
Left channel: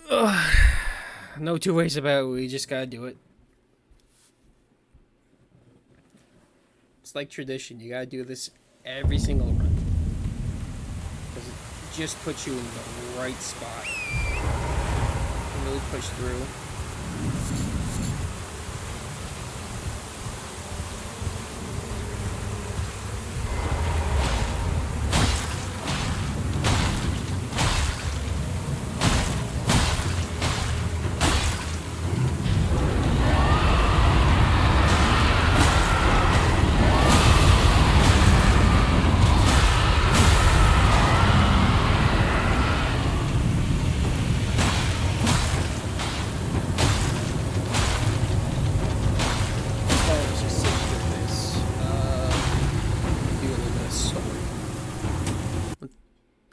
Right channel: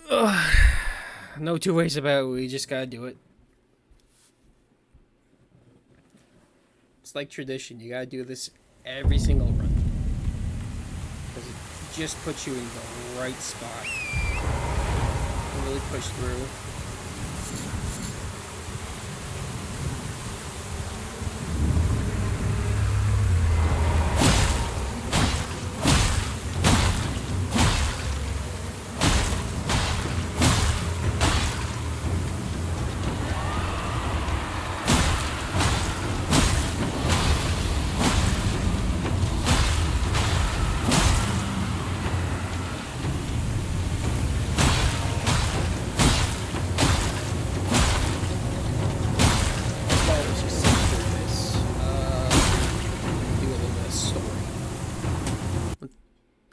Ugh. No two ways about it. We just gotta do it. It's like tradition. You gotta do this every single run. Because it just puts you in the right spot. You can really push through.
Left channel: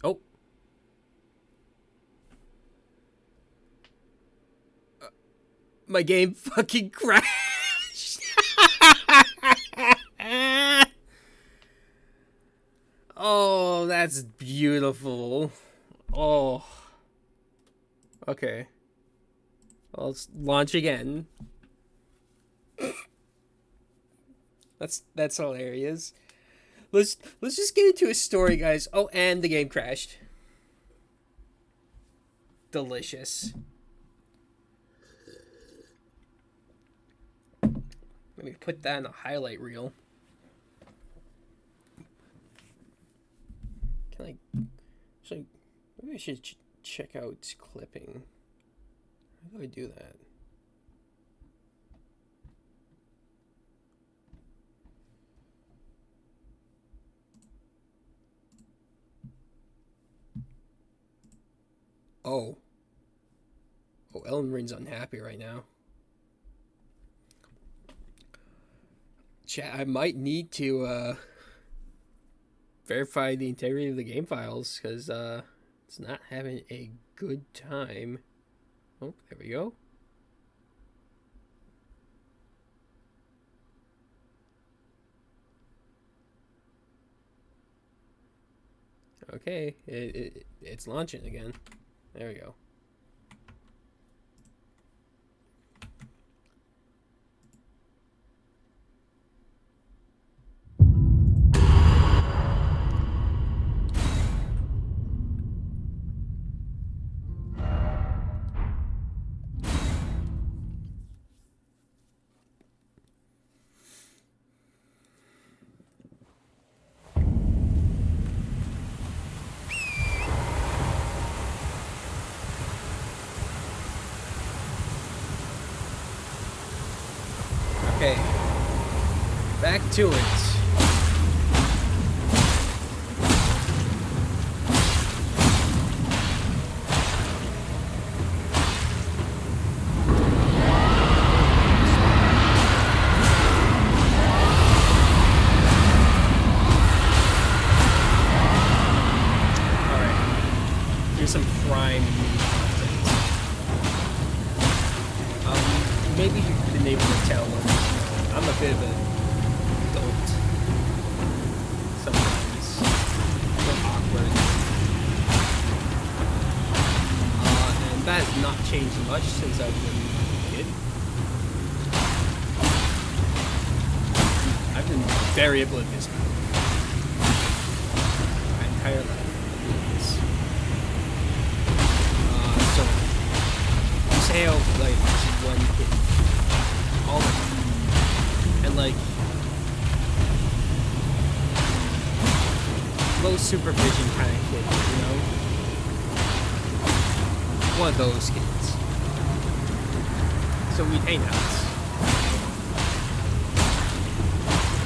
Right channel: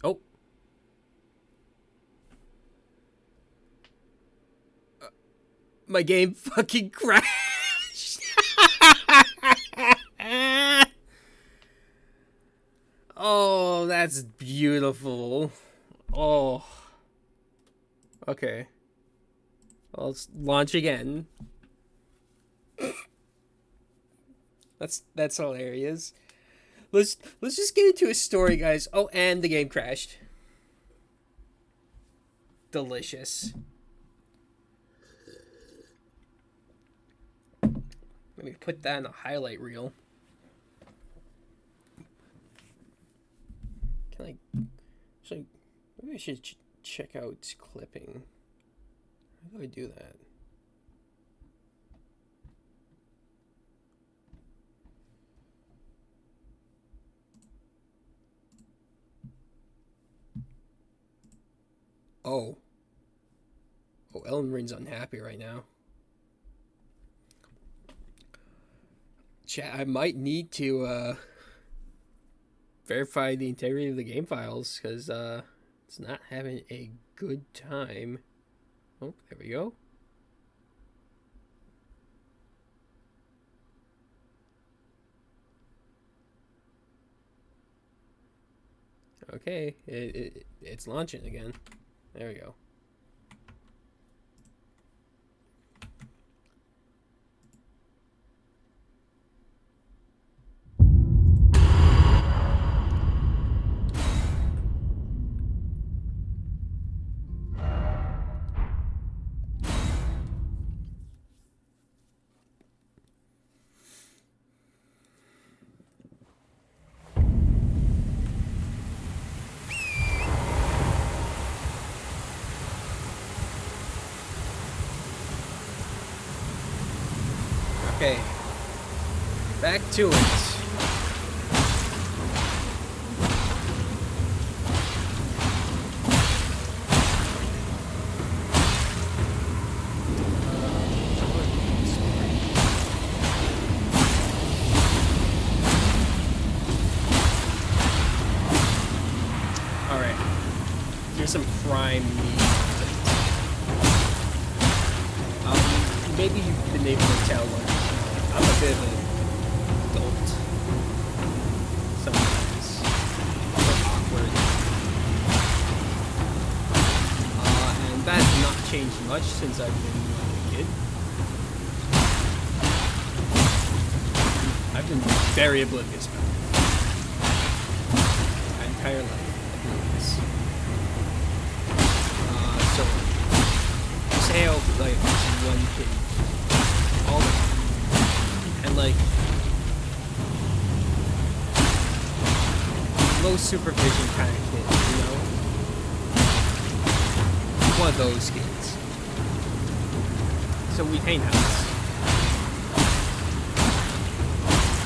Oh. My game fucking crashed. Oh, that's beautiful. Oh. Okay. Well, let's launch again. That's hilarious. Let's just get into a story, guys. Oh, and the game crashed. Delicious. Let me put that in a highlight reel. Can I? So maybe I should check out clipping. How do I do that? Oh. Oh, Elden Ring's unhappy right now. Chat, I might need to verify the integrity of the game files because it's not having a good time. Oh, there we go. Okay, it's launching again. There we go. Okay, back to it. Alright, here's some prime meat. Maybe you've been able to tell I'm a bit of a dolt sometimes. A little awkward. And that has not changed much since I've been like a kid. I've been very oblivious about it. My entire life, oblivious. So say how like this one kid all the time. And like low supervision kind of kid, you know? One of those kids. So we'd hang out.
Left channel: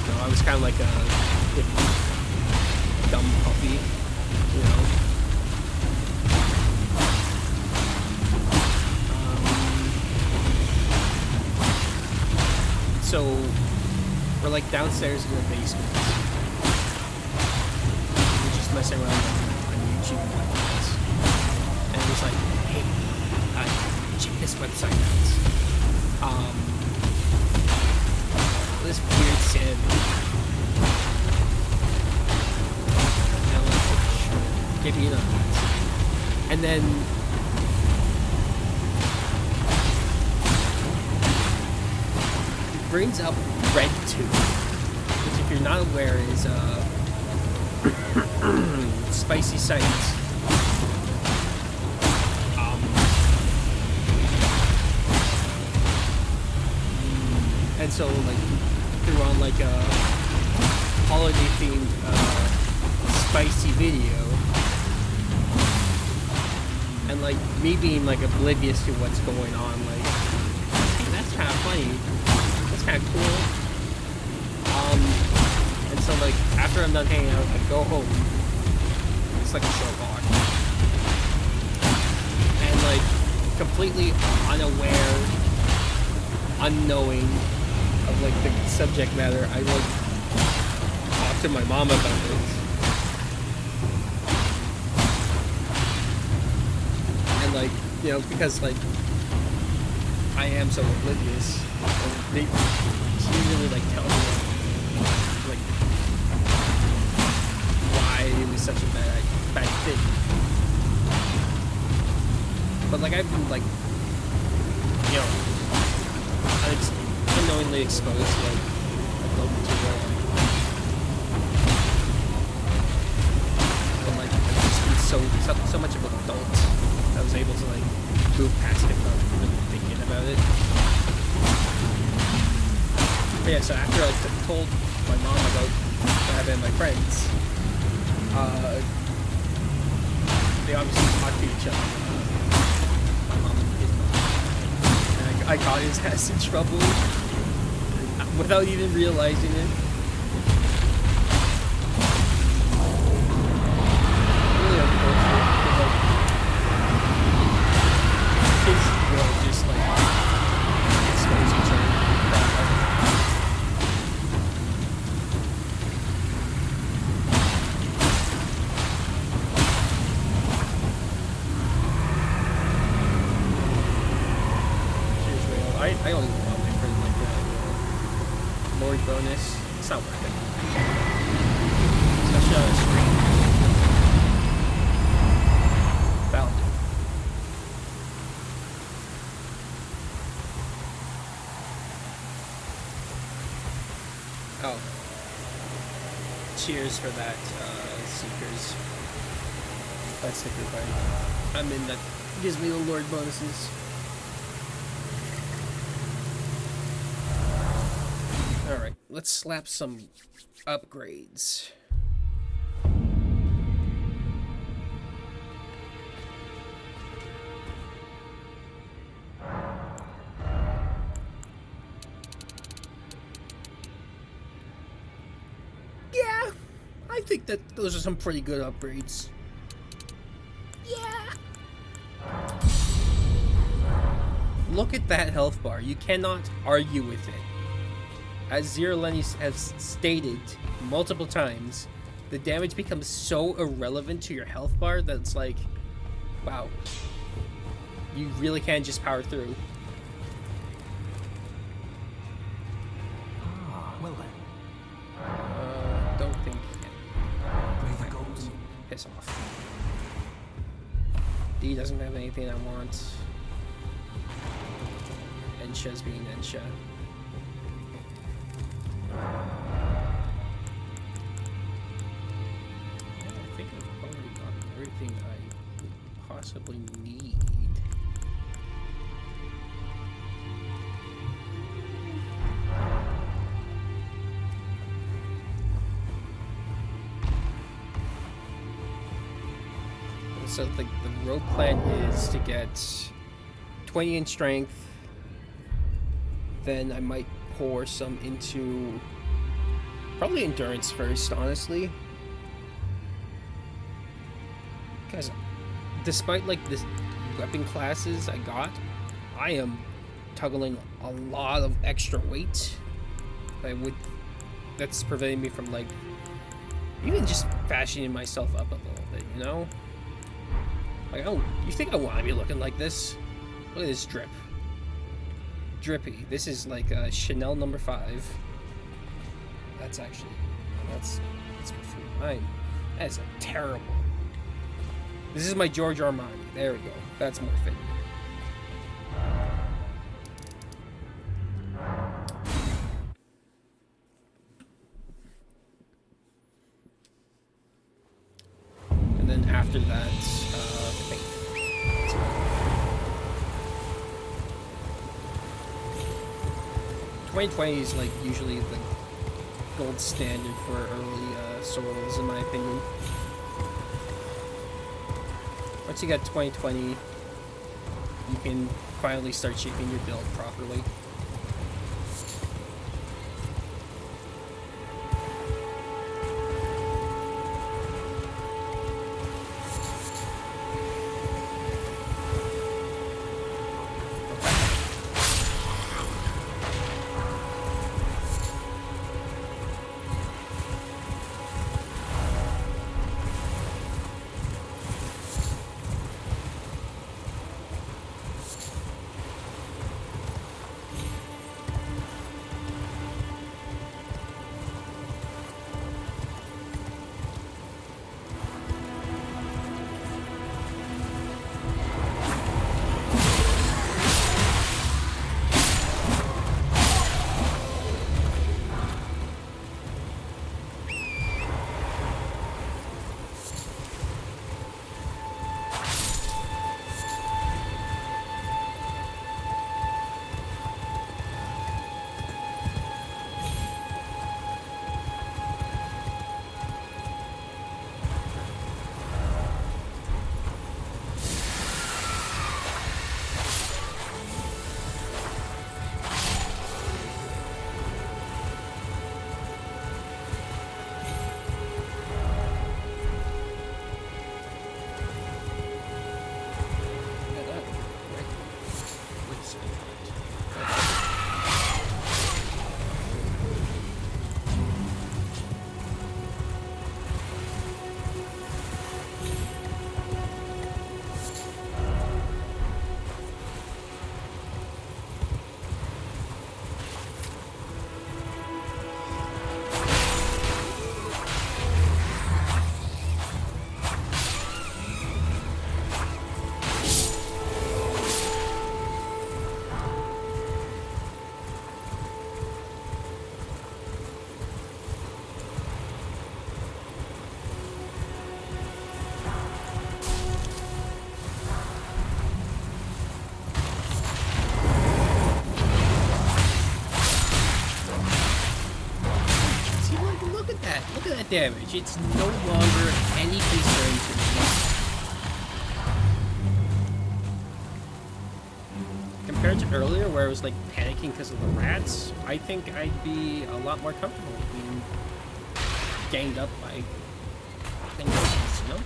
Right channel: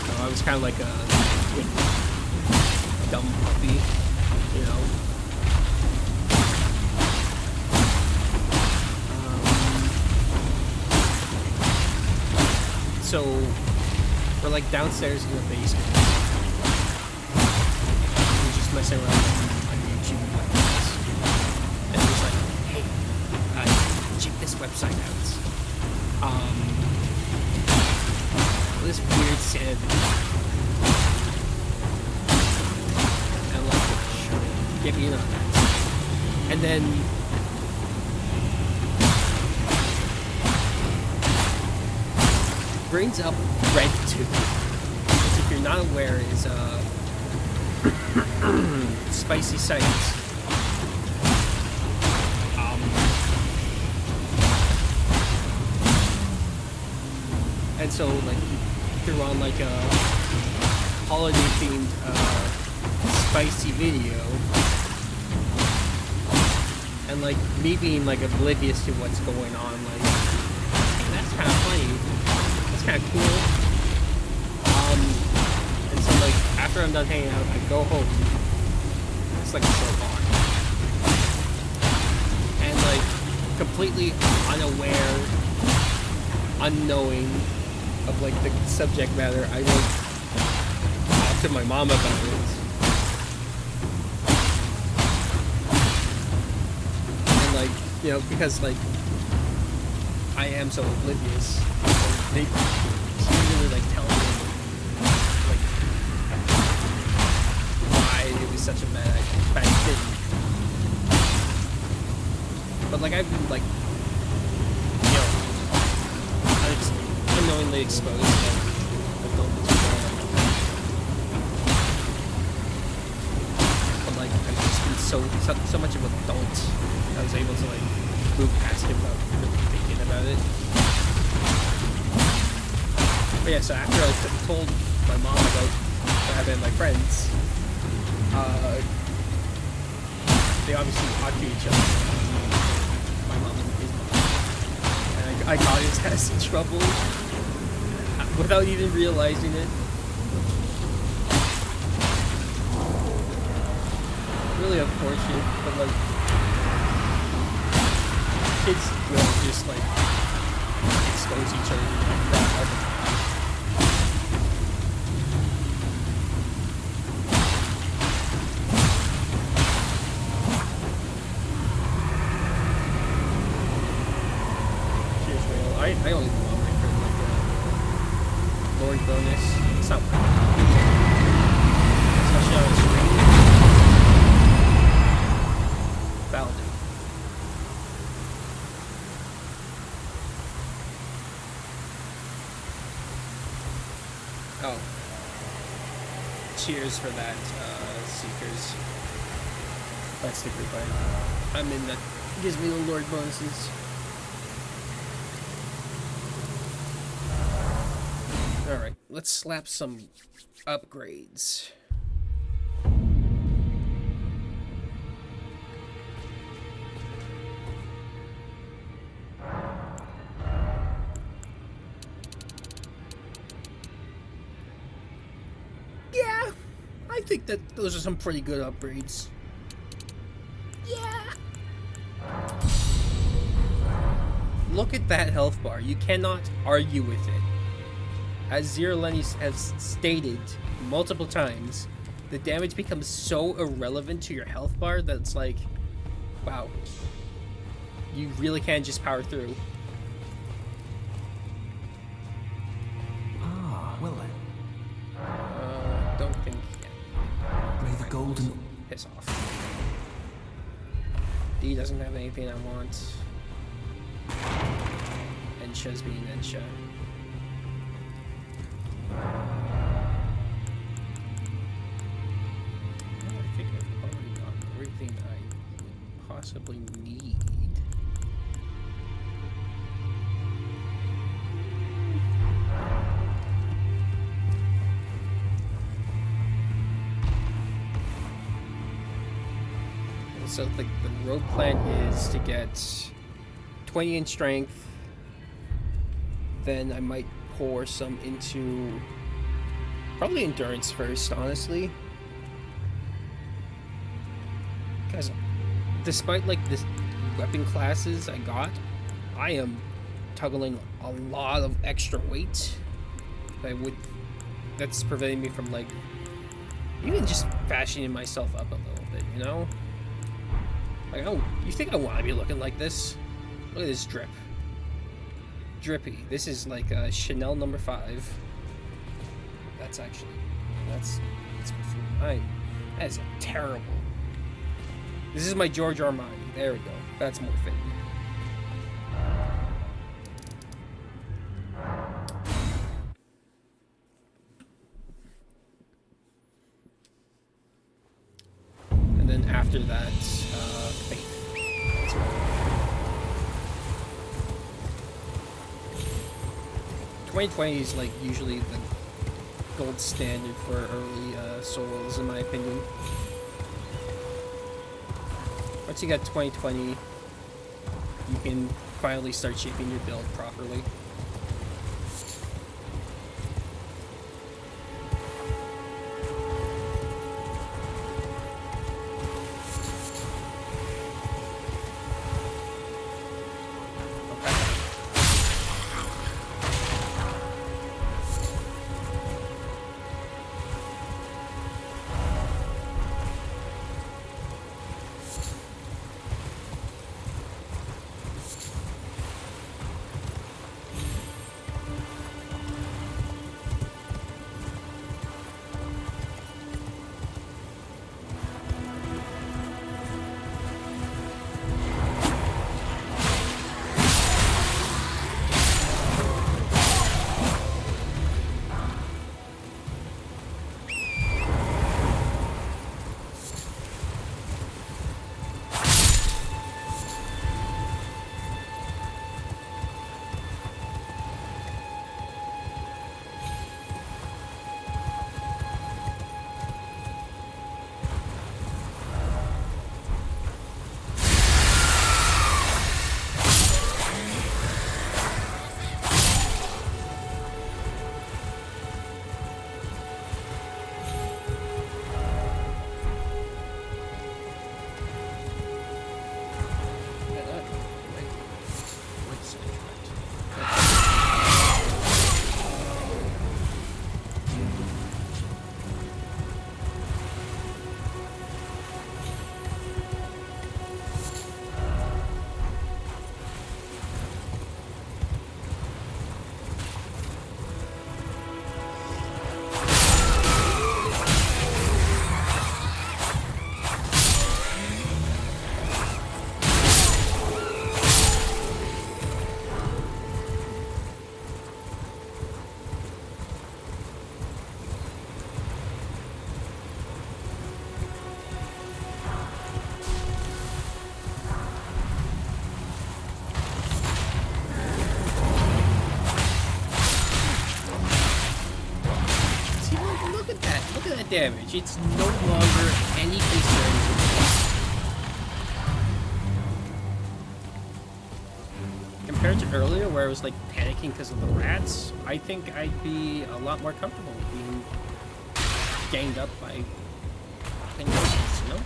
So I was kind of like a good dumb puppy, you know? So we're like downstairs in the basement. We're just messing around like, on YouTube and whatnot. And it was like, hey, check this website out. This weird sand. And I'm like, oh, sure, get me in on that. And then it brings up RedTube, which, if you're not aware, is a spicy site. And so, like, you threw on like a holiday-themed spicy video, and like me being like oblivious to what's going on, like, hey, that's kind of funny, that's kind of cool. And so like after I'm done hanging out, I go home. It's like a short walk, and like completely unaware, unknowing of like the subject matter, I like talk to my mom about it. And like, you know, because like I am so oblivious, she didn't really like tell me like why it was such a bad thing. But like I've been like, you know, unknowingly exposed to like adult material in my life. But like I've just been so much of an adult that I was able to like move past it without really thinking about it. But yeah, so after I told my mom about what happened to my friends, they obviously talked to each other, my mom and his mom. And I got his ass in trouble without even realizing it. Really unfortunate, but like, kids will just like expose each other to that all the time. Cheers, Rail. I don't even know why I'm waiting for like Lord bonus. It's not worth it. Especially on a stream. That'll do. Oh. Cheers for that, Seekers. That's the group I'm in that gives me the Lord bonuses. Alright, let's slap some upgrades. Yeah, I think that those are some pretty good upgrades. Yeah. Look at that health bar. You cannot argue with it. As Zero Lenny has stated multiple times, the damage becomes so irrelevant to your health bar that it's like, wow, you really can just power through. Ah, well then. Don't think yet. May the golden... Piss off. D doesn't have anything I want. Ensha's being Ensha. Yeah, I think I've already gotten everything I would possibly need. So the road plan is to get 20 in strength, then I might pour some into probably endurance first, honestly, because despite like this weapon classes I got, I am toggling a lot of extra weight that's preventing me from like even just fashioning myself up a little bit, you know? Like, oh, you think I want to be looking like this? Look at this drip. Drippy. This is like Chanel number 5. That's perfume. That is a terrible. This is my George Armani. There we go. That's more fitting. And then after that, Faith. That's right. 2020 is like usually the gold standard for early souls, in my opinion. Once you get 2020, you can finally start shaping your build properly. Damage. It's no longer any concern to me. Compared to earlier, where I was like panicking because of the rats, I think I'd be a lot more comfortable being ganged up by things, you know?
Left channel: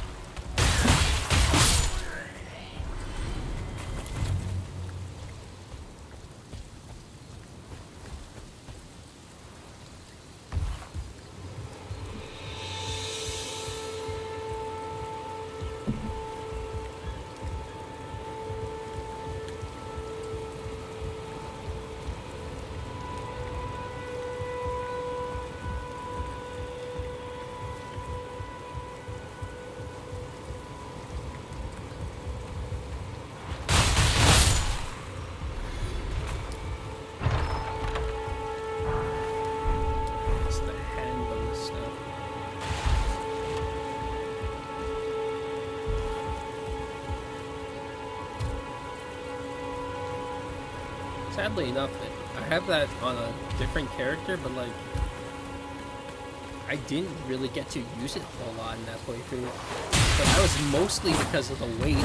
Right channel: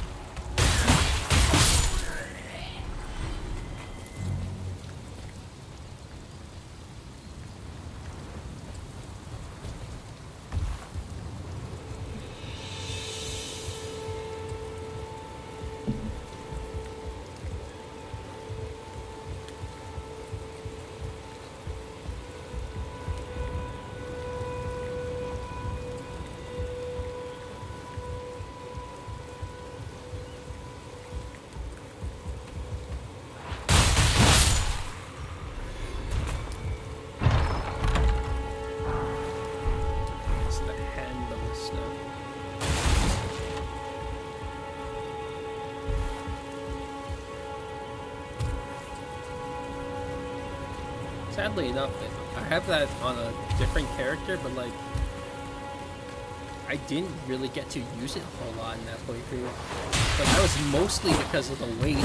Sadly enough, I have that on a different character, but like, I didn't really get to use it a whole lot in that playthrough. But that was mostly because of the weight.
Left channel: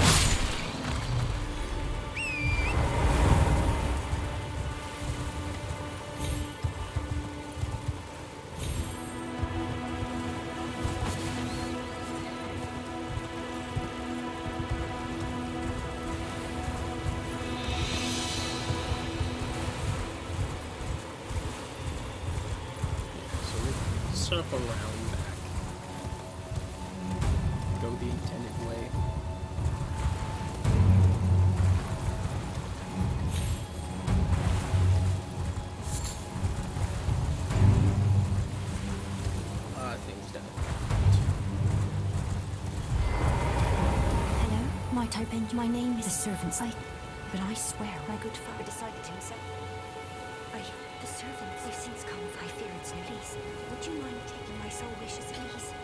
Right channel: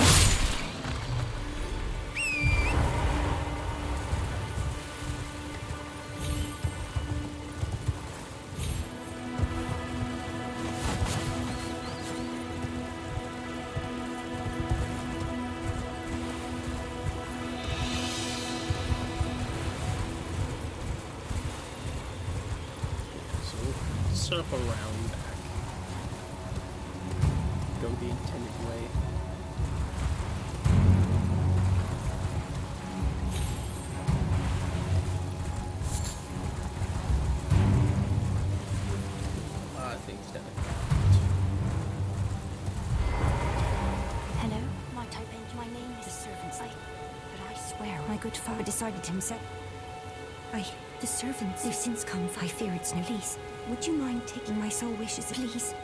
circle around back. Go the intended way. A lot of things down. Hello? Might I bend? My name is the servants. But I swear my good father decided himself. The servants, they've since come. I fear it's no lease. Would you mind taking my soul wishes, please?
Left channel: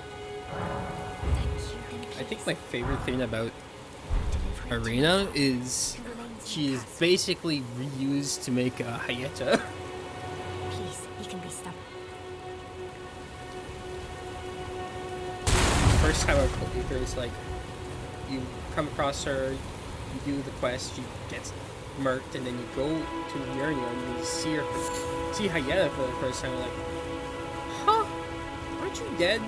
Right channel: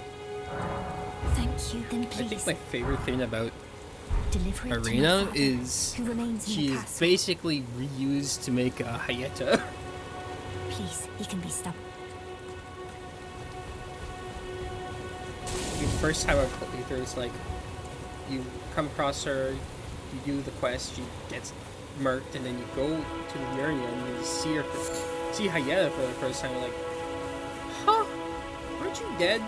Thank you. Then please. I think my favorite thing about deliver it to my Arena father, is who remains in she the is castle. basically reused to make a Hayeta. Please, he can be stopped. The first time I played through, it's like you come across her, you do the quest, she gets murked, and then you go to the area and you see her, see Hayeta for the first time. You're like, huh? Aren't you dead?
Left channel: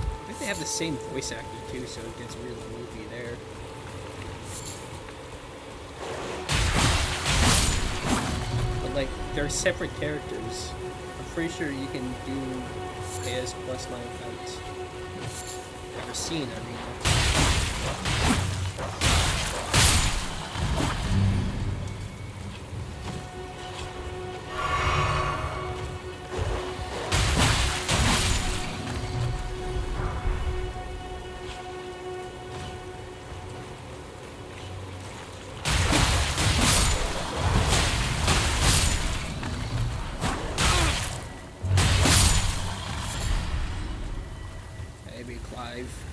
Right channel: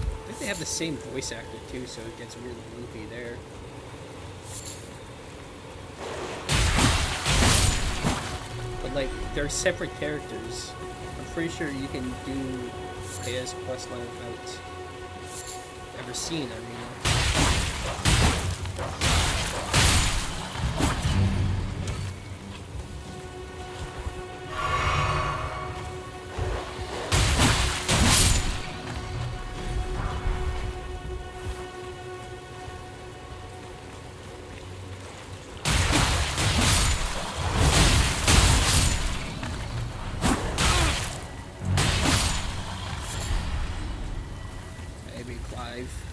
I think they have the same voice actor too, so it gets really loopy there. But like, they're separate characters. I'm pretty sure you can do Hayeta's questline without ever seeing Arena. Maybe Clive.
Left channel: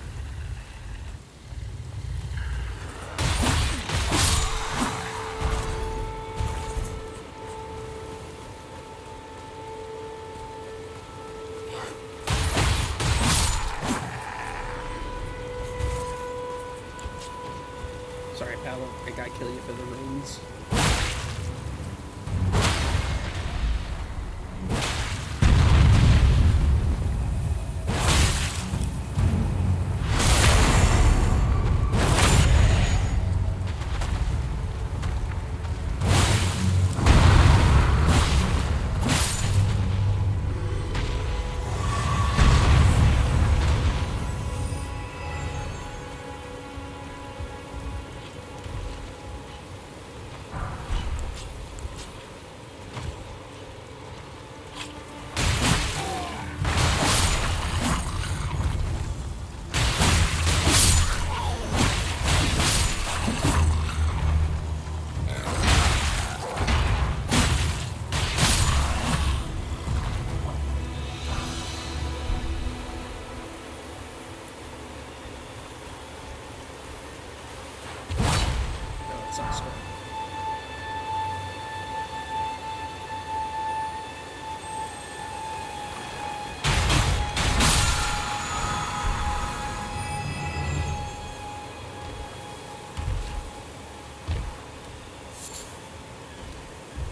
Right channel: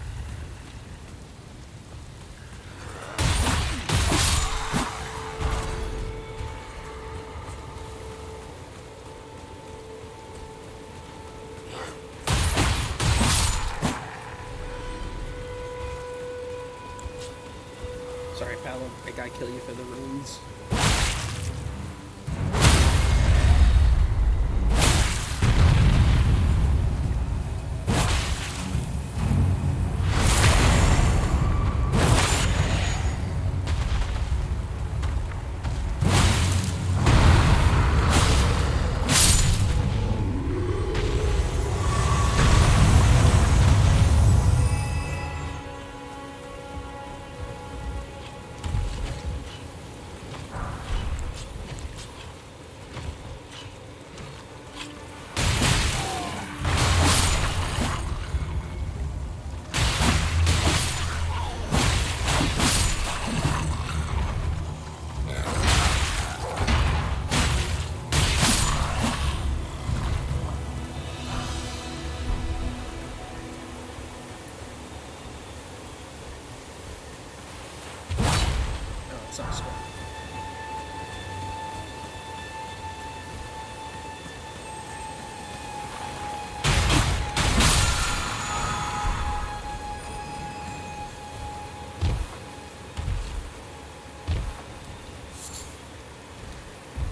Sorry, pal, I gotta kill you for the runes. It's not smart.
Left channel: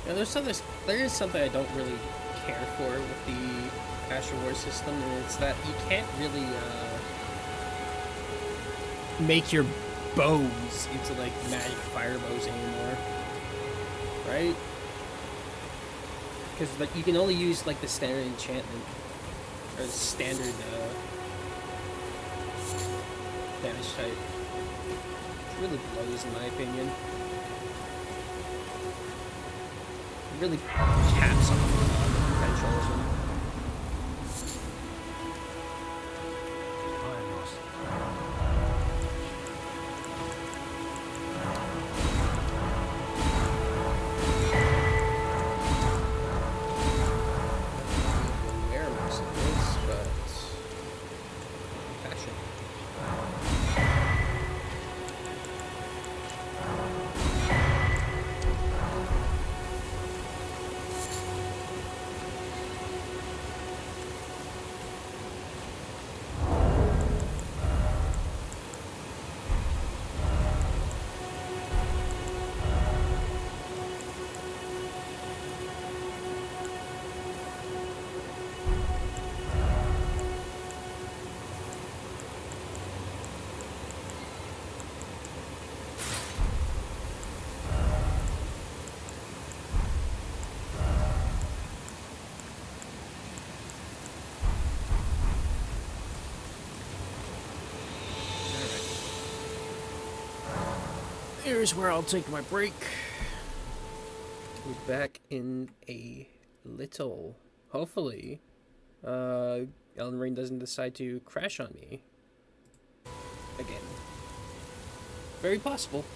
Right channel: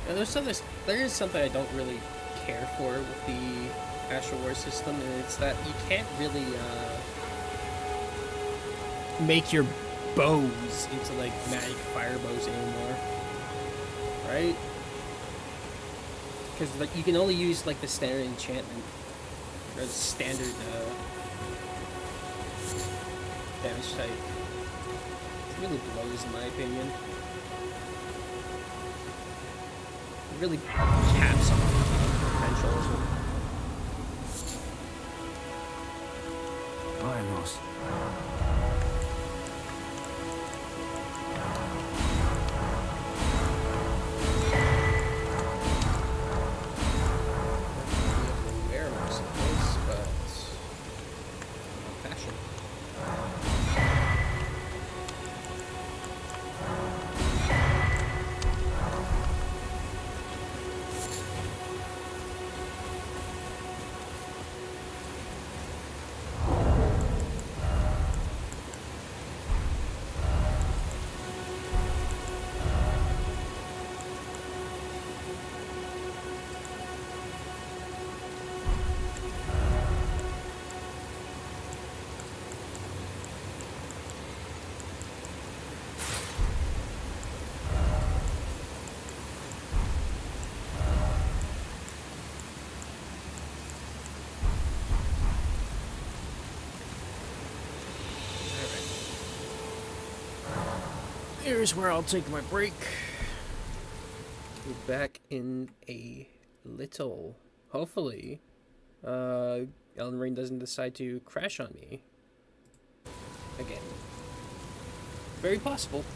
Yeah, there is something I don't really care for with the Astral War system, and it's that you can't really make your bows into like magic fire bows anymore, right? Because like you can only use like the standard enchantment or the standard damage type. It really blows in my opinion. It really caps off the potential of them. Iron Ross. Wear most of this, but fashion. Here's where I'll take my break. Be back in a little. Hopefully, Elden Ring doesn't decide to crash on me again. Very possible.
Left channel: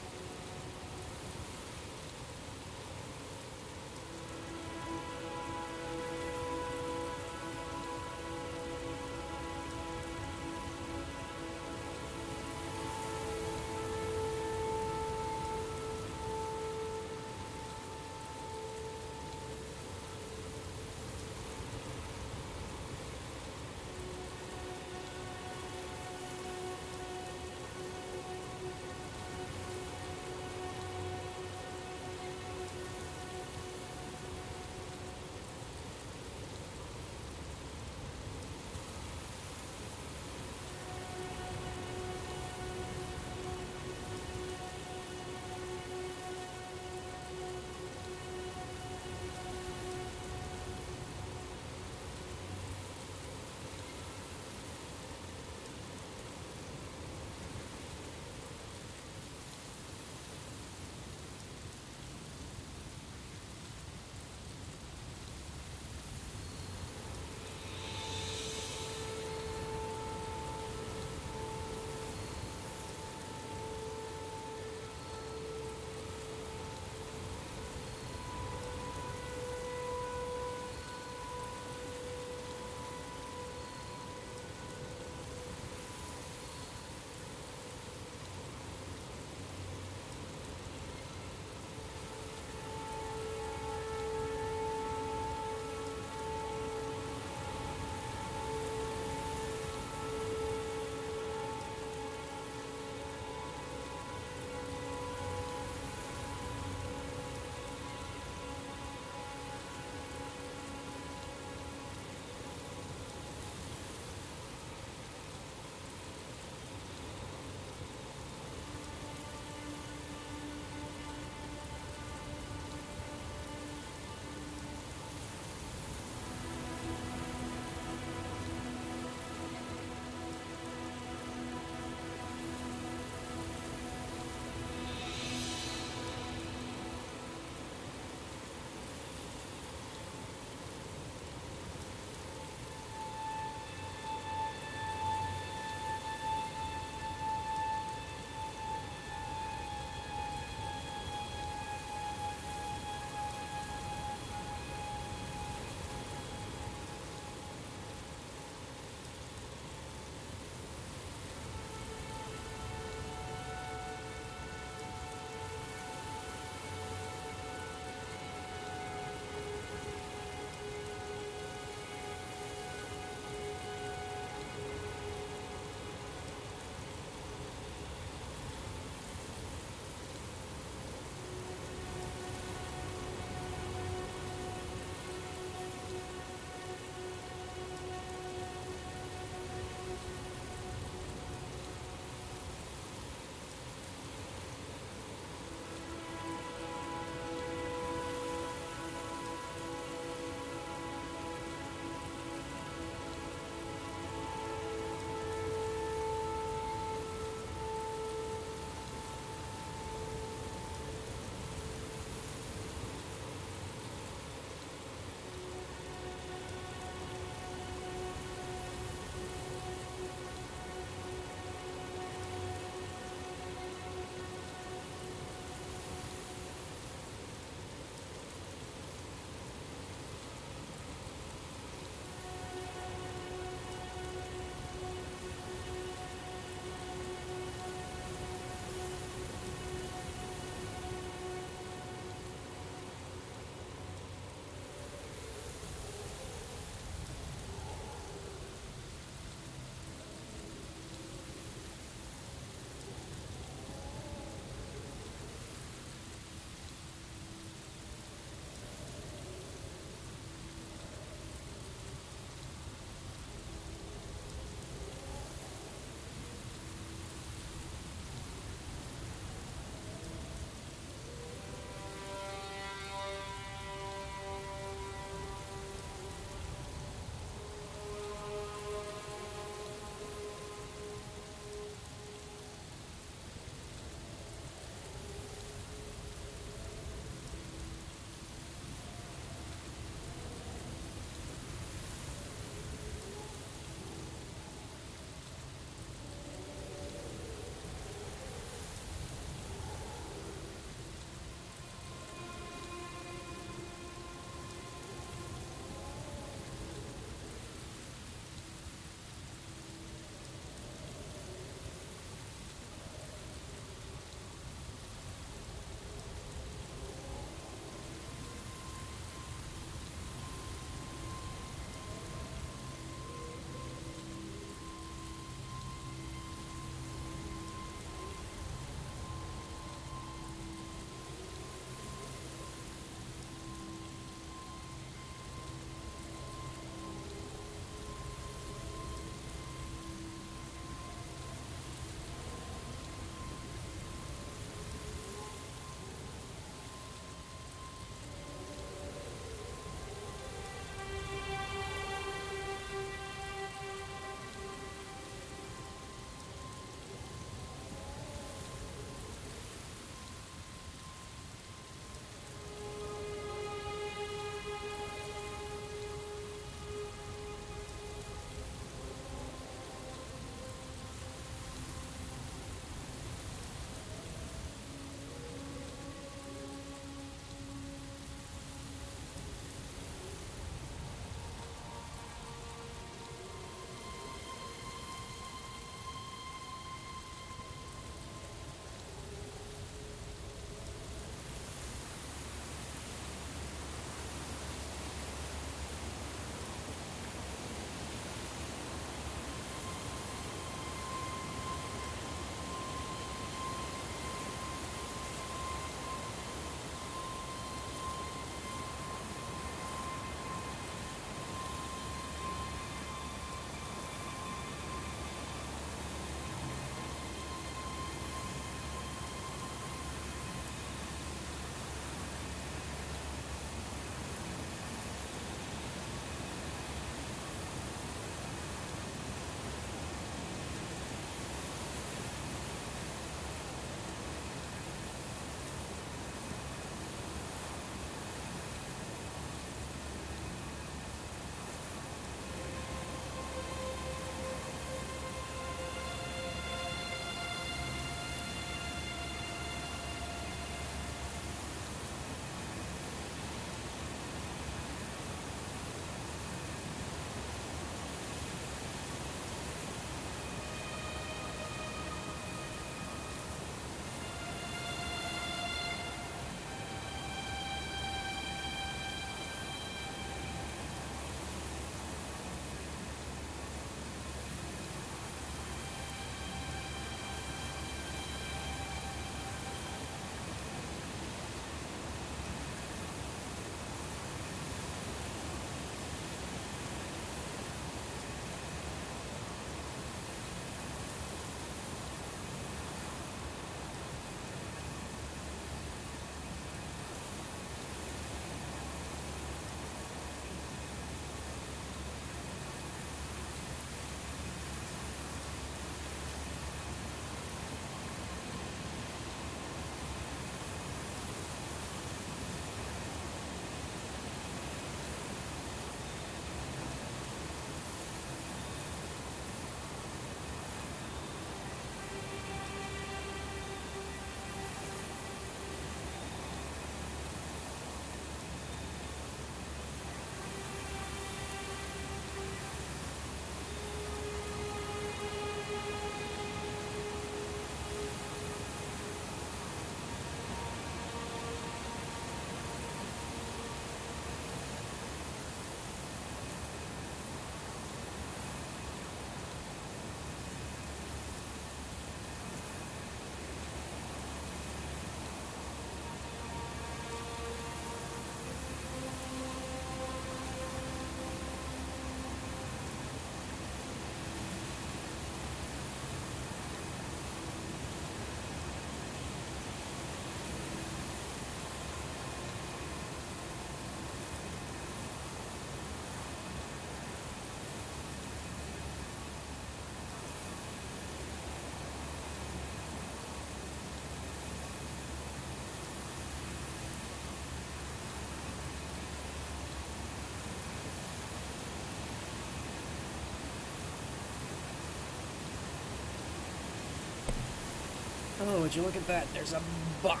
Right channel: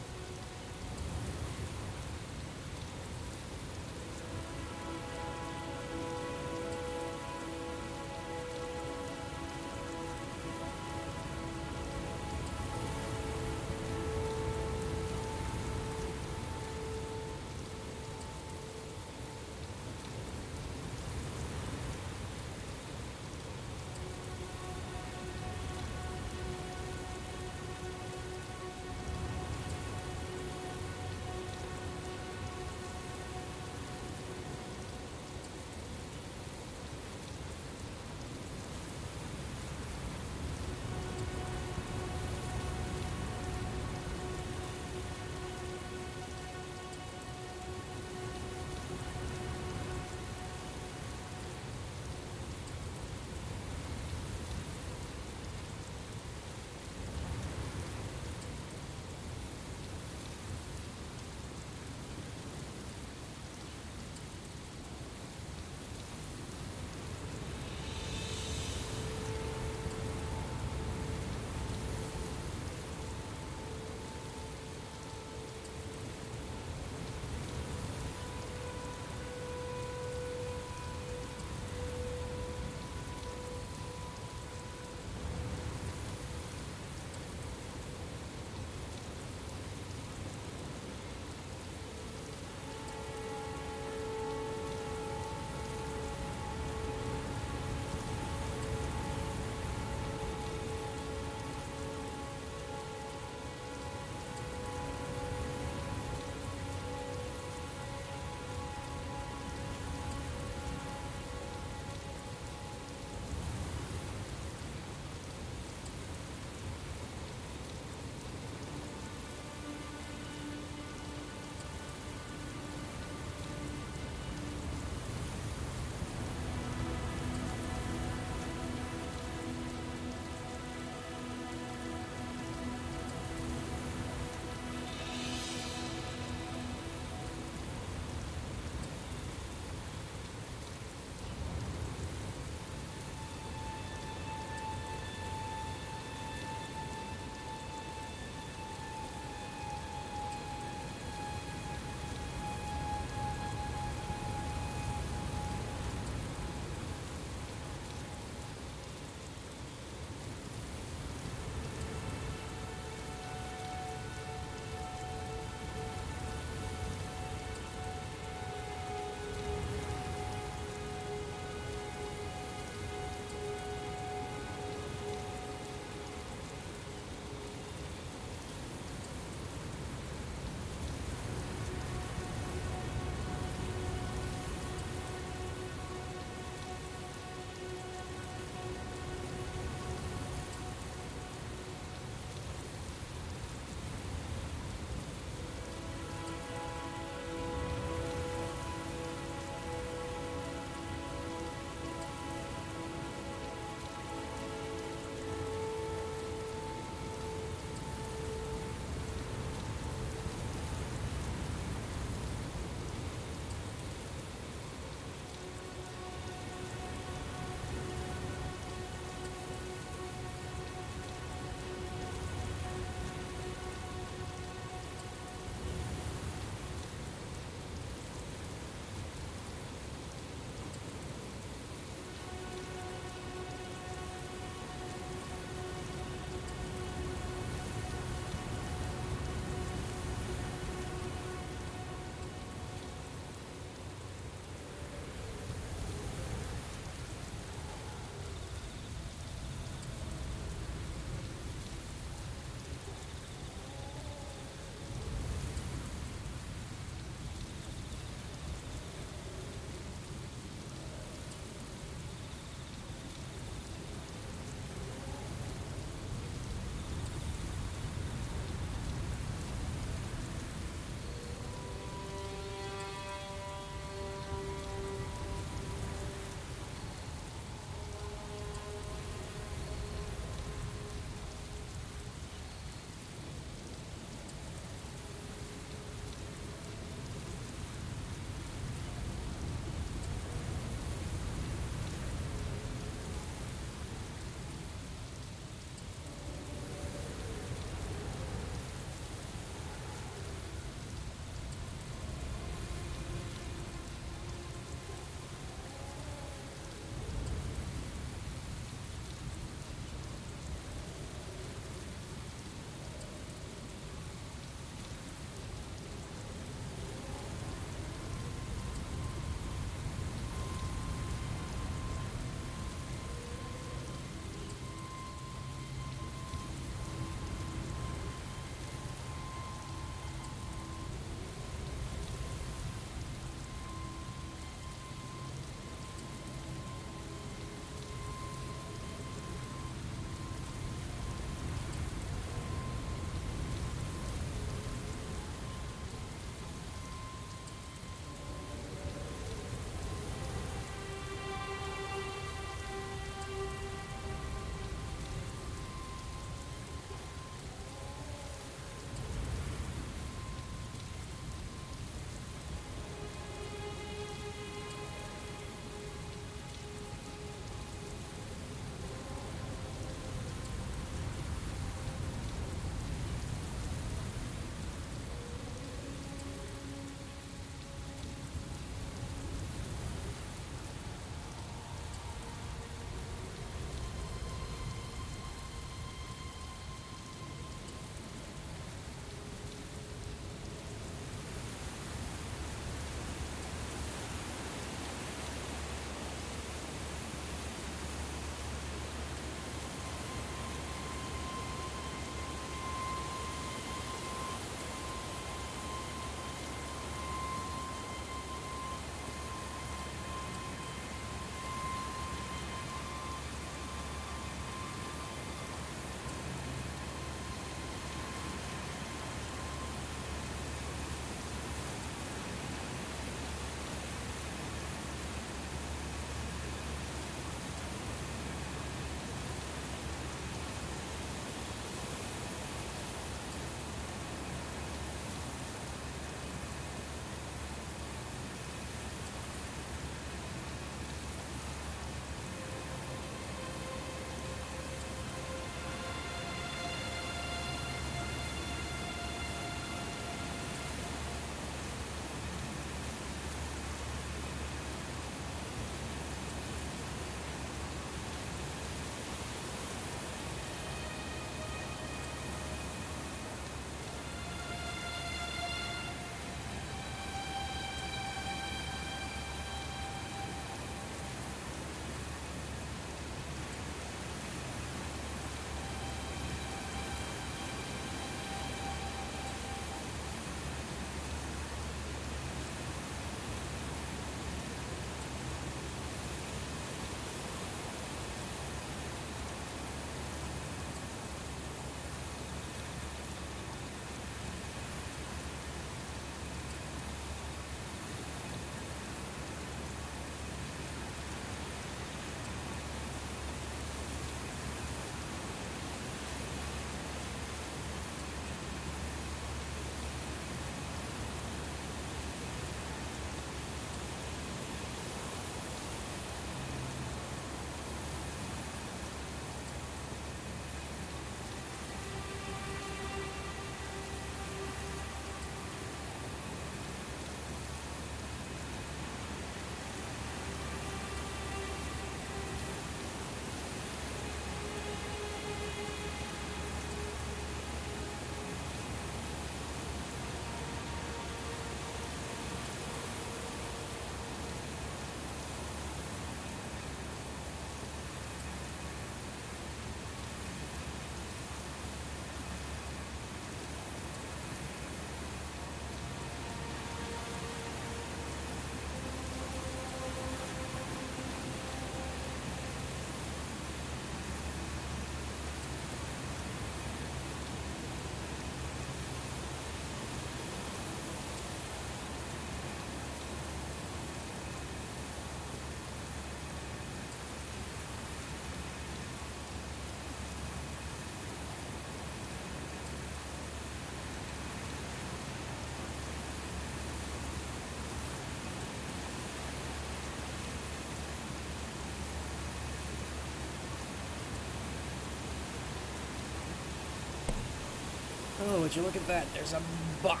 Oh, would you look at that? There's a bot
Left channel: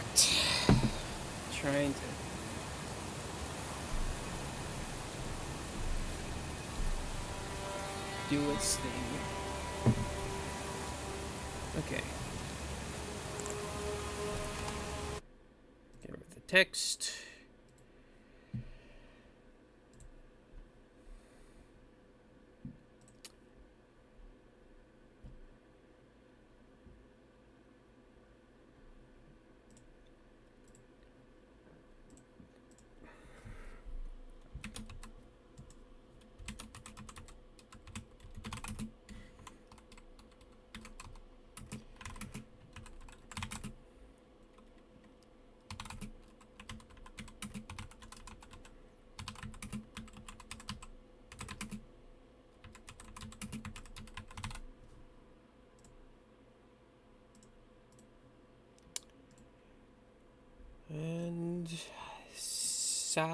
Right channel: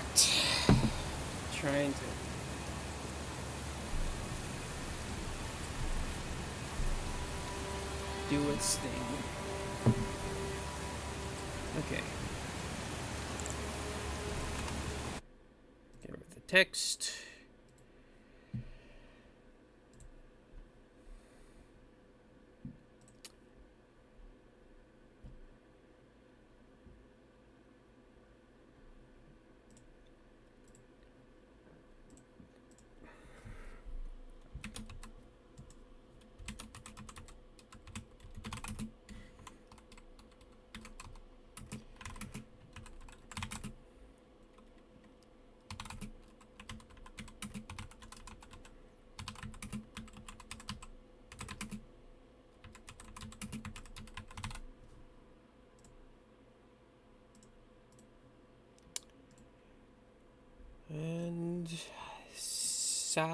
trying to do its thing. Okay. Get rid of the text. And sayonara.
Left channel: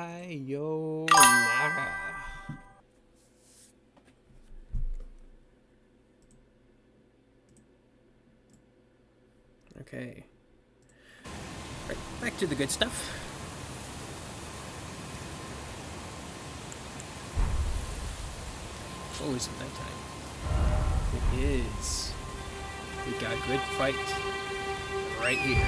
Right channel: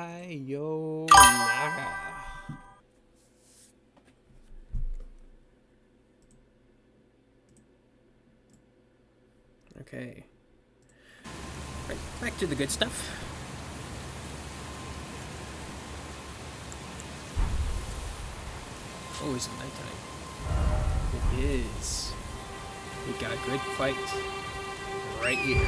Okay. Right, back to the good stuff. Oh, is it nighttime? It is. We got a good fight right here.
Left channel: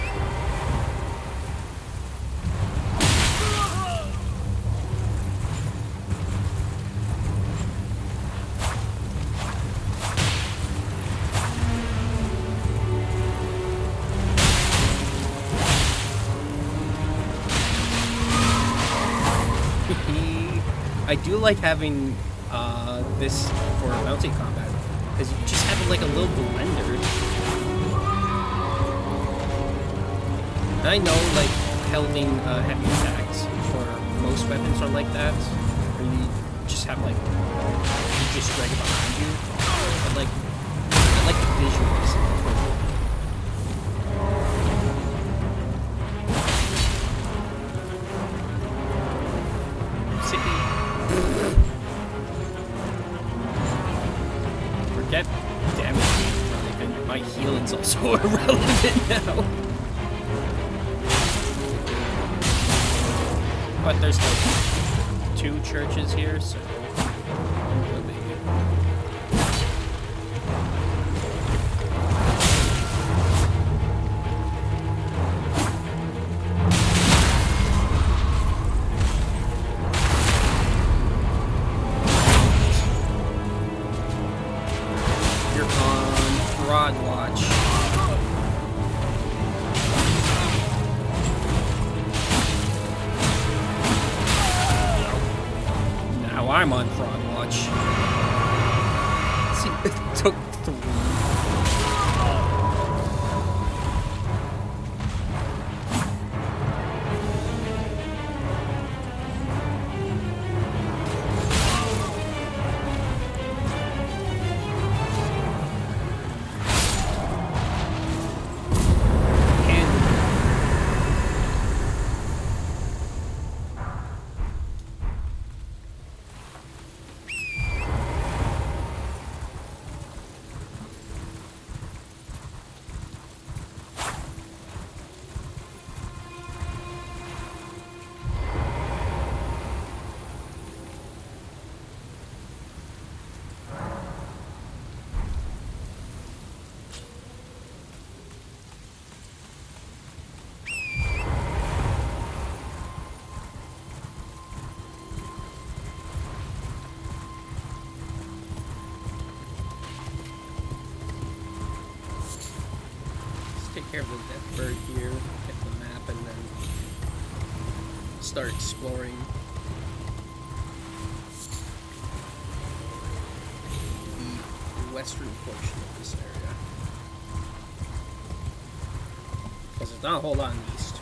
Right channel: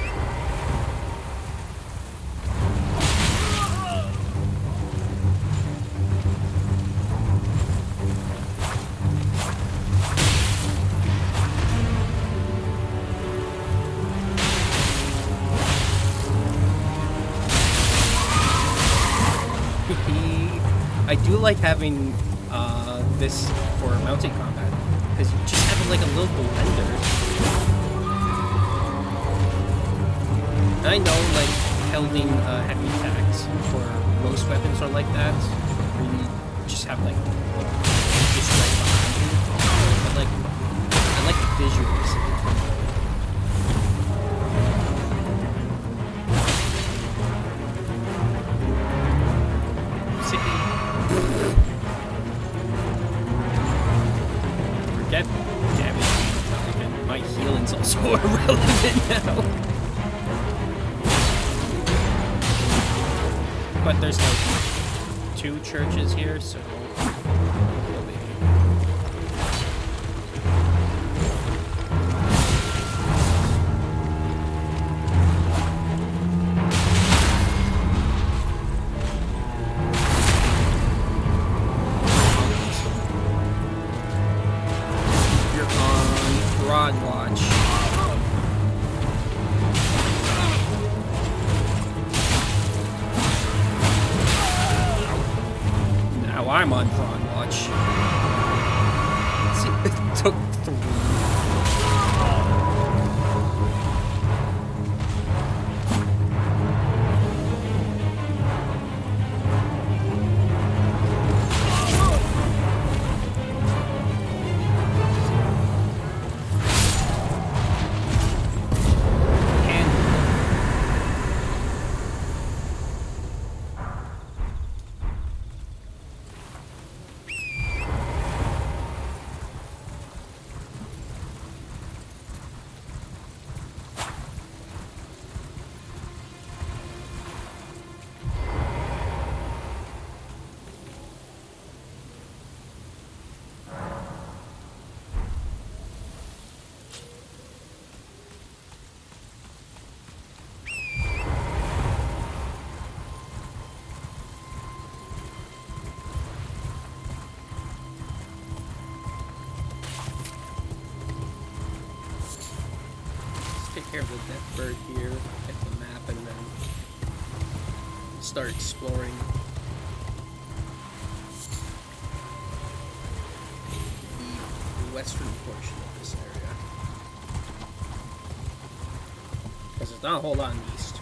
I do like having this for mounted combat because you just have like a little blender. And I know like holding heavy attacks for most weapons are like that, where you just have like just right behind you. But like I like the visuals of the twin blade. Forget damage being irrelevant. My healing's also irrelevant now. But there's like 2 churches here, so no biggie. You're on Fraud Watch. Now I'm on Fraud Watch. See, it took 3. Take care of the death bird here, get the map, and then start exploring the western portion of this area. Because there's not a whole lot in the east.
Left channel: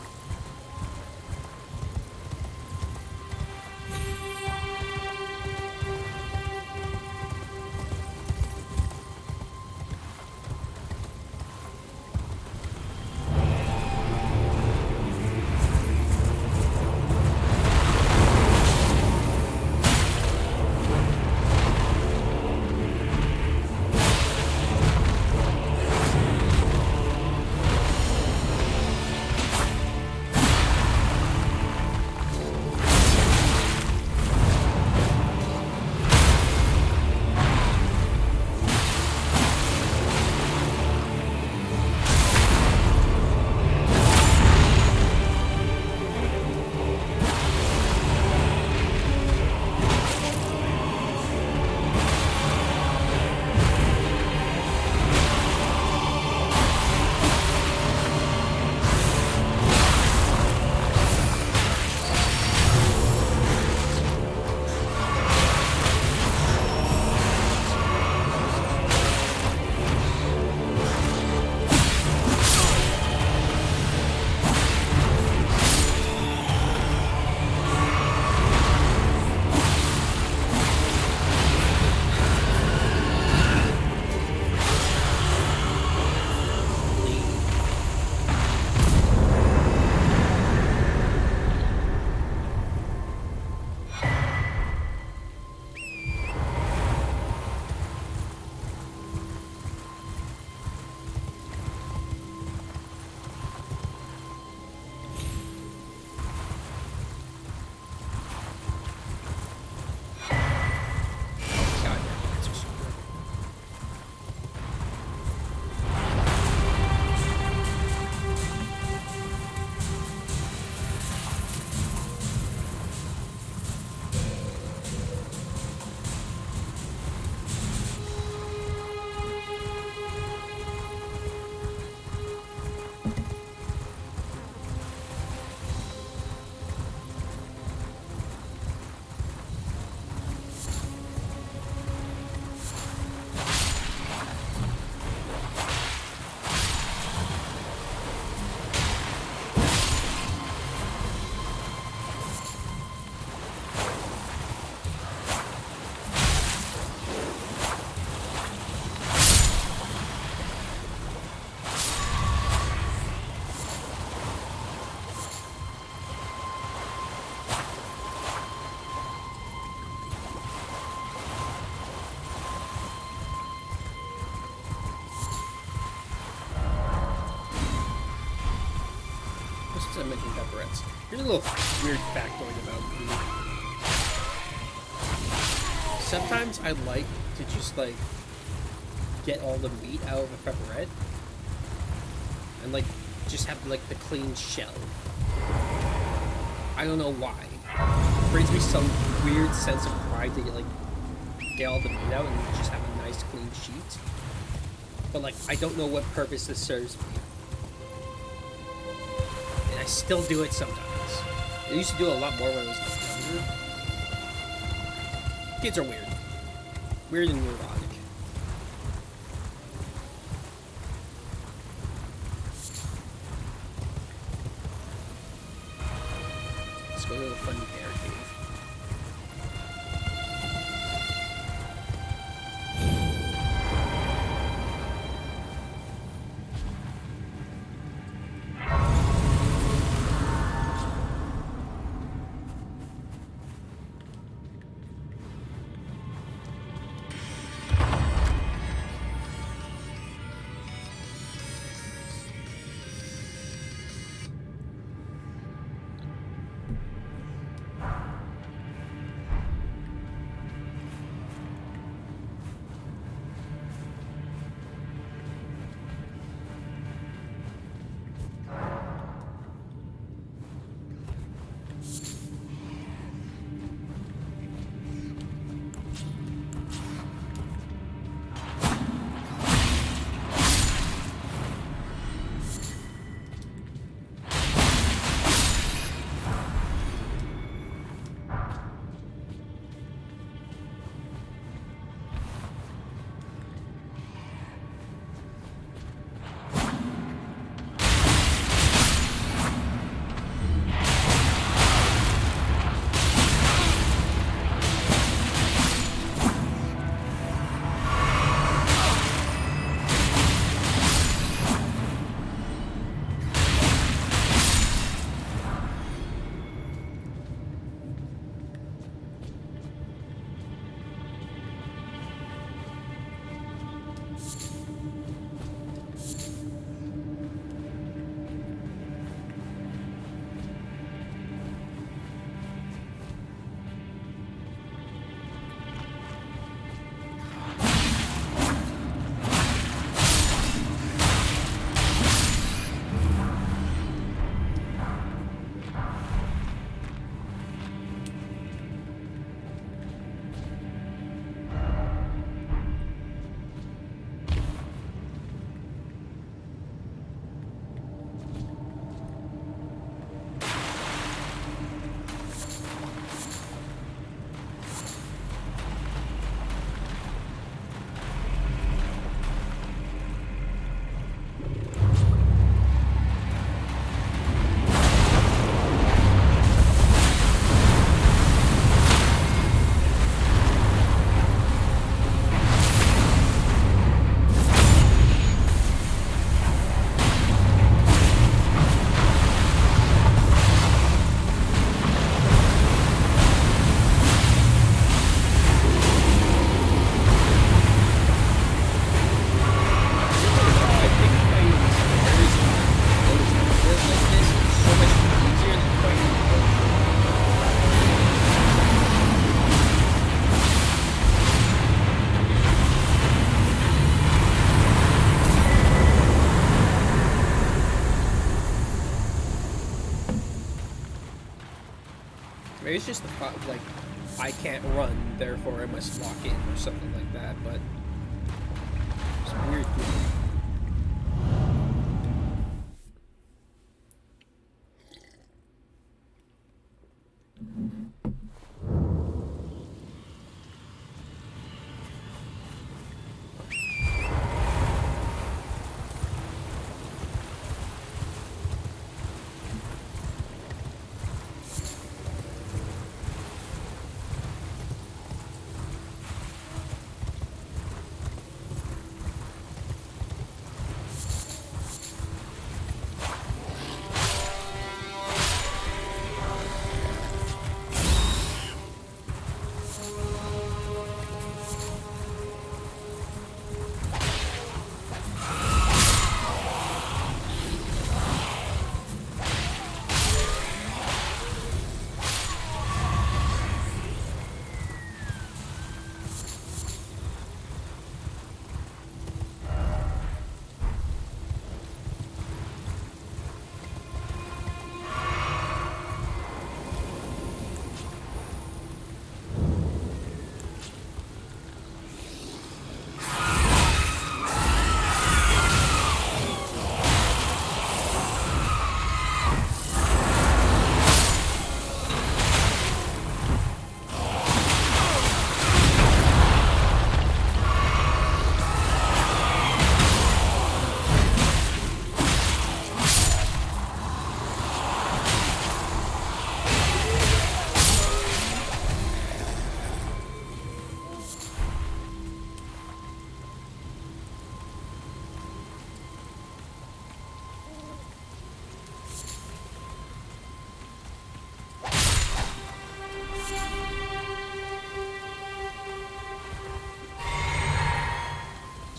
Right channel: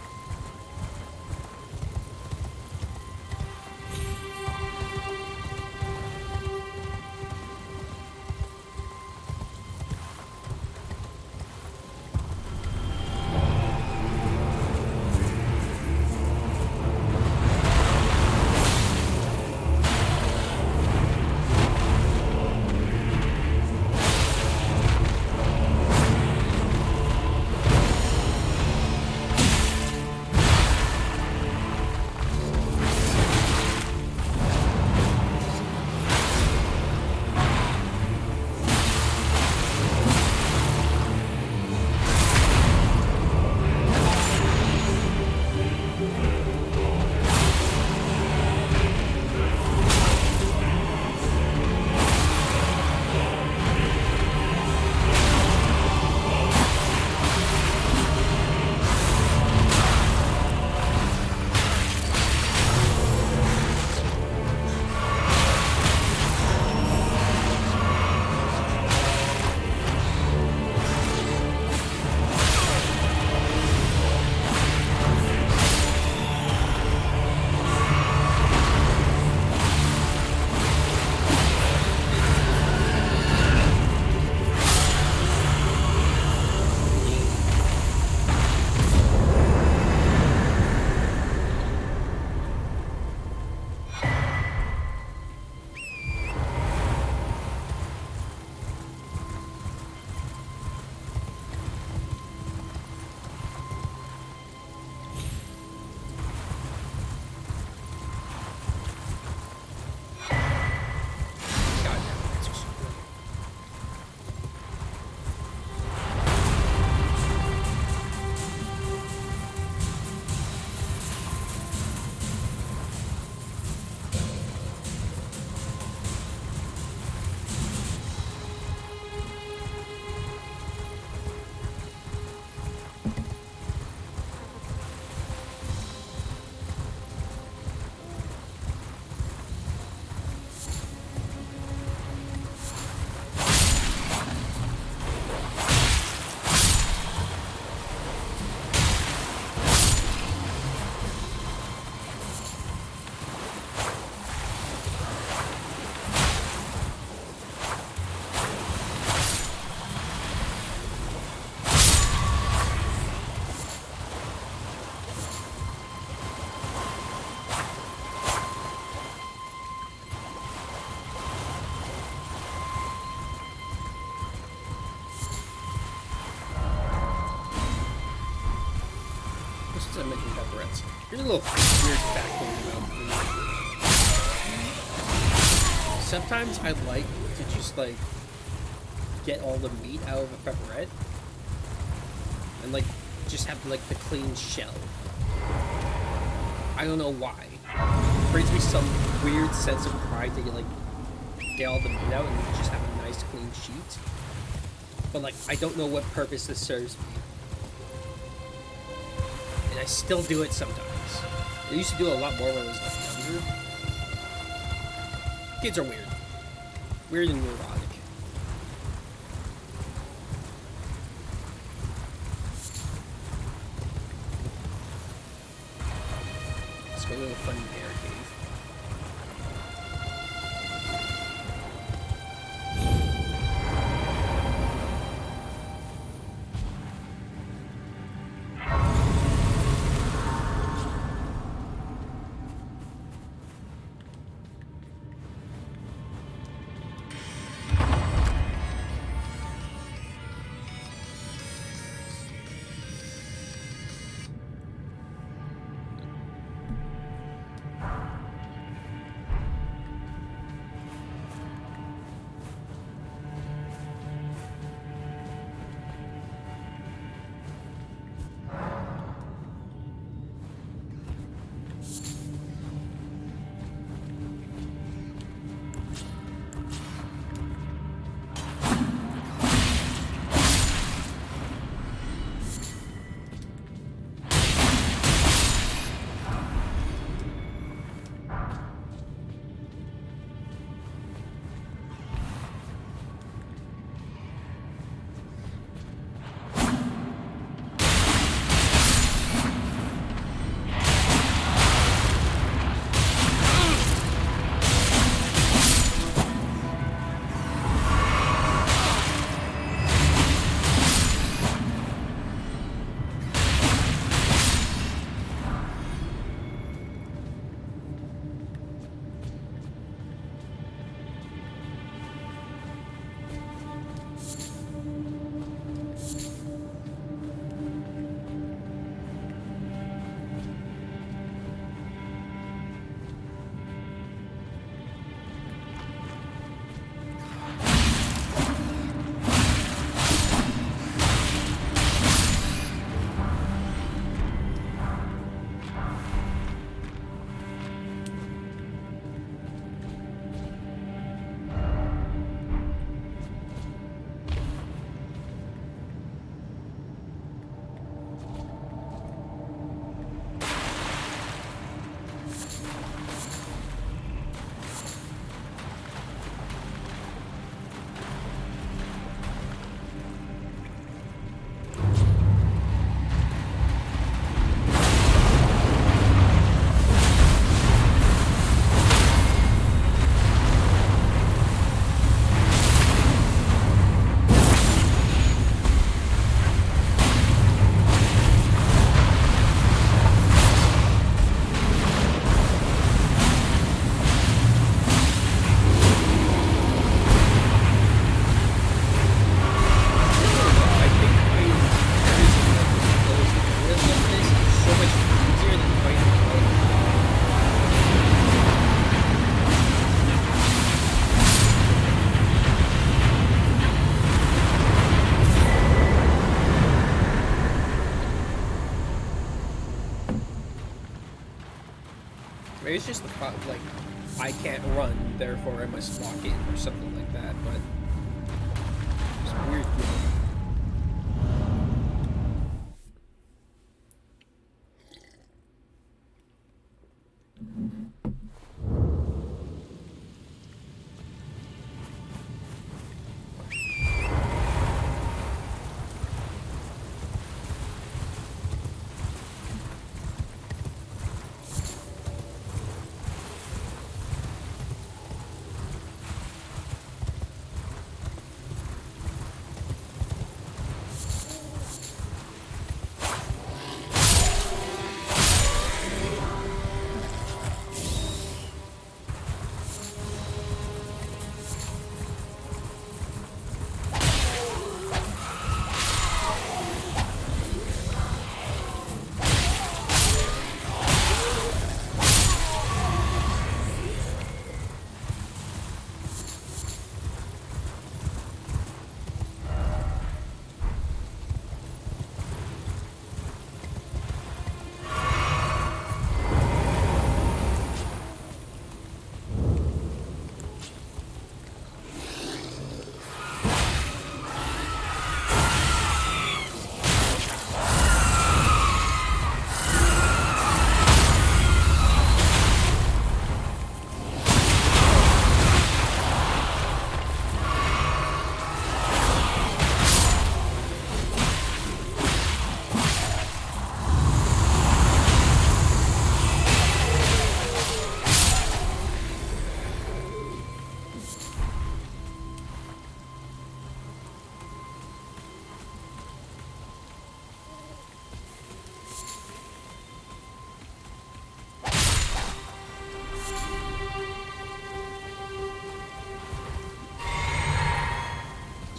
Since I mentioned pepperettes, here's a little weird factoid about meat. Sometimes I like to just like get all the meat out of a pepperette and like just have like the clean shell. I don't know why. It brings me some weird sense of pride that you like get all the meat out and you just have a nice clean sheet. But like I don't know what purpose this serves me. And I still do it sometimes. I used to do it a lot more when I was like younger. Kids are weird. Weird and neurotic. Let's go to the funny bear cave. Maybe it's just the like I can't run, therefore I must lock in or something like that. But it's a weird feeling.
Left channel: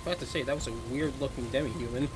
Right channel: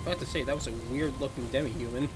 about to say, that was a weird looking demi-human.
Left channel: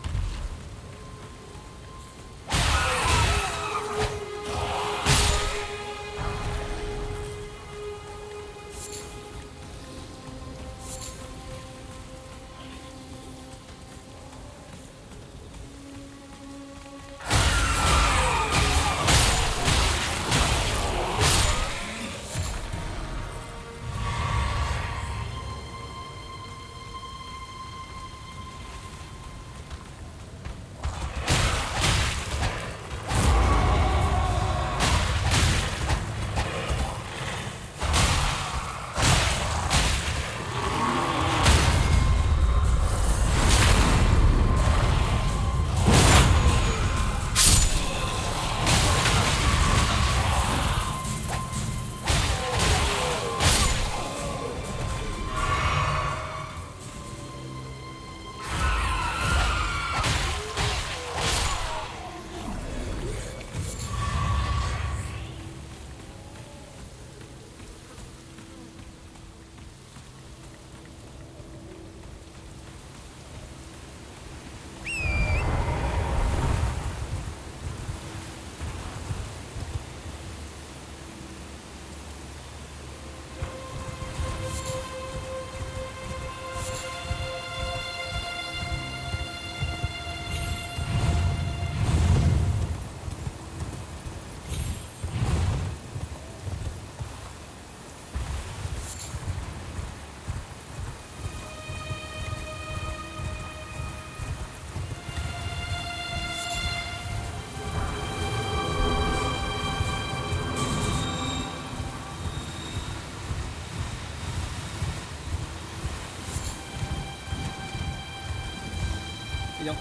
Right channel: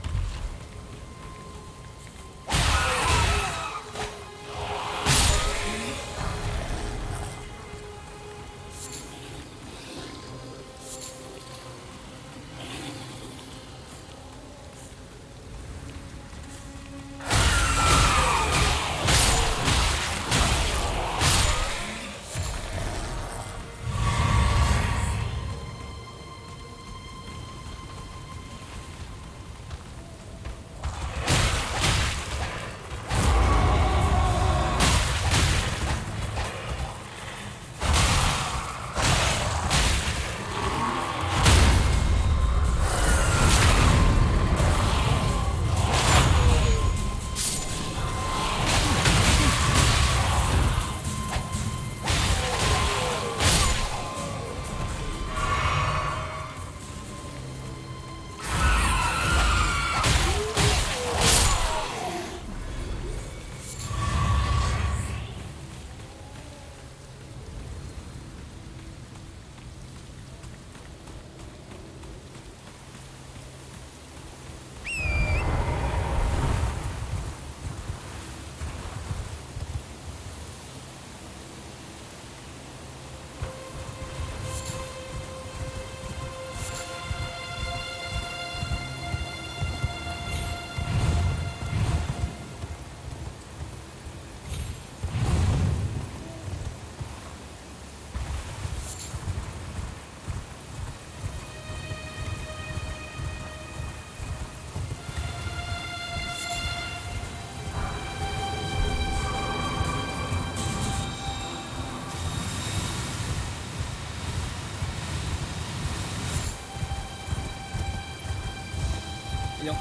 You know,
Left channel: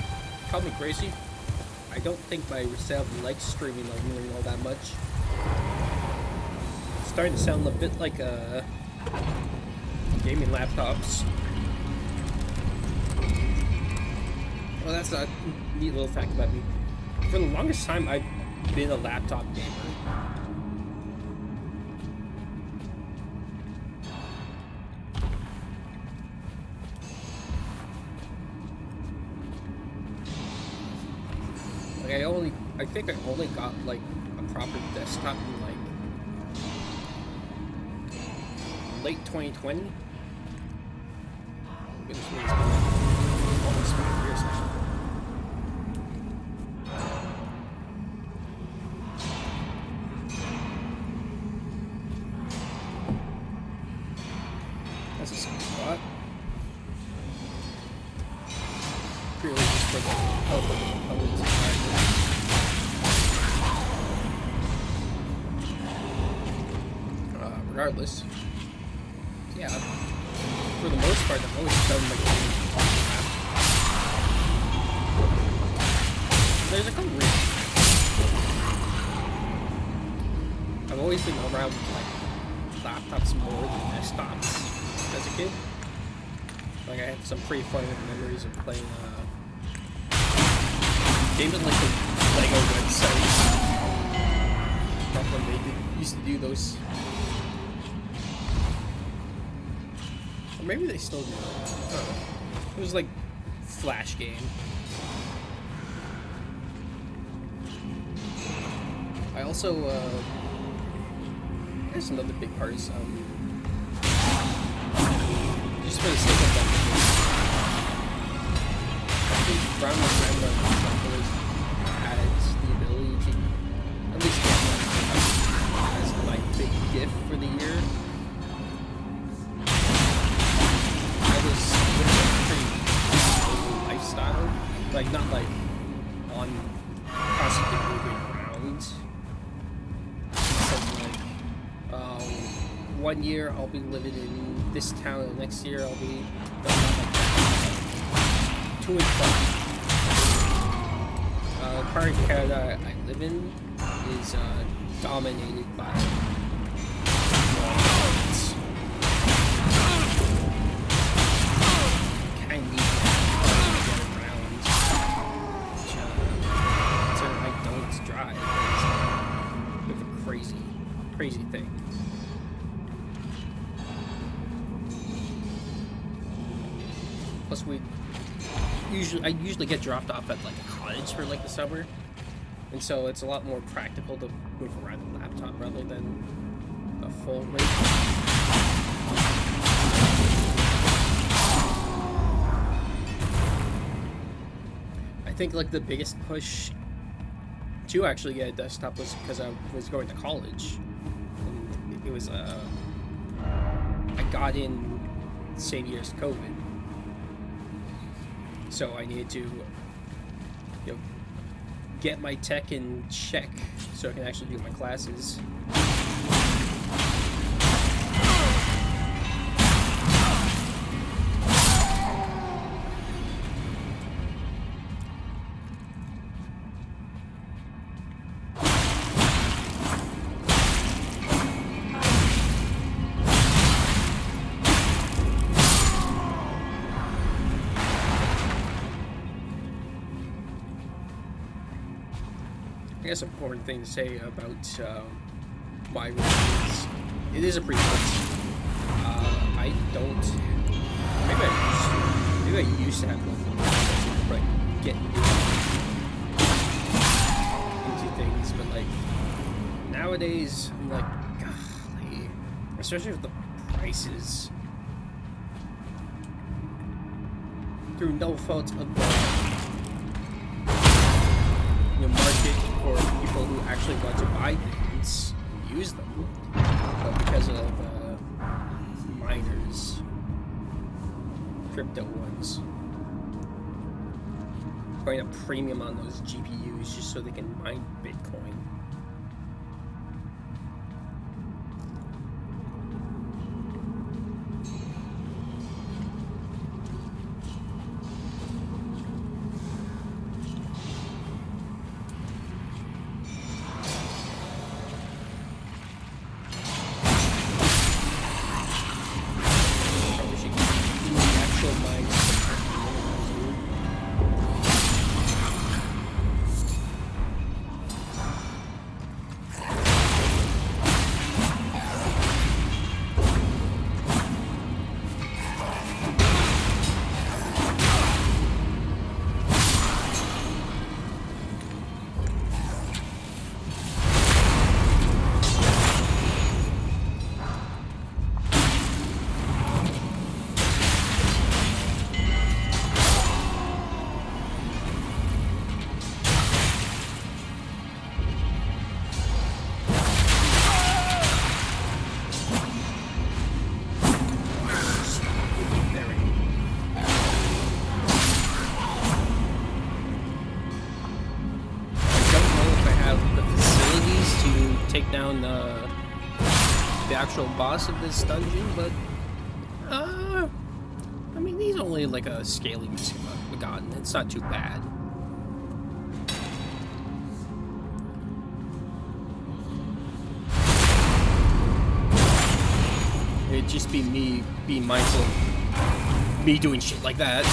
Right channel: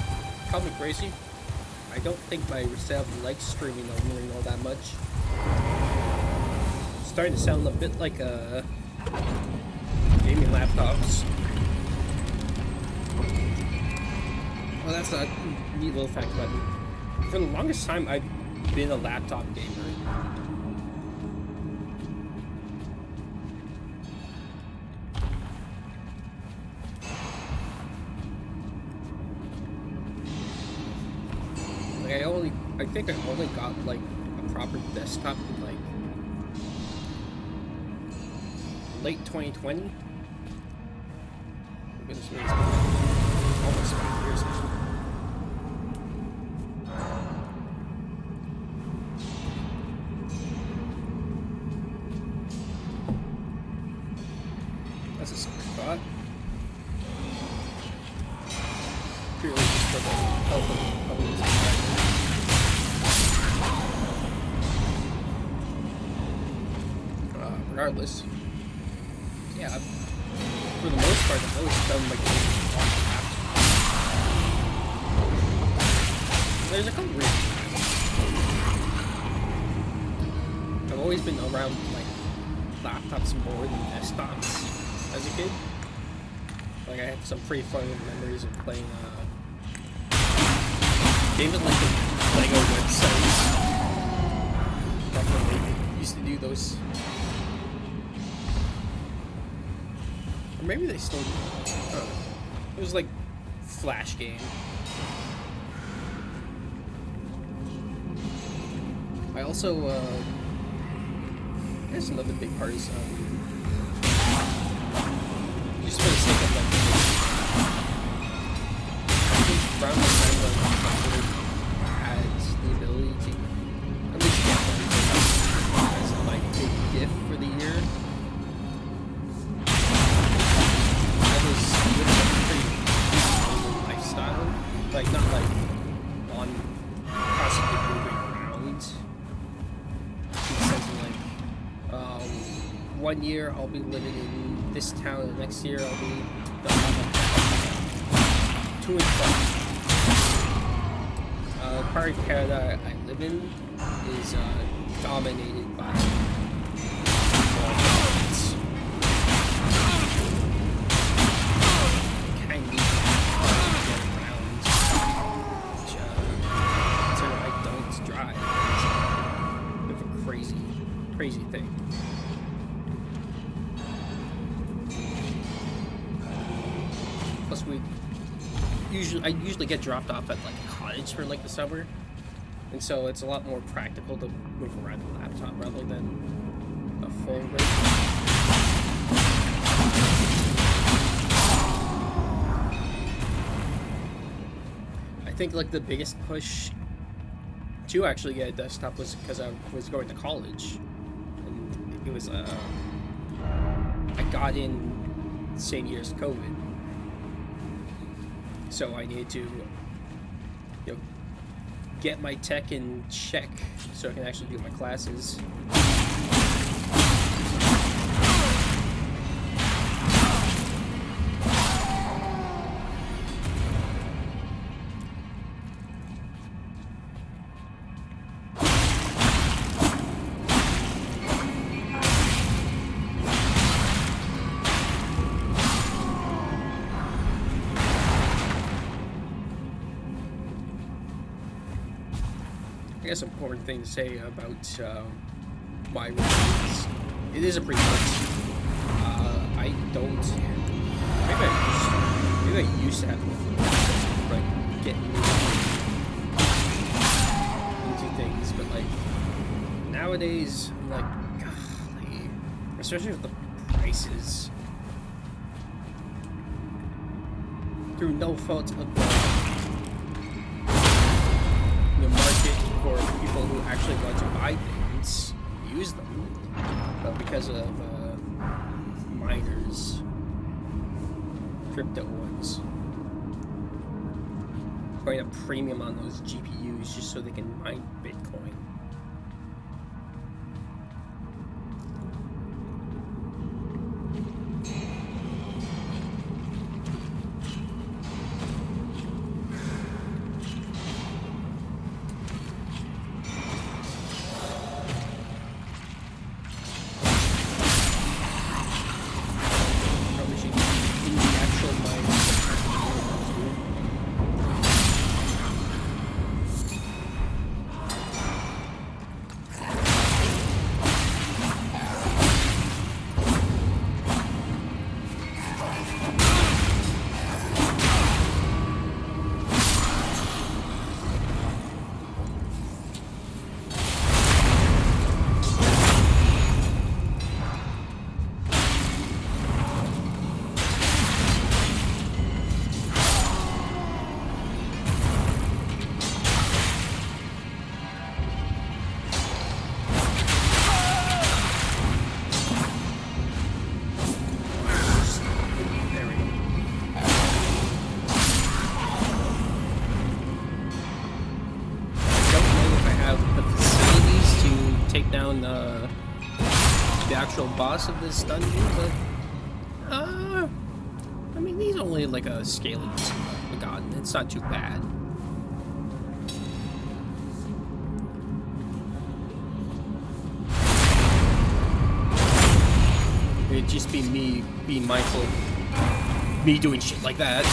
call me crazy. I don't think myself likes streaming Elden Ring all that much. It's starting to sound a bit like gaming laptops. Well, that's a neat little fact about me. For the longest time, I've been a laptop gamer. Like I think I only got like a proper desktop in like late 2020. Oh, goodness me, it's been like almost 5 years now. That's a spot. Purely just for the health of the components inside it. Regardless, yeah, for the most part, I've always done my games on the laptop. There's a couple reasons. I've always been around like laptops more than desktops as a kid. Like I have some pretty fun memories of playing games on like the Lego website. Back when they used to do those. Or maybe they still do. I don't know. It was like Flash game. I also I guess another big part is just for the sake of like I think around the time when I had the ability to at least get one as my big gift for the year. I was living a pretty stable lifestyle. Like not like on constantly moving around. In the sense of like 1 year I'll be living in this town, and the next year I'll be not like that. To and from. The part of Canada I live in is dominated by roads. Kind of need to get around, which considering I don't drive, is a bit of a crazy thing. Plus, I usually get dropped off at like a cottage for like the summer, and so it's a lot more practical to move around the laptop rather than a full rig. I think like the biggest push to actually get a desktop was because I was going to college, and it was I got in the same year as COVID, so I needed to, you know, get my tech in check so I can actually do my classes. I guess important thing to say about my review is it is a prequel. I don't. Maybe I used to have one of them, like getting into things, but like nowadays I'm like, golly, especially with the prices. Through no fault of the market for people who actually want to buy things and use them, but because of miners, crypto ones, putting a premium on those GPUs just so they can mine Bitcoin. In the actual mines dude. Take down the actual boss of this dungeon, but I mean, he's only like a scaling Magadon. It's not too bad. It'd just be me being mindful of me doing shit like that.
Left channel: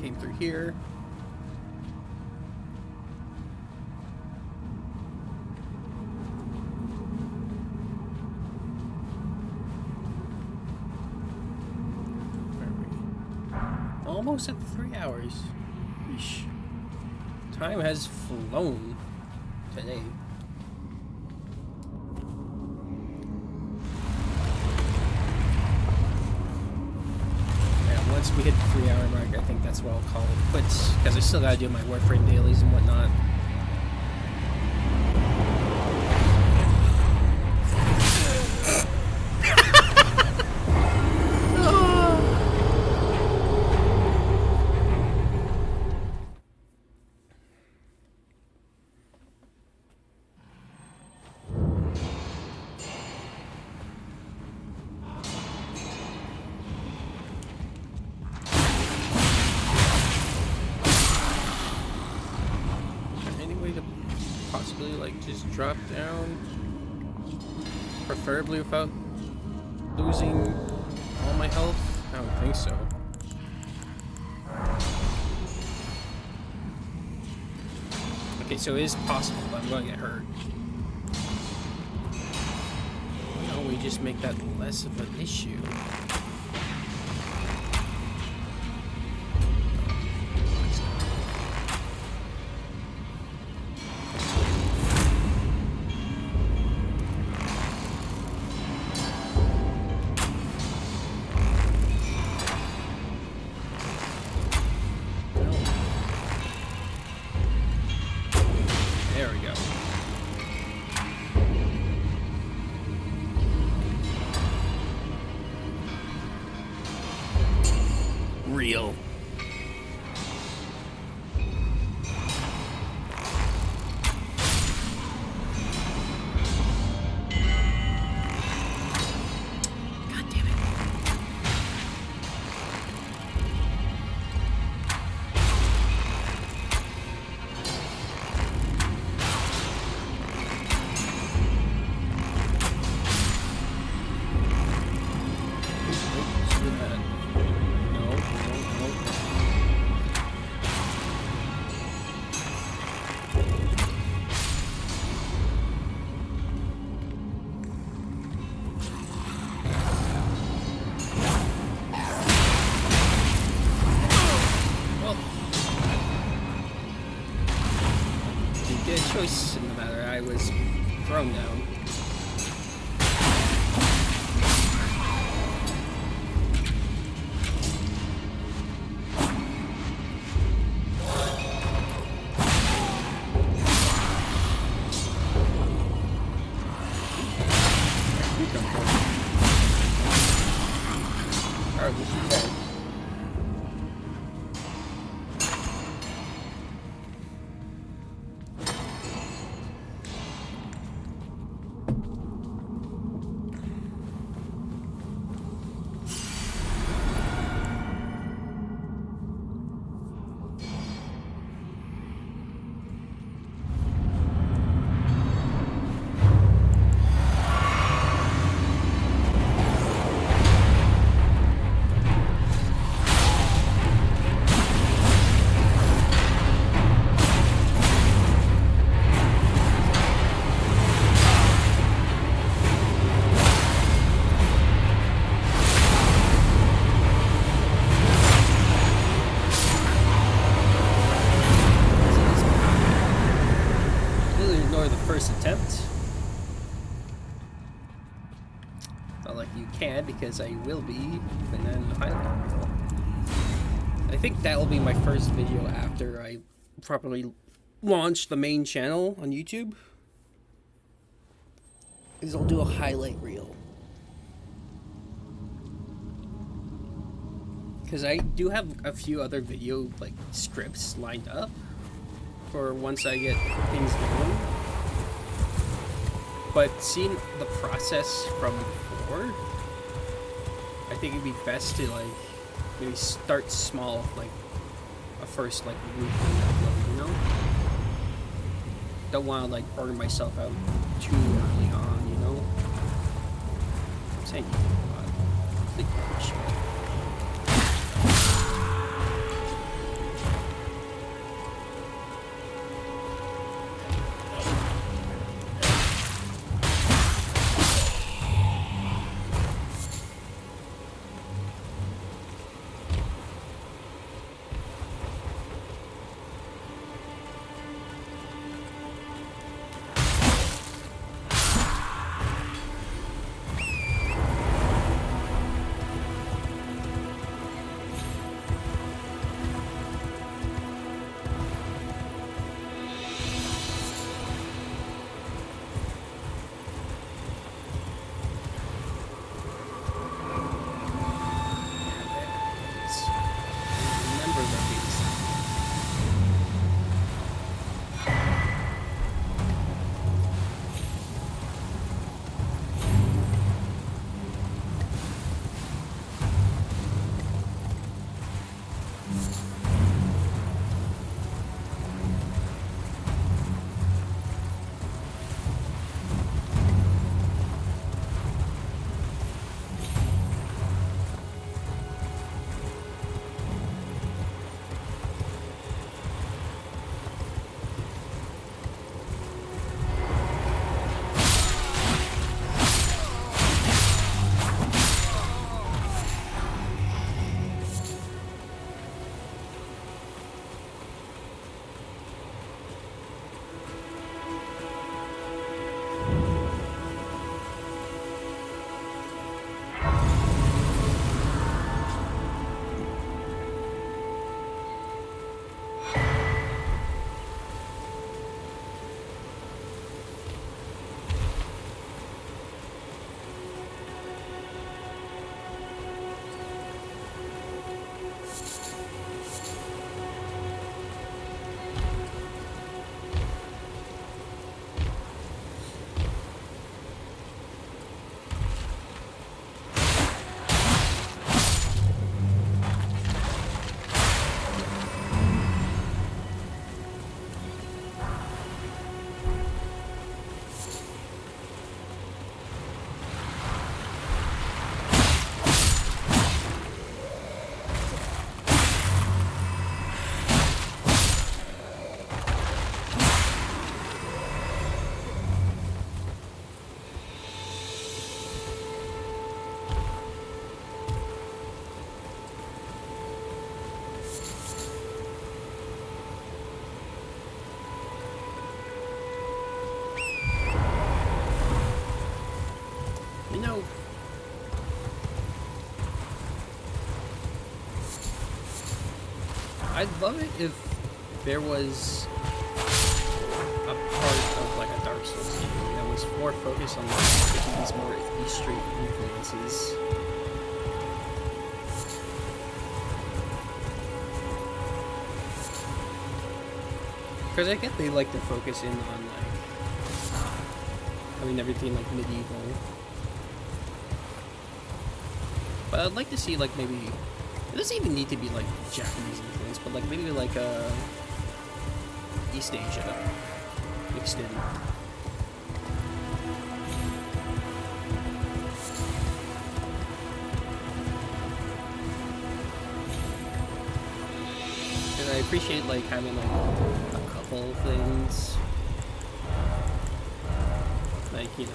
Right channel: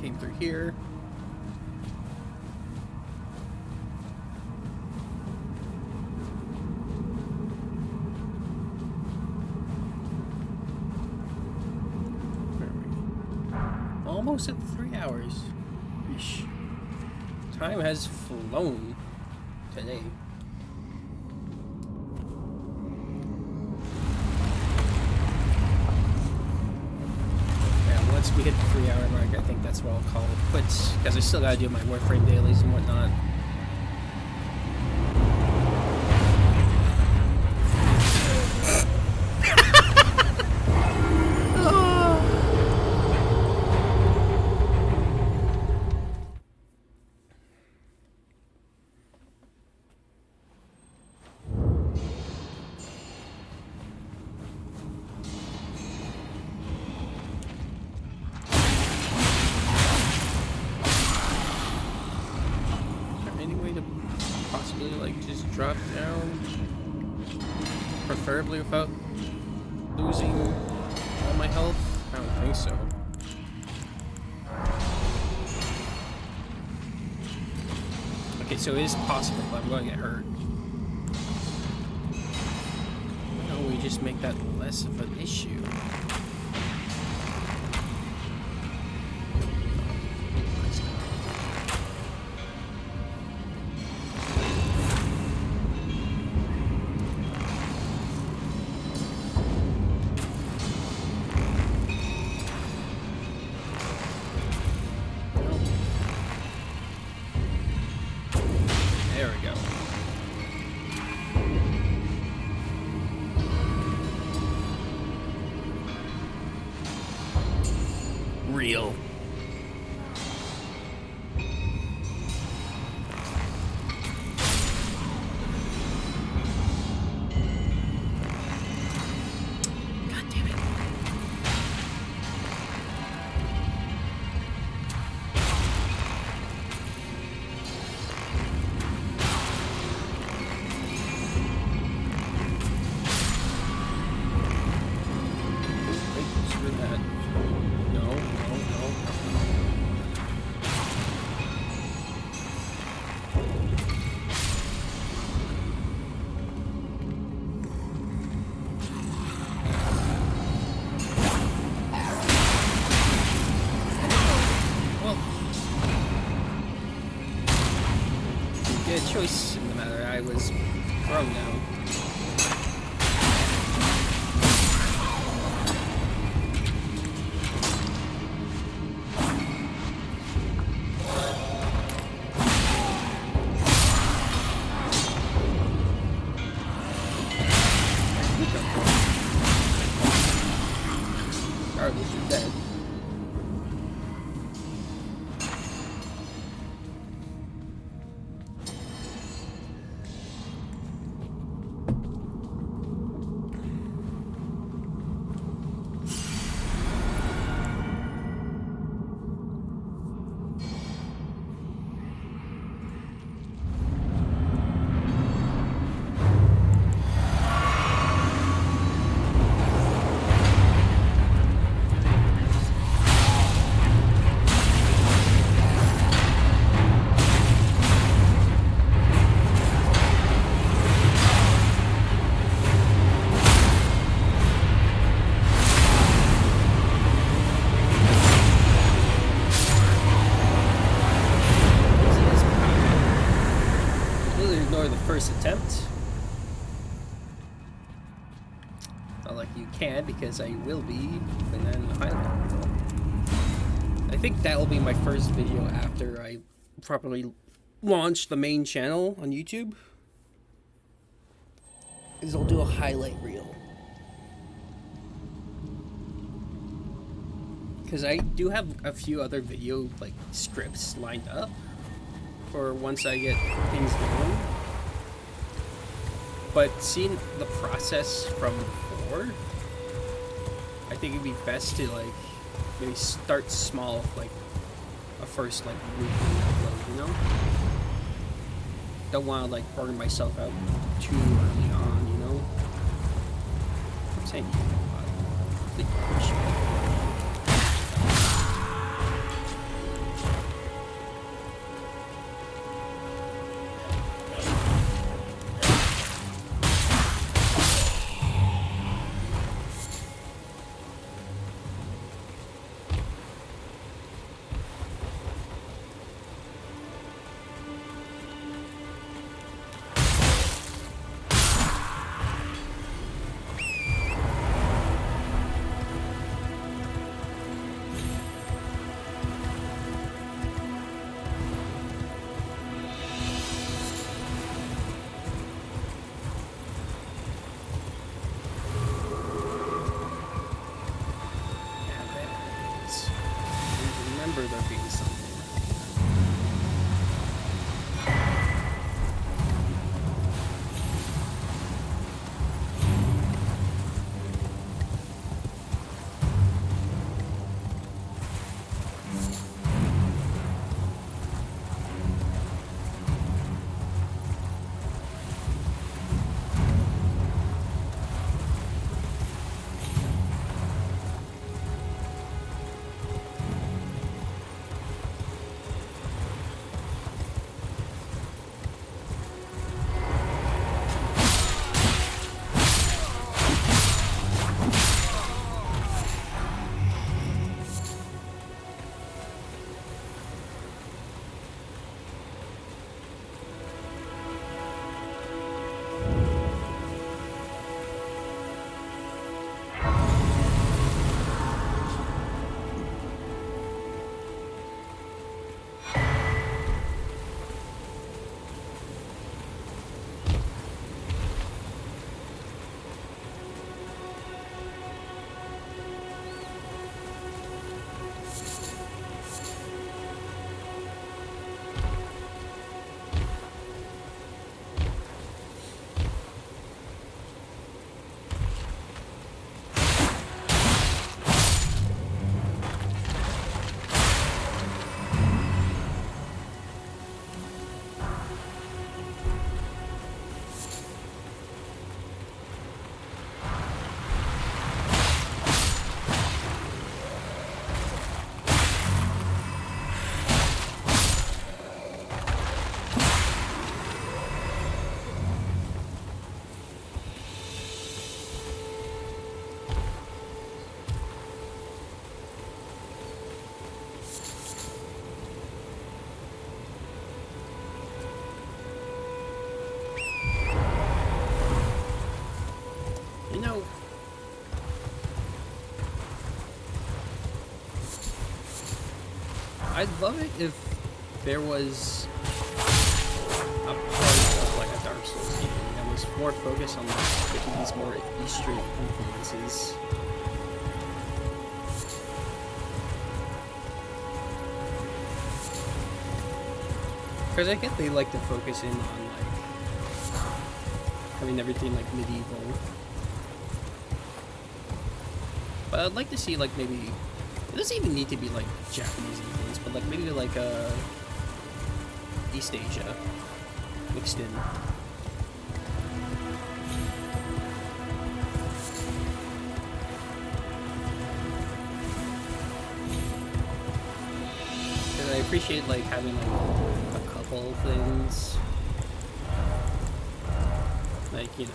Came through here. Where are we? Almost at 3 hours. Yeesh. Time has flown today. Once we hit the 3 hour mark, I think that's what I'll call it quits, because I still gotta do my Warframe dailies and whatnot. possibly like just drop down? Preferably without losing all my health? I don't think so. Okay, so it is possible, but I'm going to get hurt. Why don't we just make that less of an issue? There we go. Real. God damn it. Wait, screw that. No, no, no, no. Well, I didn't get a choice in the matter. I was thrown down. Regardless, you're dead. Ignore the first attempt. Not like you can, because I will be, and then highlight reel. I think that will be my first video after I properly launch the main channel on YouTube. Is I'll do a highlight reel. Because I do have a few other video like scripts lined up for once I get things going. But seeing the process from before, I think it'd be best to like maybe start small, like a first like weekly upload, you know? Don't want to like burn myself out too early on, you know? I'm saying you a lot. Complete garbage. Remember there being something. I'd love it if there was a part of like a Dark Souls game that was more focused on like taking these more Eastern influences. Because I get they like to focus in on like having everything like medieval. But I'd like to see like maybe it doesn't even need to be like Japanese influence, but like maybe like East Asia mixed in. Because I appreciate like having like a couple things, like you know.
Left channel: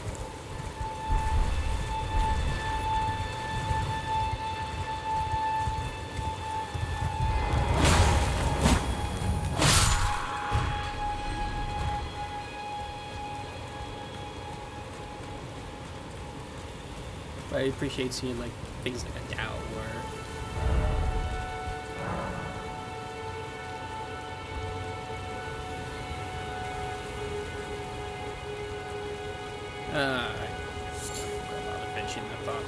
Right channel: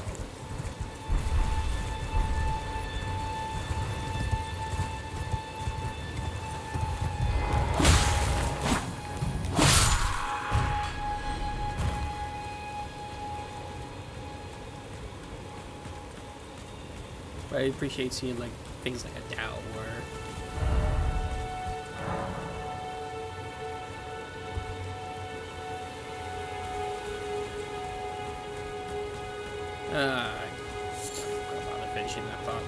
I appreciate seeing like things like a Dao or I forgot about finishing that thought.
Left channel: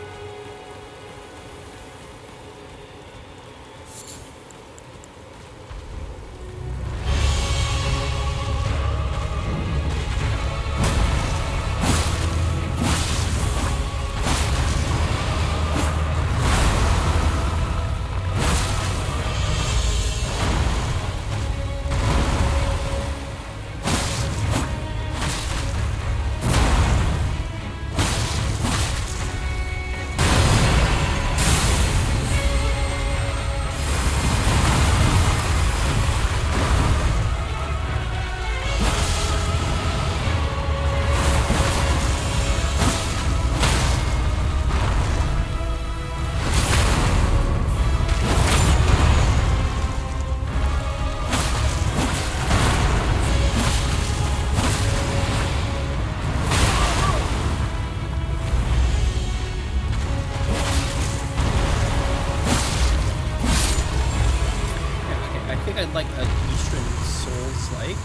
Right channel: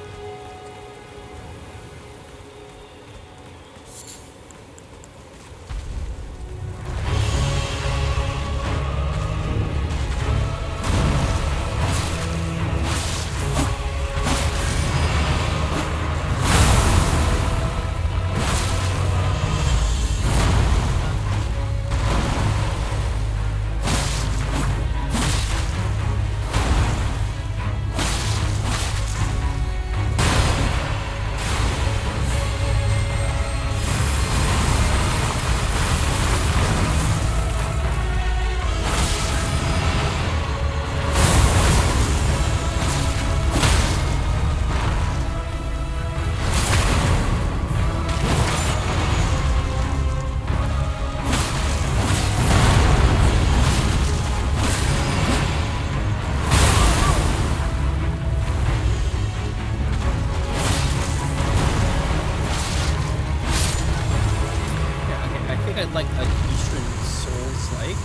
I'd like an Eastern Souls like,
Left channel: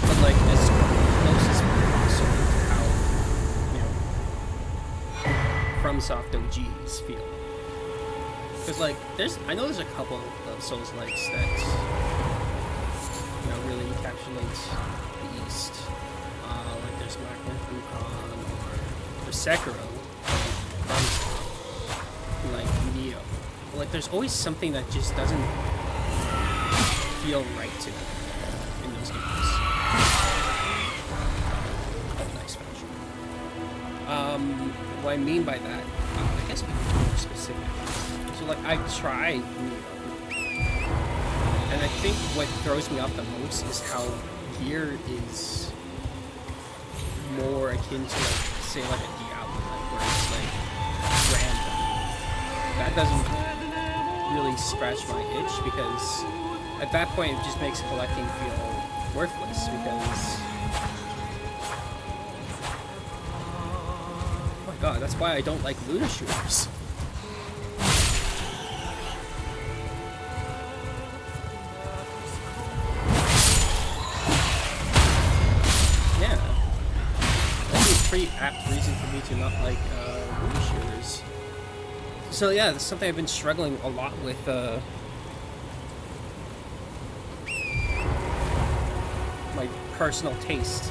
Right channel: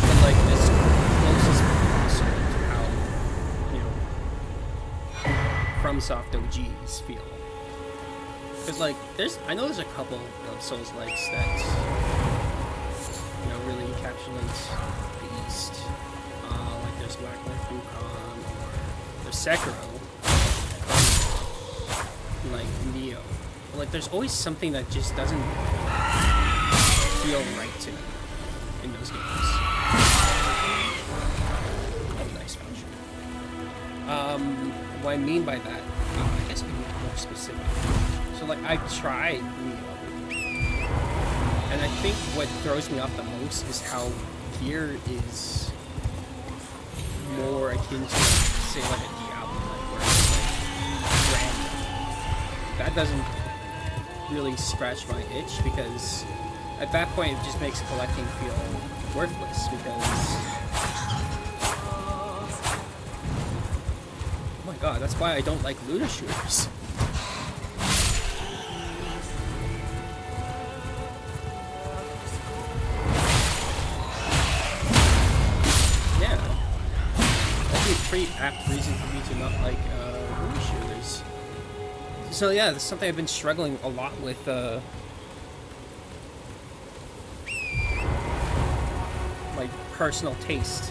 but like as close as possible to how, you know, FromSoft OGs feel. Because like I know there's a couple of Souls likes that, you know, really encapsulate the East. Like there's Wagner Fukan or there's Sekiro, like Neo. But like there's always something that just doesn't feel right to me in those games. Oh, nice fashion. What I mean by that, I guess I can be more specific. So, like, I tried Neo, and I think what throws me off the most is how gear is more akin to, say, like a Diablo, like, where it's like random. That doesn't really scratch my itch because at that point, it just makes collecting feel worthless because... Oh my god, that's why I don't like looter shooters. Yeah. That'd be a pretty apt reason for me to not like looter shooters. So yeah, that's something I've been struggling a lot with, my personal taste.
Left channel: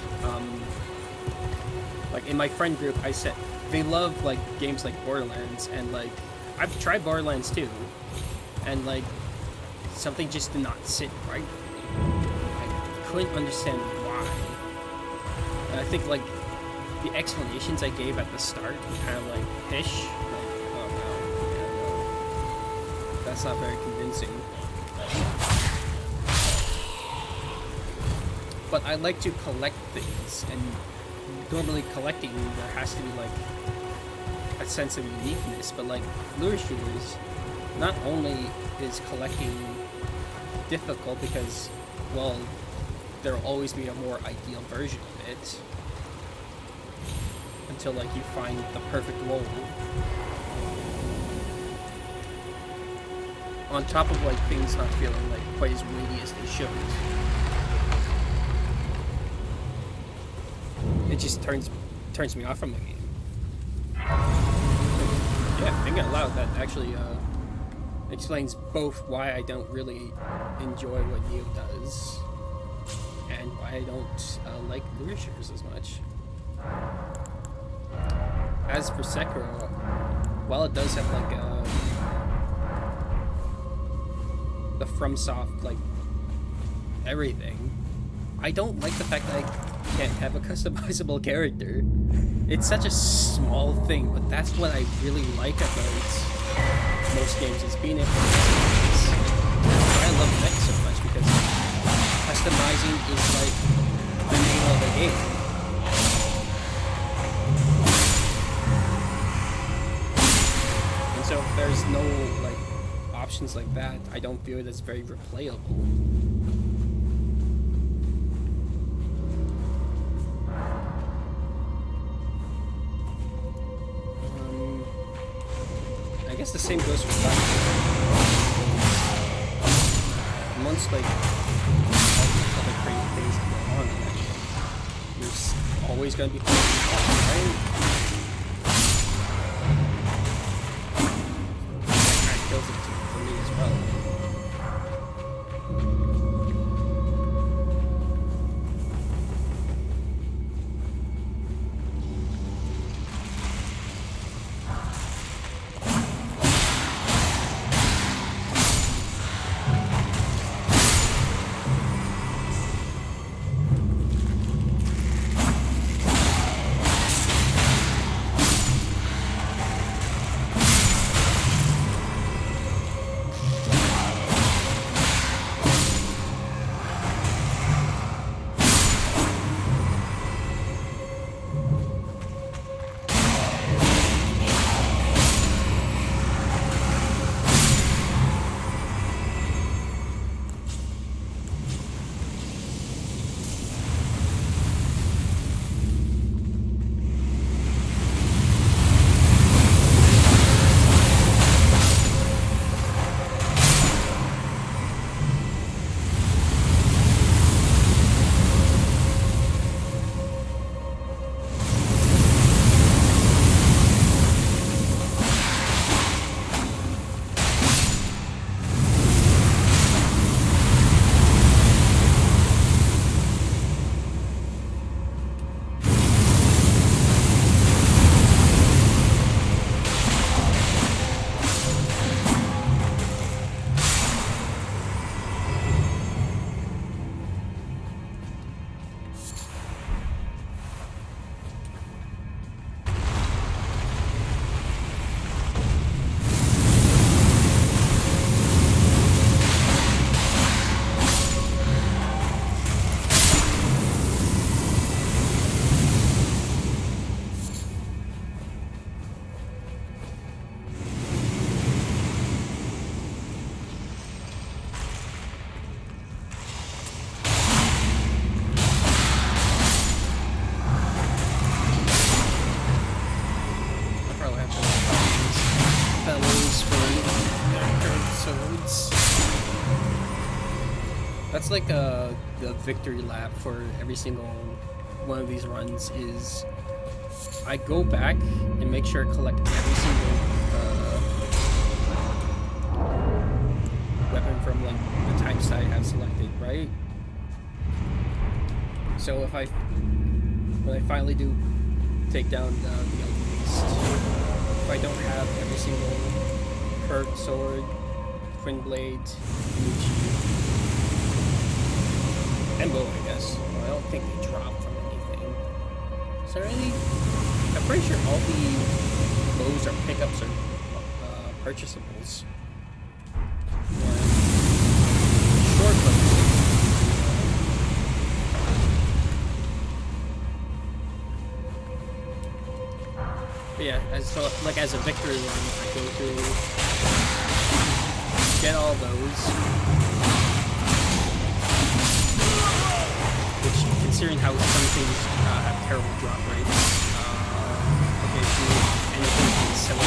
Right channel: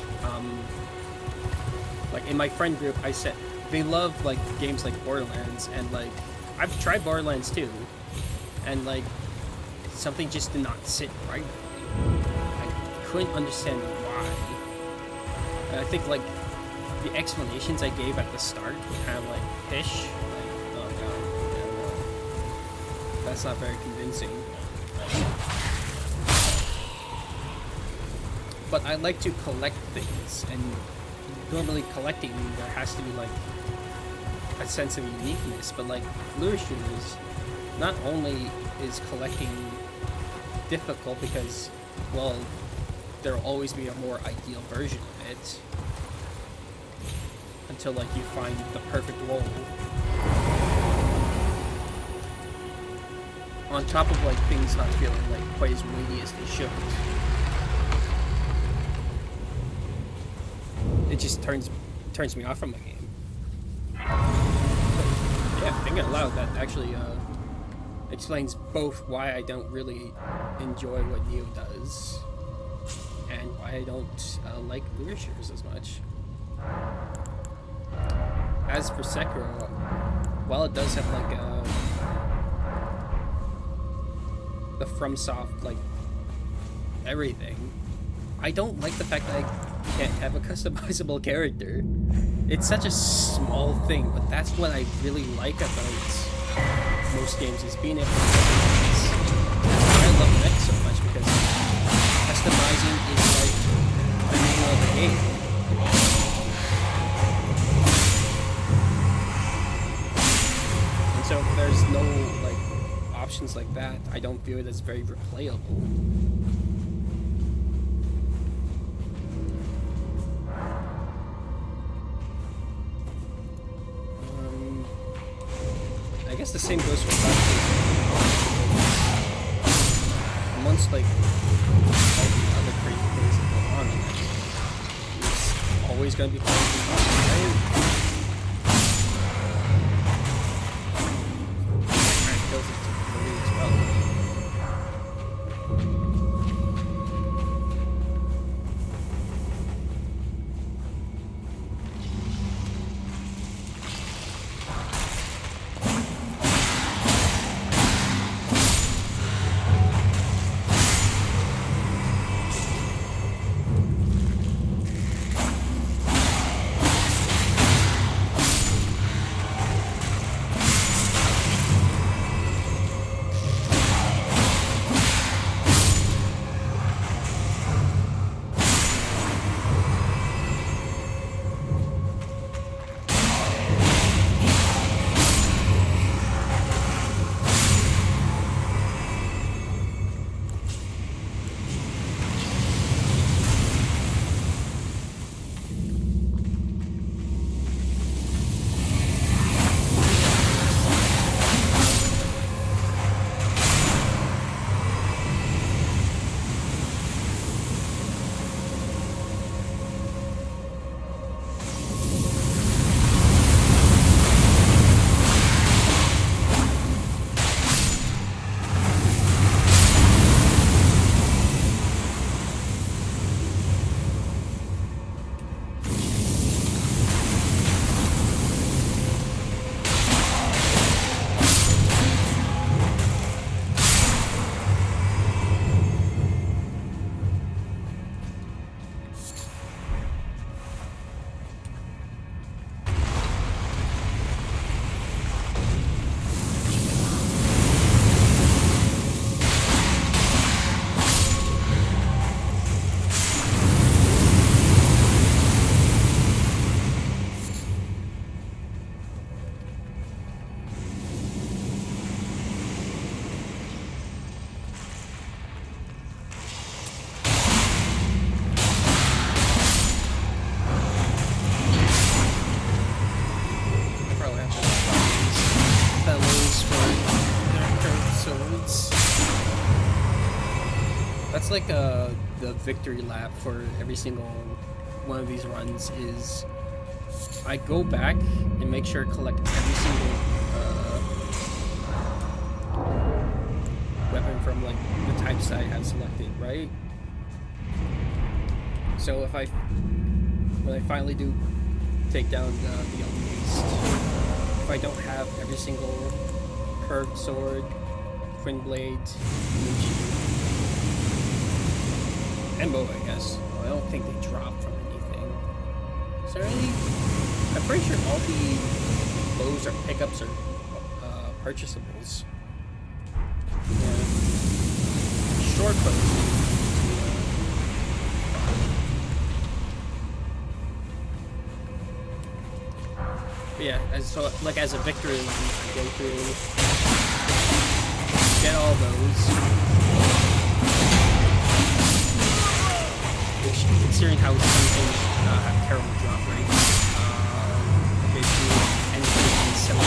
Like in my friend group, I said they love like games like Borderlands, and like I've tried Borderlands too, and like something just did not sit right with me. I couldn't understand why. And I think like the explanations I gave at the start were kind of like pish, like oh no, yeah no, that's not very convincing. But I like to collect things, and normally collecting, there has to be like a sense of uniqueness, but like lure shooters, not only is collecting difficult because, well, there'll always be a more ideal version of it until like you find the perfect role. on top of like things not feeling like quite as weighty as they should, it just turns me off from the game. So, yeah, thinking out loud, that actually explains both why I don't really enjoy what Neo does and why I don't like lure shooters as much. As for Sekiro, while it does have like the FromSoft like everything, I don't like the fact that I can't have a customizable character. It's such a small thing, but that's what I really like about most games, is being able to customize. I love mech so much because customizing is like the name of the game. And so if there's no like options like that, I don't feel it as very replayable. I guess the same goes for Black because amongst like all the other crazy things that go on in that game, there's always gonna be playing Recon, right? That kind of kills it for me as well. Swords. That's like the victory lap for every single one of these runs. Is I go back and make sure to collect every single weapon from like the types that I have selected, right? So when I finally do take down the Elden Beast, if I don't have every single curved sword, twin blade, Muchi, and bow, I guess. Well, I don't think they drop from anything. Is there any? I'm pretty sure all the bows or pickups are purchasables. Yeah. Short bows you need but yeah, as a victory run, I go through, get all those, which, considering how some things have terrible drop rates, okay, do anything from 7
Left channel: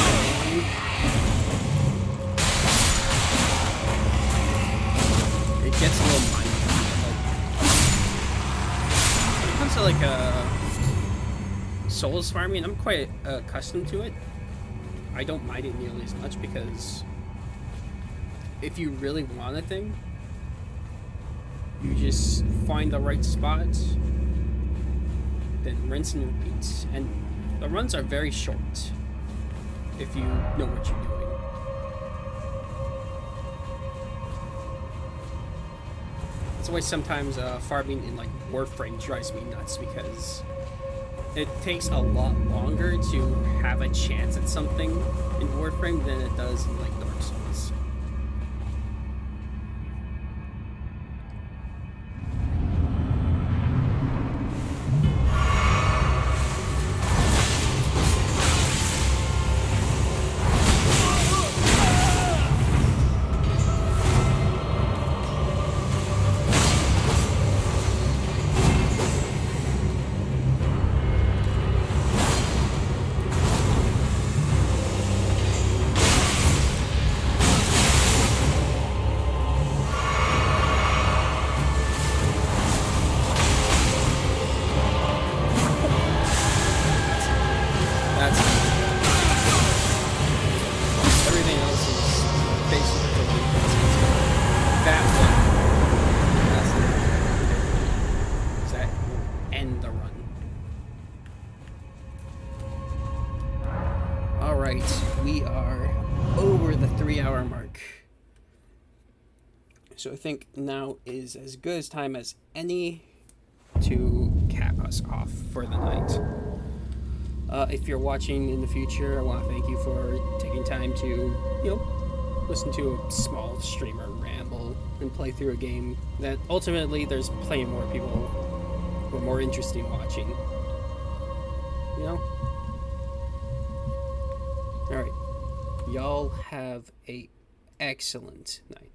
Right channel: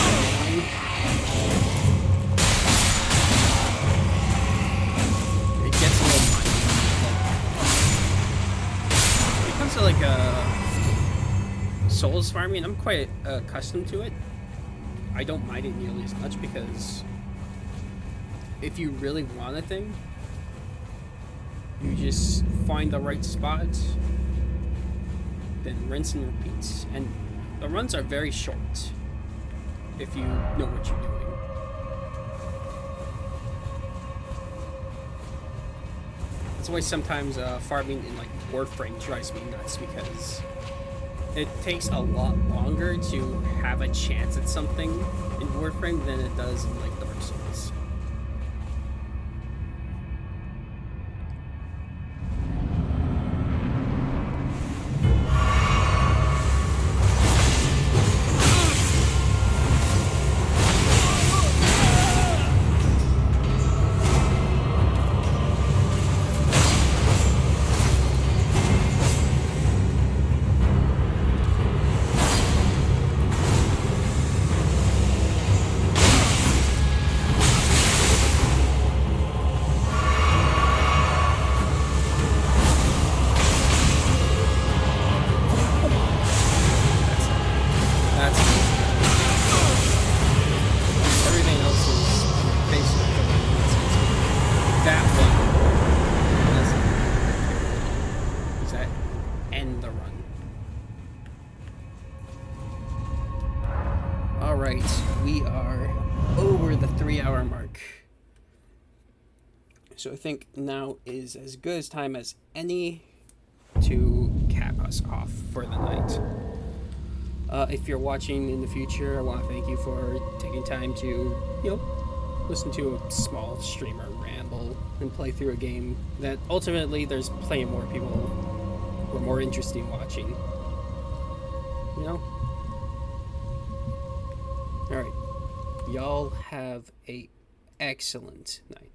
gets a little mindy. Like, when it comes to like souls farming, I'm quite accustomed to it. I don't mind it nearly as much because if you really want a thing, you just find the right spot, then rinse and repeat. And the runs are very short if you know what you're doing. That's why sometimes farming in like Warframe drives me nuts, because it takes a lot longer to have a chance at something in Warframe than it does in like Dark Souls. That's everything else is basically that one. That's careful, because that will end the run. All right, we are over the 3-hour mark, so I think now is as good as time as any to cap us off for the night. If you're watching in the future, I want to thank you for taking time to, listen to a small streamer ramble and play through a game that ultimately there's plenty more people who are more interested in watching. Alright. Y'all have a excellent night.